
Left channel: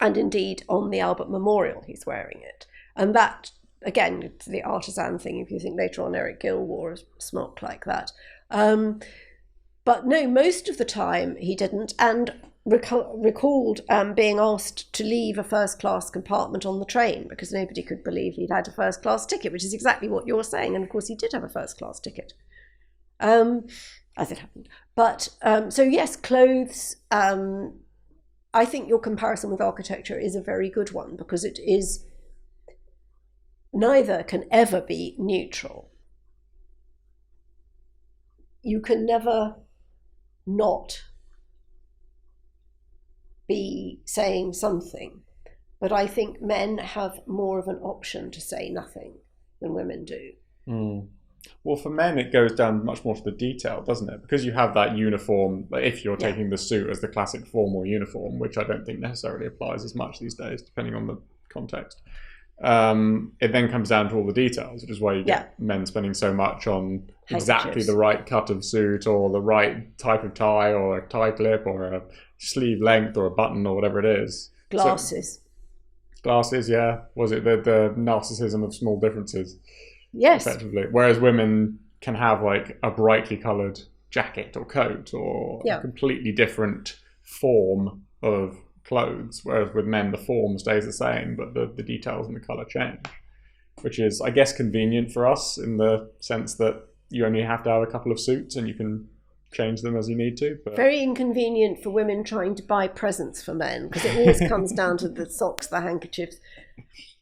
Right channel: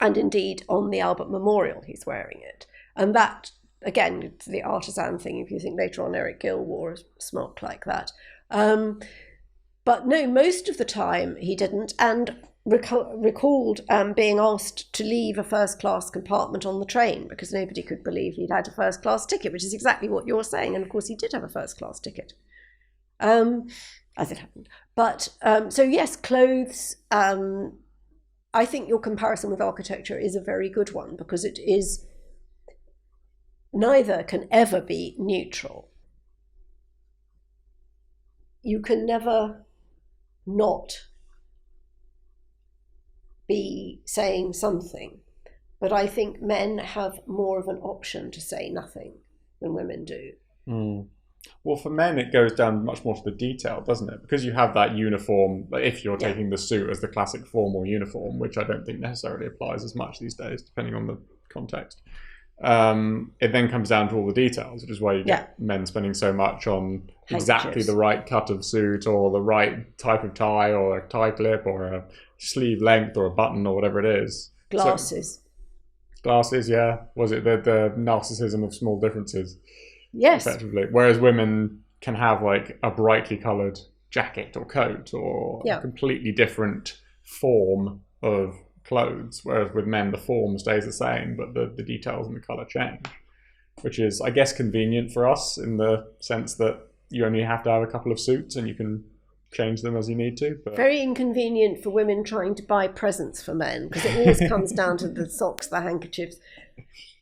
and indeed on the Albert Memorial he's wearing it. And that, again, it's the artisan thing, if you think later on Eric Gill wore a smock like that. But no, most of the time he didn't, and recalled being asked to leave a first-class compartment on the train because nobody could believe he'd had a first-class ticket, which is exactly what you're saying. And of course he did have a first-class ticket, as it happened. But so yes, clothes, I think your comparison with architecture is a very good one, because it is, neither can ever be neutral. You can never not be saying something, but I think men have more of an option to say nothing than women do. Well, for men it goes down much more to the detail, doesn't it? Because you have that uniform, if you're taking the suit as the classic formal uniform, which I don't think necessarily applies as much these days, depending on the context. It then comes down to all the details, which is why you get men spending so much on exactly the right cut of suit, or the right type of tie, or a tie clip, or a sleeve length, or a button, or whatever it is. Glasses, yeah. Was it the narcissism of small differences? Yes. Whereas women can have like a brightly coloured jacket or coat, or a completely different form of clothes, whereas with men the form stays the same, but the details and the colour change, which is, I guess, convenient for us in the sense that you only have to have a couple of suits and you can change them as you need to. Very inconvenient for women trying to buy presents for men, because it always comes down to the socks, the handkerchiefs.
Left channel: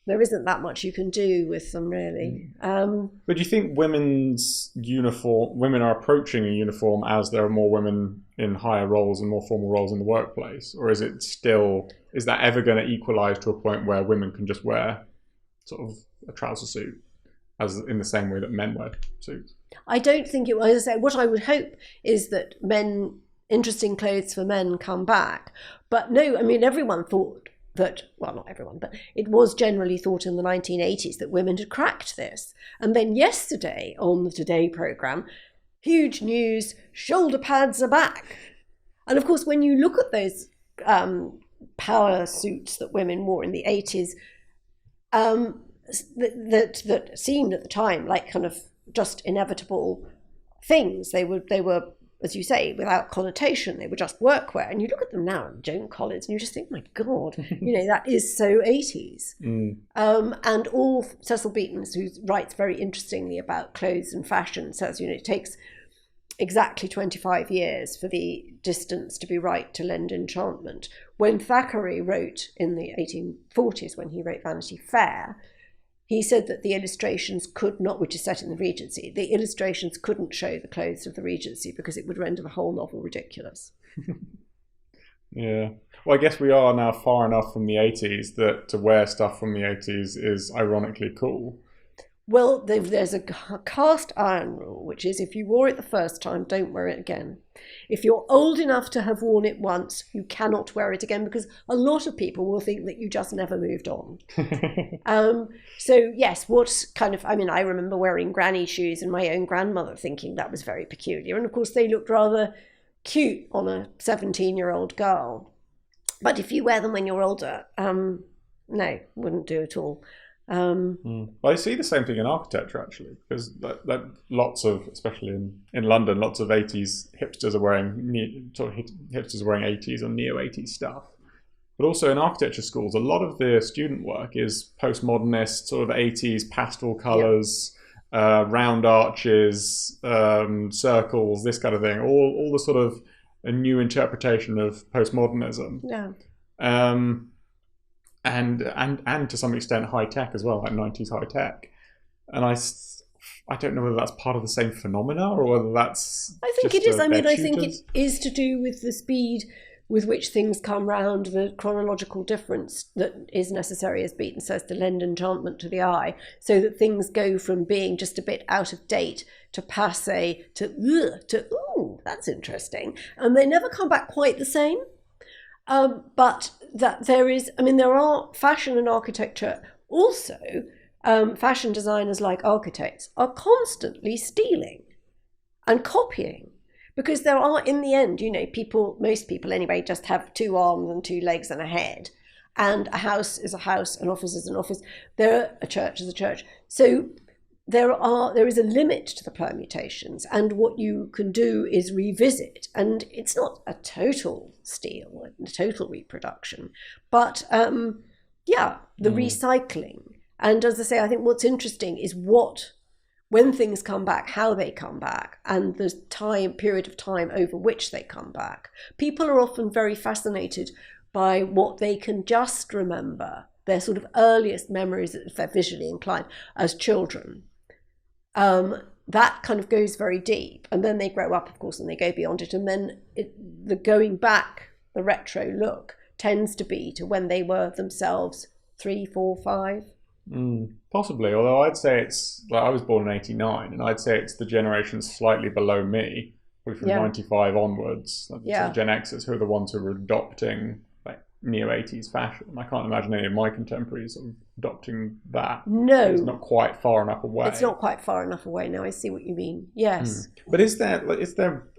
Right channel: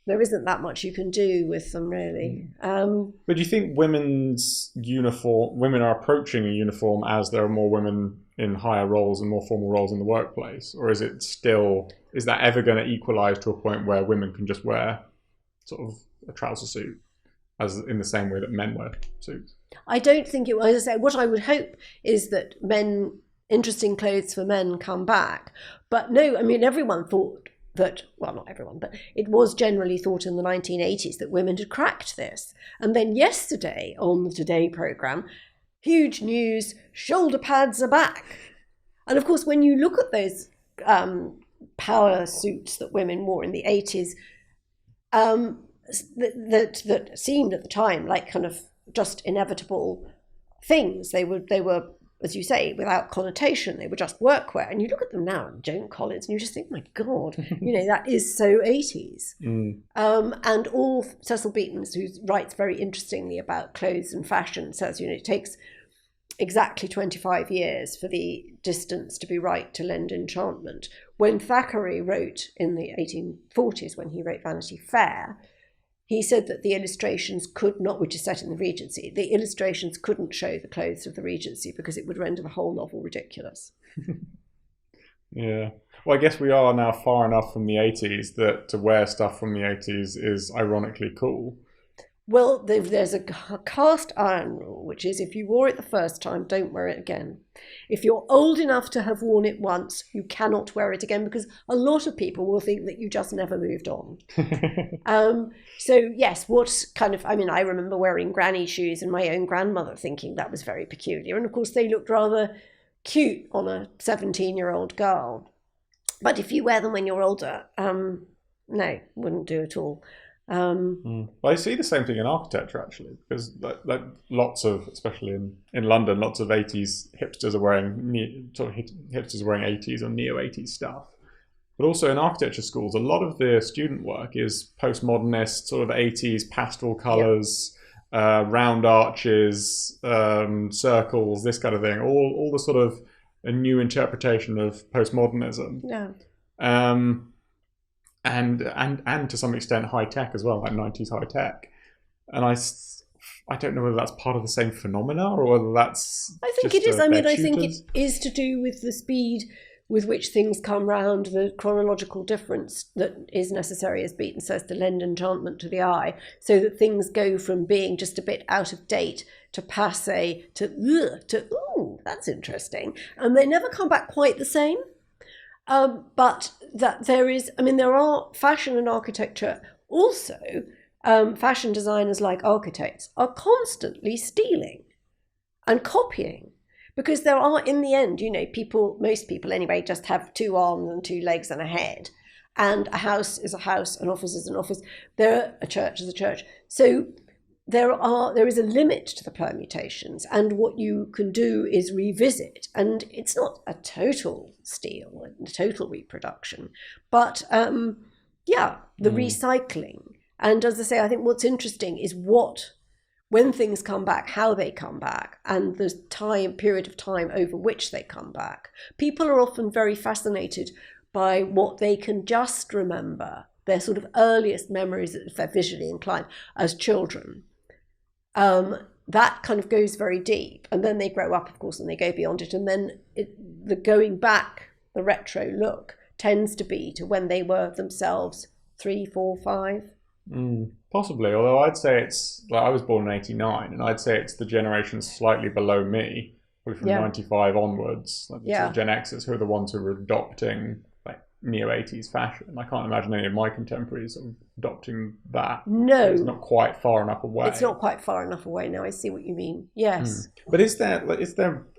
There isn't that much you can do with them, really. But do you think women are approaching a uniform as there are more women in higher roles and more formal roles in the workplace? Or is that ever going to equalise to a point where women can just wear sort of a trouser suit, as in the same way that men wear suits? I don't think it will. As I say, what I would hope is that interesting clothes for men come back. But no, I mean, everyone thought that, well, not everyone, but it was generally thought in the 1980s that women had cracked this. And then yesterday on the Today programme, huge news, shoulder pads are back. And of course, when you look at those power suits that women wore in the 80s, that seemed at the time like kind of just inevitable things. They were, as you say, without connotation. They were just workwear. And you look at them now, and Joan Collins, and you just think, my God, that is so 80s. And all Cecil Beaton, who writes very interestingly about clothes and fashion, says, it takes exactly 25 years for the distance to be right to lend enchantment. When Thackeray wrote in the 1840s, when he wrote Vanity Fair, he said that the illustrations could not, which is set in the Regency, the illustrations couldn't show the clothes of the Regency because it would render the whole novel ridiculous. Yeah. Well, I guess we are now far enough from the 80s that to wear stuff from the 80s is ironically cool. Well, there's a cast iron rule, which is if you wore it the first time, don't wear it again. If you're old enough to have worn it once, you cannot wear it again, because a lot of people will think that you just never moved on. So yes, I remember wearing granny shoes and my own grandmother thinking that was very peculiar. And of course they looked rather cute on a 17-year-old girl. But if you wear them when you're older, no, wouldn't do at all. Well, I see the same thing in architecture, actually, because lots of, especially in London, lots of 80s hipsters are wearing 80s or neo-80s stuff. But also in architecture schools, a lot of the student work is postmodernist, sort of 80s pastel colours, round arches, circles, this kind of thing, all the sort of a new interpretation of postmodernism. Yeah. And to some extent high tech as well, like 90s high tech. And I don't know whether that's part of the same phenomena or whether that's... I think it is. I mean, I think it is to do with the speed with which things come round, the chronological difference that is necessary, as Beaton says, to lend enchantment to the eye, so that things go from being just a bit out of date to passé to ooh, that's interesting. And they never come back quite the same. But that there are fashion and architecture also. Fashion designers, like architects, are constantly stealing and copying, because there are, in the end, most people anyway, just have 2 arms and 2 legs and a head, and a house is a house, an office is an office, a church is a church. So there is a limit to the permutations, and what you can do is revisit, and it's not a total steal, a total reproduction, but the recycling. And as I say, I think what's interesting is when things come back, how they come back, and the period of time over which they come back. People are often very fascinated by what they can just remember, their sort of earliest memories, if they're visually inclined, as children. That kind of goes very deep, and then they grow up, of course, and they go beyond it, and then the going back, the retro look, tends to be to when they were themselves 3, 4, 5. Possibly, although I'd say I was born in 89, and I'd say it's the generation slightly below me, with 95 onwards. Gen Xers, who are the ones who were adopting neo-80s fashion. I can't imagine any of my contemporaries adopting that. No. It's not quite far enough away. It's not quite far enough away now. I see what you mean. Yes. But is there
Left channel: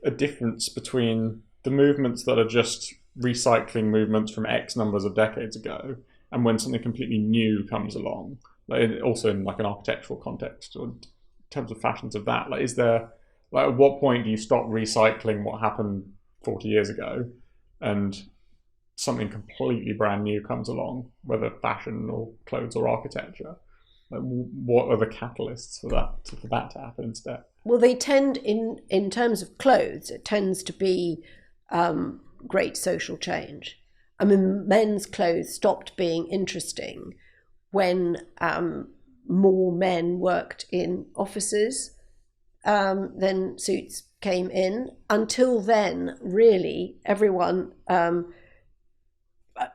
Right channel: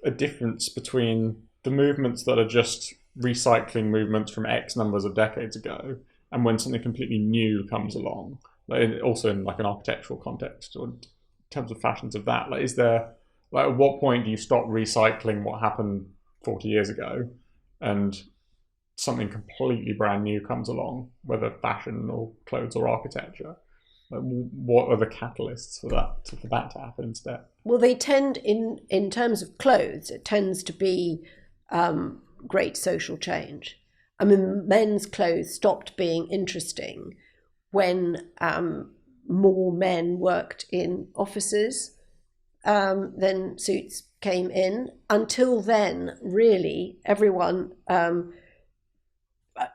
a difference between the movements that are just recycling movements from X numbers of decades ago, and when something completely new comes along? Also in an architectural context, or in terms of fashions of that, is there, at what point do you stop recycling what happened 40 years ago, and something completely brand new comes along, whether fashion or clothes or architecture? What are the catalysts for that to happen instead? Well, they tend, in terms of clothes, it tends to be great social change. I mean, men's clothes stopped being interesting when more men worked in offices. Then suits came in. Until then, really, everyone, and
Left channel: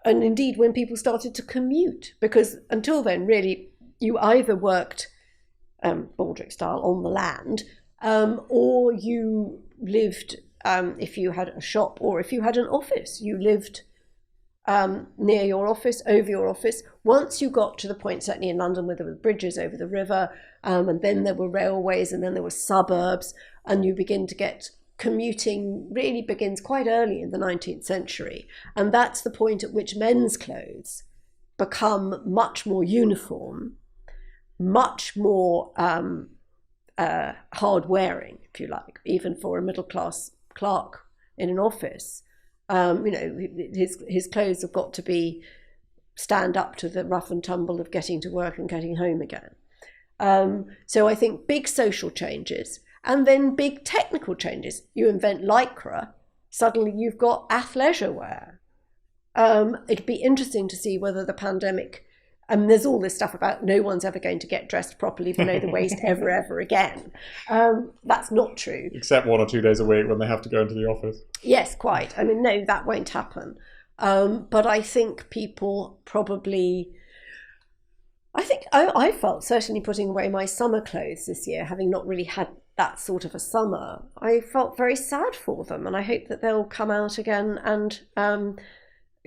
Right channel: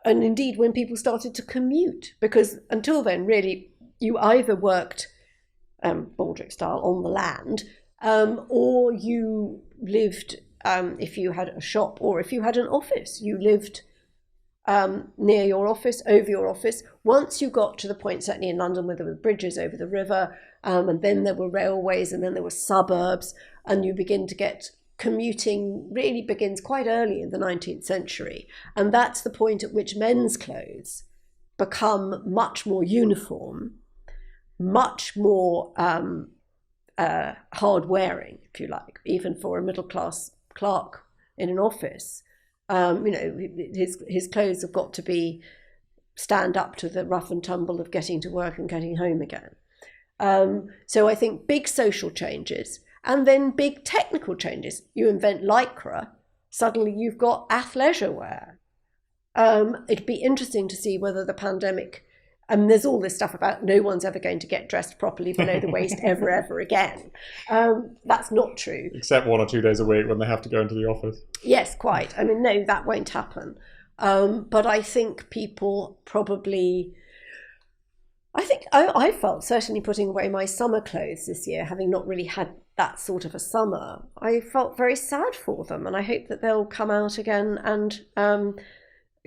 indeed when people started to commute, because until then, really, you either worked Baldric style on the land, or you lived, if you had a shop or if you had an office, you lived near your office, over your office. Once you got to the point, certainly in London, where there were bridges over the river, and then there were railways, and then there were suburbs, and you begin to get commuting really begins quite early in the 19th century. And that's the point at which men's clothes become much more uniform, much more hard-wearing, if you like, even for a middle-class clerk in an office. His clothes have got to stand up to the rough and tumble of getting to work and getting home again. So I think big social changes, and then big technical changes. You invent lycra, suddenly you've got athleisure wear. It'd be interesting to see whether the pandemic, there's all this stuff about no one's ever going to get dressed properly below the waist ever again. That's not true. Except 1 or 2 days a week when they have to go to the office. Yes, quite. I mean, no, that won't happen. But I think people probably... I felt, certainly putting away my summer clothes this year, having not really had that sort of a summer, I felt very sad for them, and I hope that they'll come out again and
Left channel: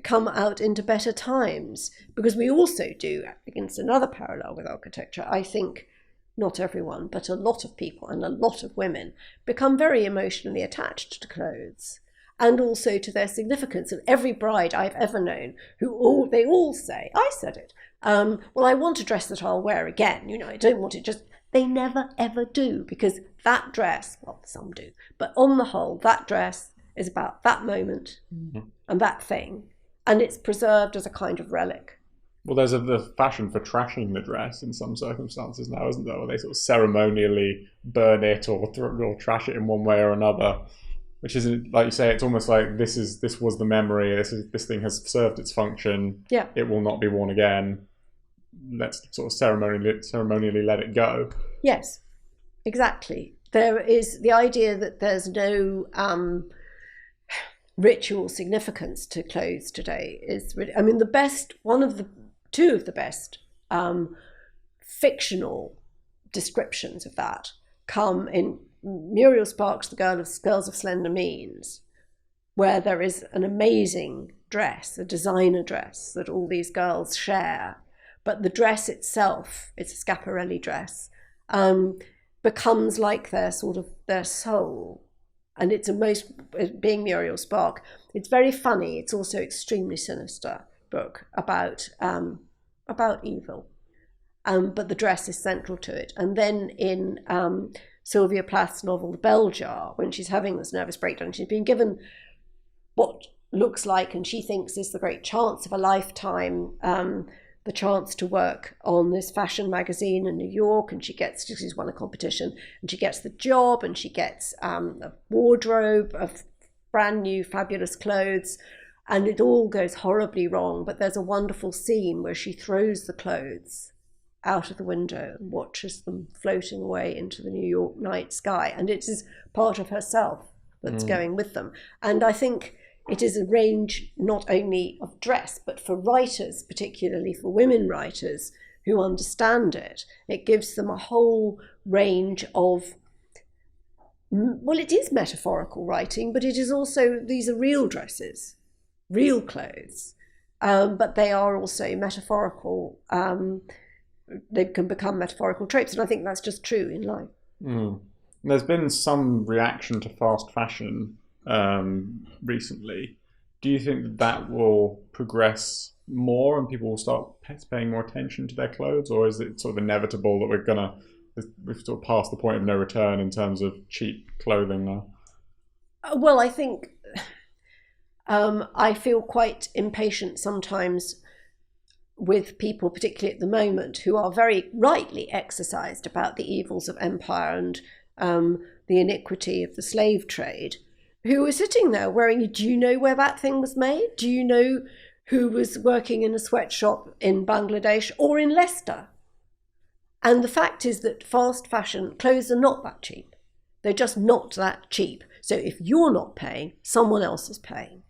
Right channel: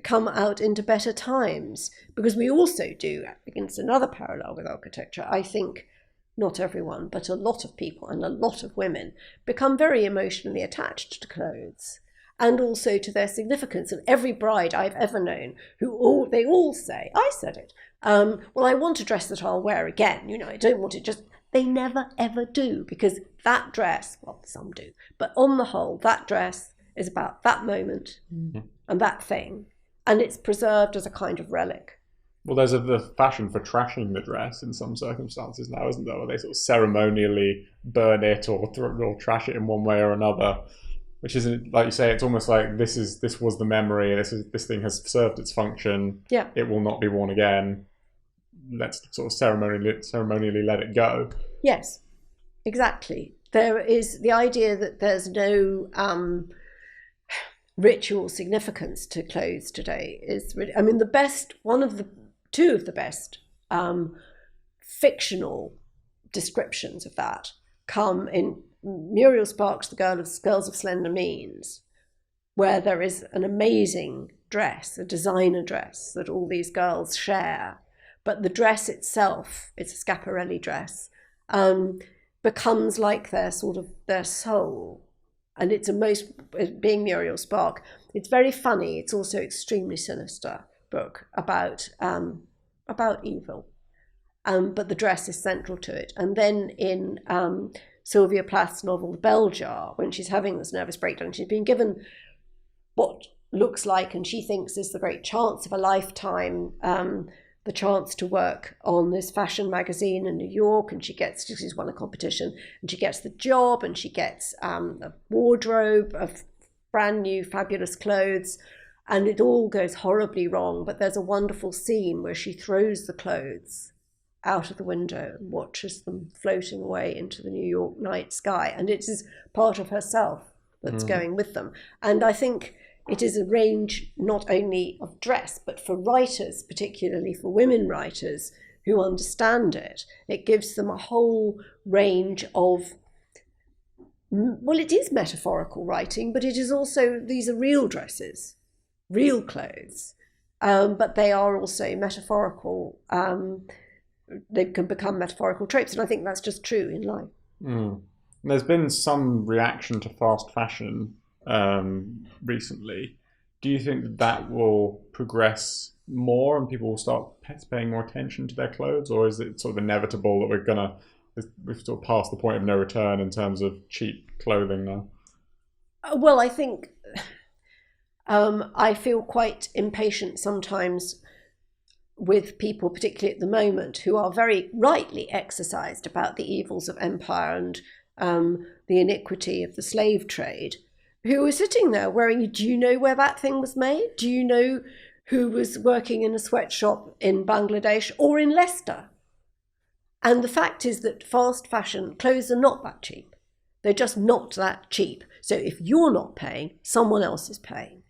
come out into better times, because we also do, against another parallel with architecture, I think not everyone, but a lot of people and a lot of women become very emotionally attached to clothes, and also to their significance. And every bride I've ever known, they all say, I said it, well, I want a dress that I'll wear again. I don't want it just, they never ever do, because that dress, well, some do, but on the whole, that dress is about that moment and that thing, and it's preserved as a kind of relic. Well, there's a fashion for trashing the dress in some circumstances now, isn't there? Where they sort of ceremonially burn it or trash it in one way or another. Which is, like you say, it's almost like this was the memory. This thing has served its function. Yeah. It will not be worn again. Let's sort of ceremonially let it go. Yes, exactly. There is the idea that there's no ritual significance to clothes today. Two of the best fictional descriptions of that come in Muriel Sparks, the Girls of Slender Means, where there is an amazing dress, a designer dress that all these girls share, but the dress itself, it's a Schiaparelli dress, becomes like their soul. And it's being Muriel Spark, it's very funny. It's also extremely sinister book about evil. But the dress is central to it. And then in Sylvia Plath's novel, The Bell Jar, when she's having this nervous breakdown, she's been given what looks like, and she thinks is the great chance of a lifetime, the chance to work on this fashion magazine in New York, and she's won a competition, and she gets the job, and she gets a wardrobe of brand new fabulous clothes, and it all goes horribly wrong. But there's a wonderful scene where she throws the clothes out of the window and watches them floating away into the New York night sky, and it is part of herself that's going with them. And I think it is a range not only of dress, but for writers, particularly for women writers who understand it, it gives them a whole range of, well, it is metaphorical writing, but it is also, these are real dresses, real clothes, but they are also metaphorical. They can become metaphorical tropes, and I think that's just true in life. There's been some reaction to fast fashion recently. Do you think that will progress more and people will start paying more attention to their clothes, or is it sort of inevitable that we've sort of passed the point of no return in terms of cheap clothing now? Well, I think I feel quite impatient sometimes with people, particularly at the moment, who are very rightly exercised about the evils of empire and the iniquity of the slave trade, who are sitting there wearing, do you know where that thing was made? Do you know who was working in a sweatshop in Bangladesh or in Leicester? And the fact is that fast fashion clothes are not that cheap. They're just not that cheap. So if you're not paying, someone else is paying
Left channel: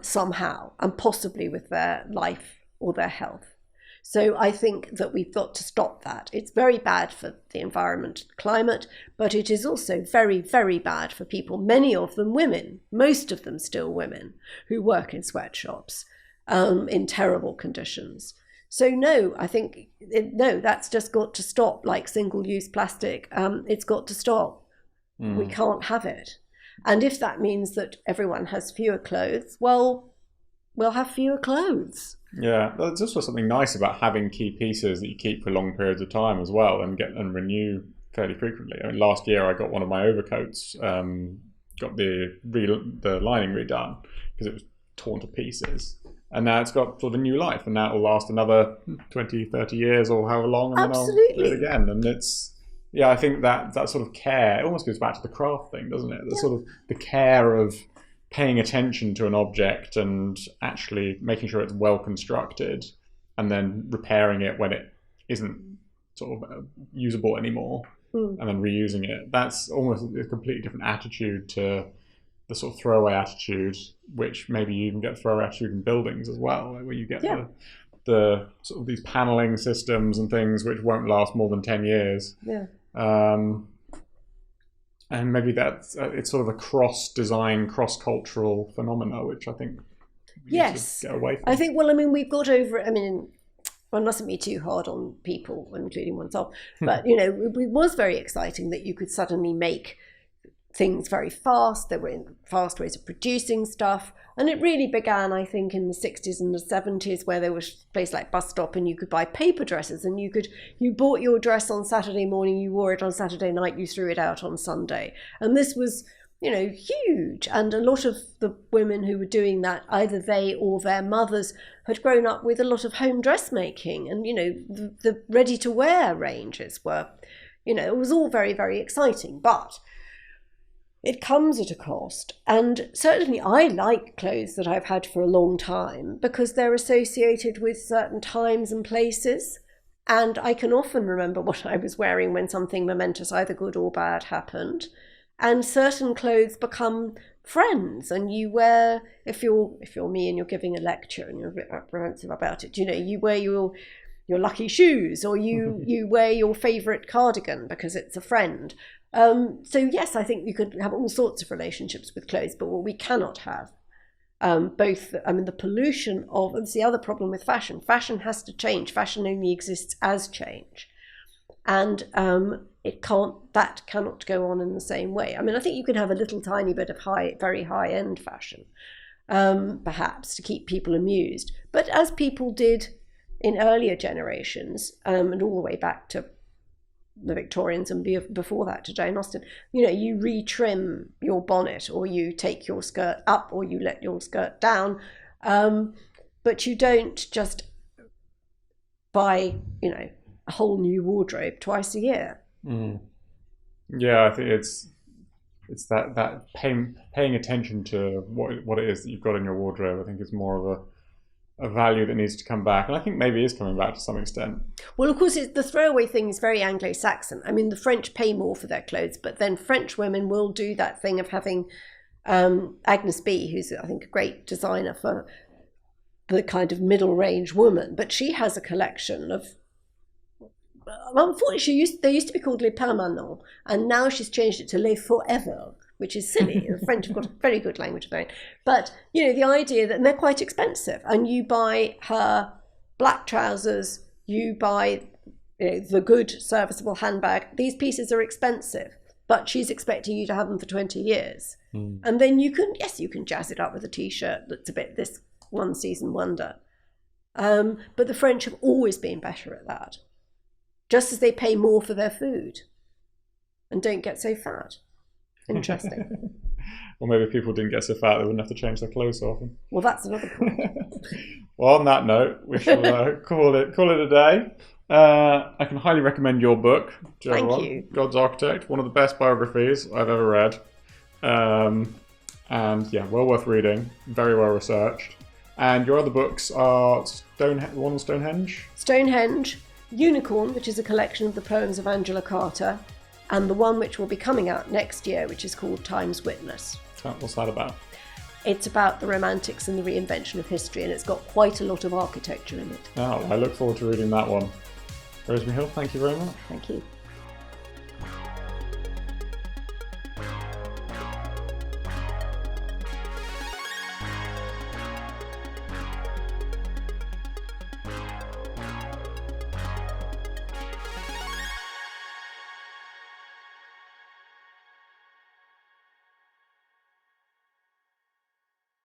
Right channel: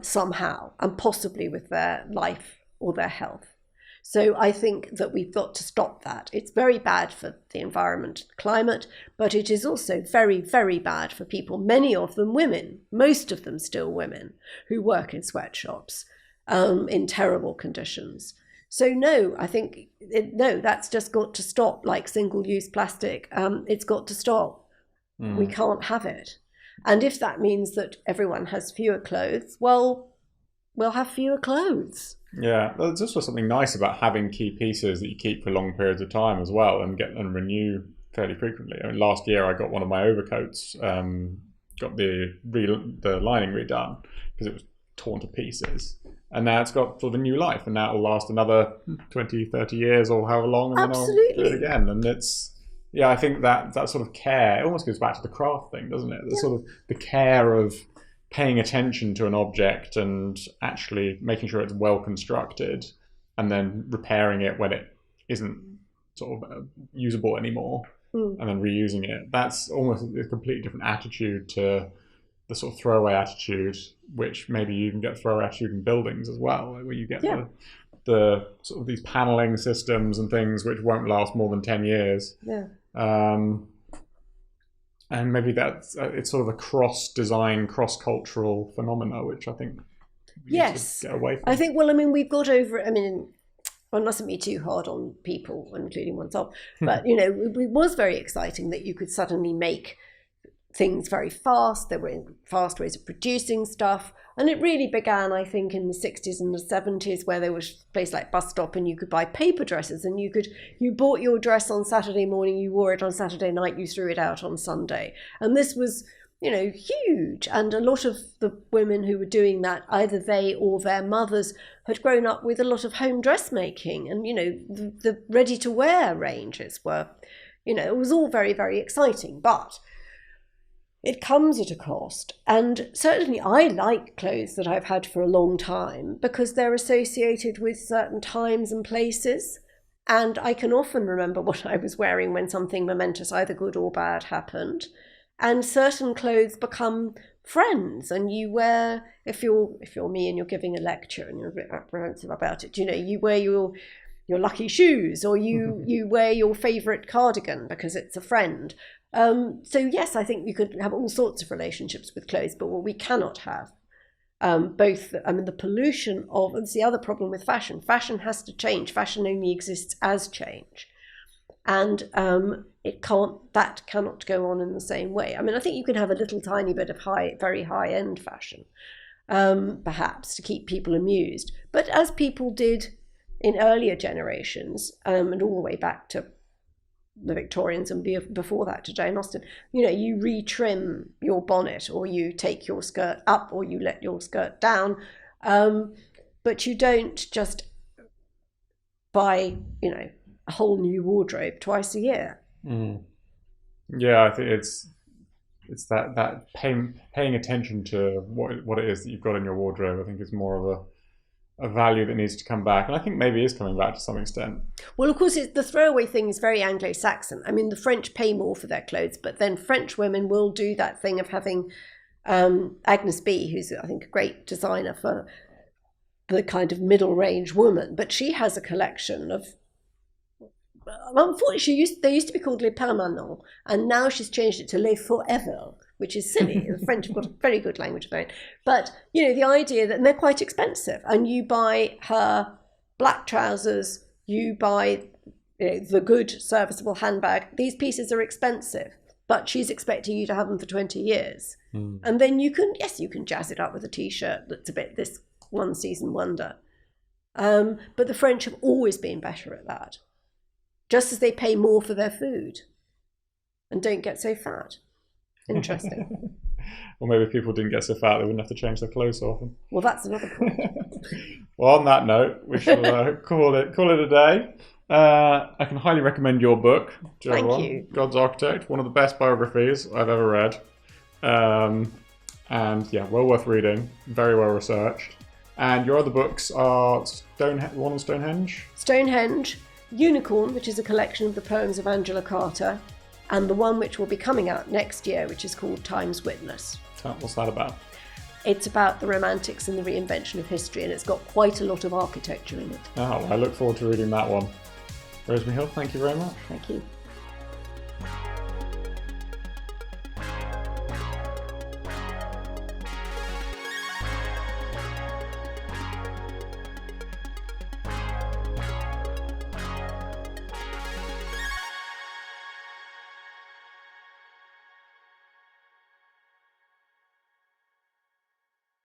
somehow, and possibly with their life or their health. So I think that we've got to stop that. It's very bad for the environment, climate, but it is also very, very bad for people, many of them women, most of them still women, who work in sweatshops in terrible conditions. So no, I think, that's just got to stop, like single-use plastic. It's got to stop. We can't have it. And if that means that everyone has fewer clothes, well, we'll have fewer clothes. Yeah, there's also something nice about having key pieces that you keep for long periods of time as well, and renew fairly frequently. I mean, last year I got one of my overcoats, got the lining redone because it was torn to pieces, and now it's got sort of a new life, and now it will last another 20, 30 years or however long. Absolutely. Again, and it's, yeah, I think that sort of care, it almost goes back to the craft thing, doesn't it? Yeah. Sort of the care of paying attention to an object and actually making sure it's well constructed, and then repairing it when it isn't sort of usable anymore, and then reusing it. That's almost a completely different attitude to the sort of throwaway attitude, which maybe you can get throwaway attitude in buildings as well. I mean, you get the sort of these paneling systems and things which won't last more than 10 years. Yeah. And maybe that's it's sort of a cross-design, cross-cultural phenomena, which I think. Yes, I think. Well, I mean, we've got over. I mean, one mustn't be too hard on people, including oneself. But you know, it was very exciting that you could suddenly make things very fast. There were fast ways of producing stuff. And it really began, I think, in the 60s and the 70s, where there was a place like Bus Stop and you could buy paper dresses, and you bought your dress on Saturday morning, you wore it on Saturday night, you threw it out on Sunday. And this was, you know, huge. And a lot of the women who were doing that, either they or their mothers, had grown up with a lot of home dressmaking. And, you know, the ready-to-wear ranges were, you know, it was all very, very exciting. But it comes at a cost, and certainly I like clothes that I've had for a long time because they're associated with certain times and places, and I can often remember what I was wearing when something momentous, either good or bad, happened. And certain clothes become friends, and you wear, if you're me and you're giving a lecture and you're a bit apprehensive about it, you know, you wear your lucky shoes, or you wear your favourite cardigan because it's a friend. So yes, I think you could have all sorts of relationships with clothes, but what we cannot have, the pollution of, it's the other problem with fashion. Fashion has to change. Fashion only exists as change. And that cannot go on in the same way. I mean, I think you can have a little tiny bit of very high-end fashion, perhaps, to keep people amused. But as people did in earlier generations, and all the way back to the Victorians and before that to Jane Austen, you retrim your bonnet, or you take your skirt up, or you let your skirt down, but you don't just buy, a whole new wardrobe twice a year. Yeah, I think it's that paying attention to what it is that you've got in your wardrobe. I think is more of a value that needs to come back, and I think maybe is coming back to some extent. Well, of course, the throwaway thing is very Anglo-Saxon. I mean, the French pay more for their clothes, but then French women will do that thing of having Agnes B, who's, I think, a great designer for the kind of middle-range woman, but she has a collection of, unfortunately, they used to be called Les Permanents, and now she's changed it to Les Forever, which is silly. The French have got a very good language of their own. But, the idea that they're quite expensive, and you buy her black trousers, you buy the good serviceable handbag. These pieces are expensive, but she's expecting you to have them for 20 years. And then you can jazz it up with a T-shirt that's a bit this one season wonder. But the French have always been better at that, just as they pay more for their food and don't get so fat. Interesting. Well, maybe if people didn't get so fat, they wouldn't have to change their clothes so often. Well, that's another point. Well, on that note, we can call it a day. I can highly recommend your book. Thank you. God's Architect, one of the best biographies I've ever read. And yeah, well worth reading, very well researched. And your other books are Stonehenge? Stonehenge, Unicorn, which is a collection of the poems of Angela Carter, and the one which will be coming out next year, which is called Time's Witness. What's that about? It's about the Romantics and the reinvention of history, and it's got quite a lot of architecture in it. Oh, I look forward to reading that one. Rosemary Hill, thank you very much. Thank you.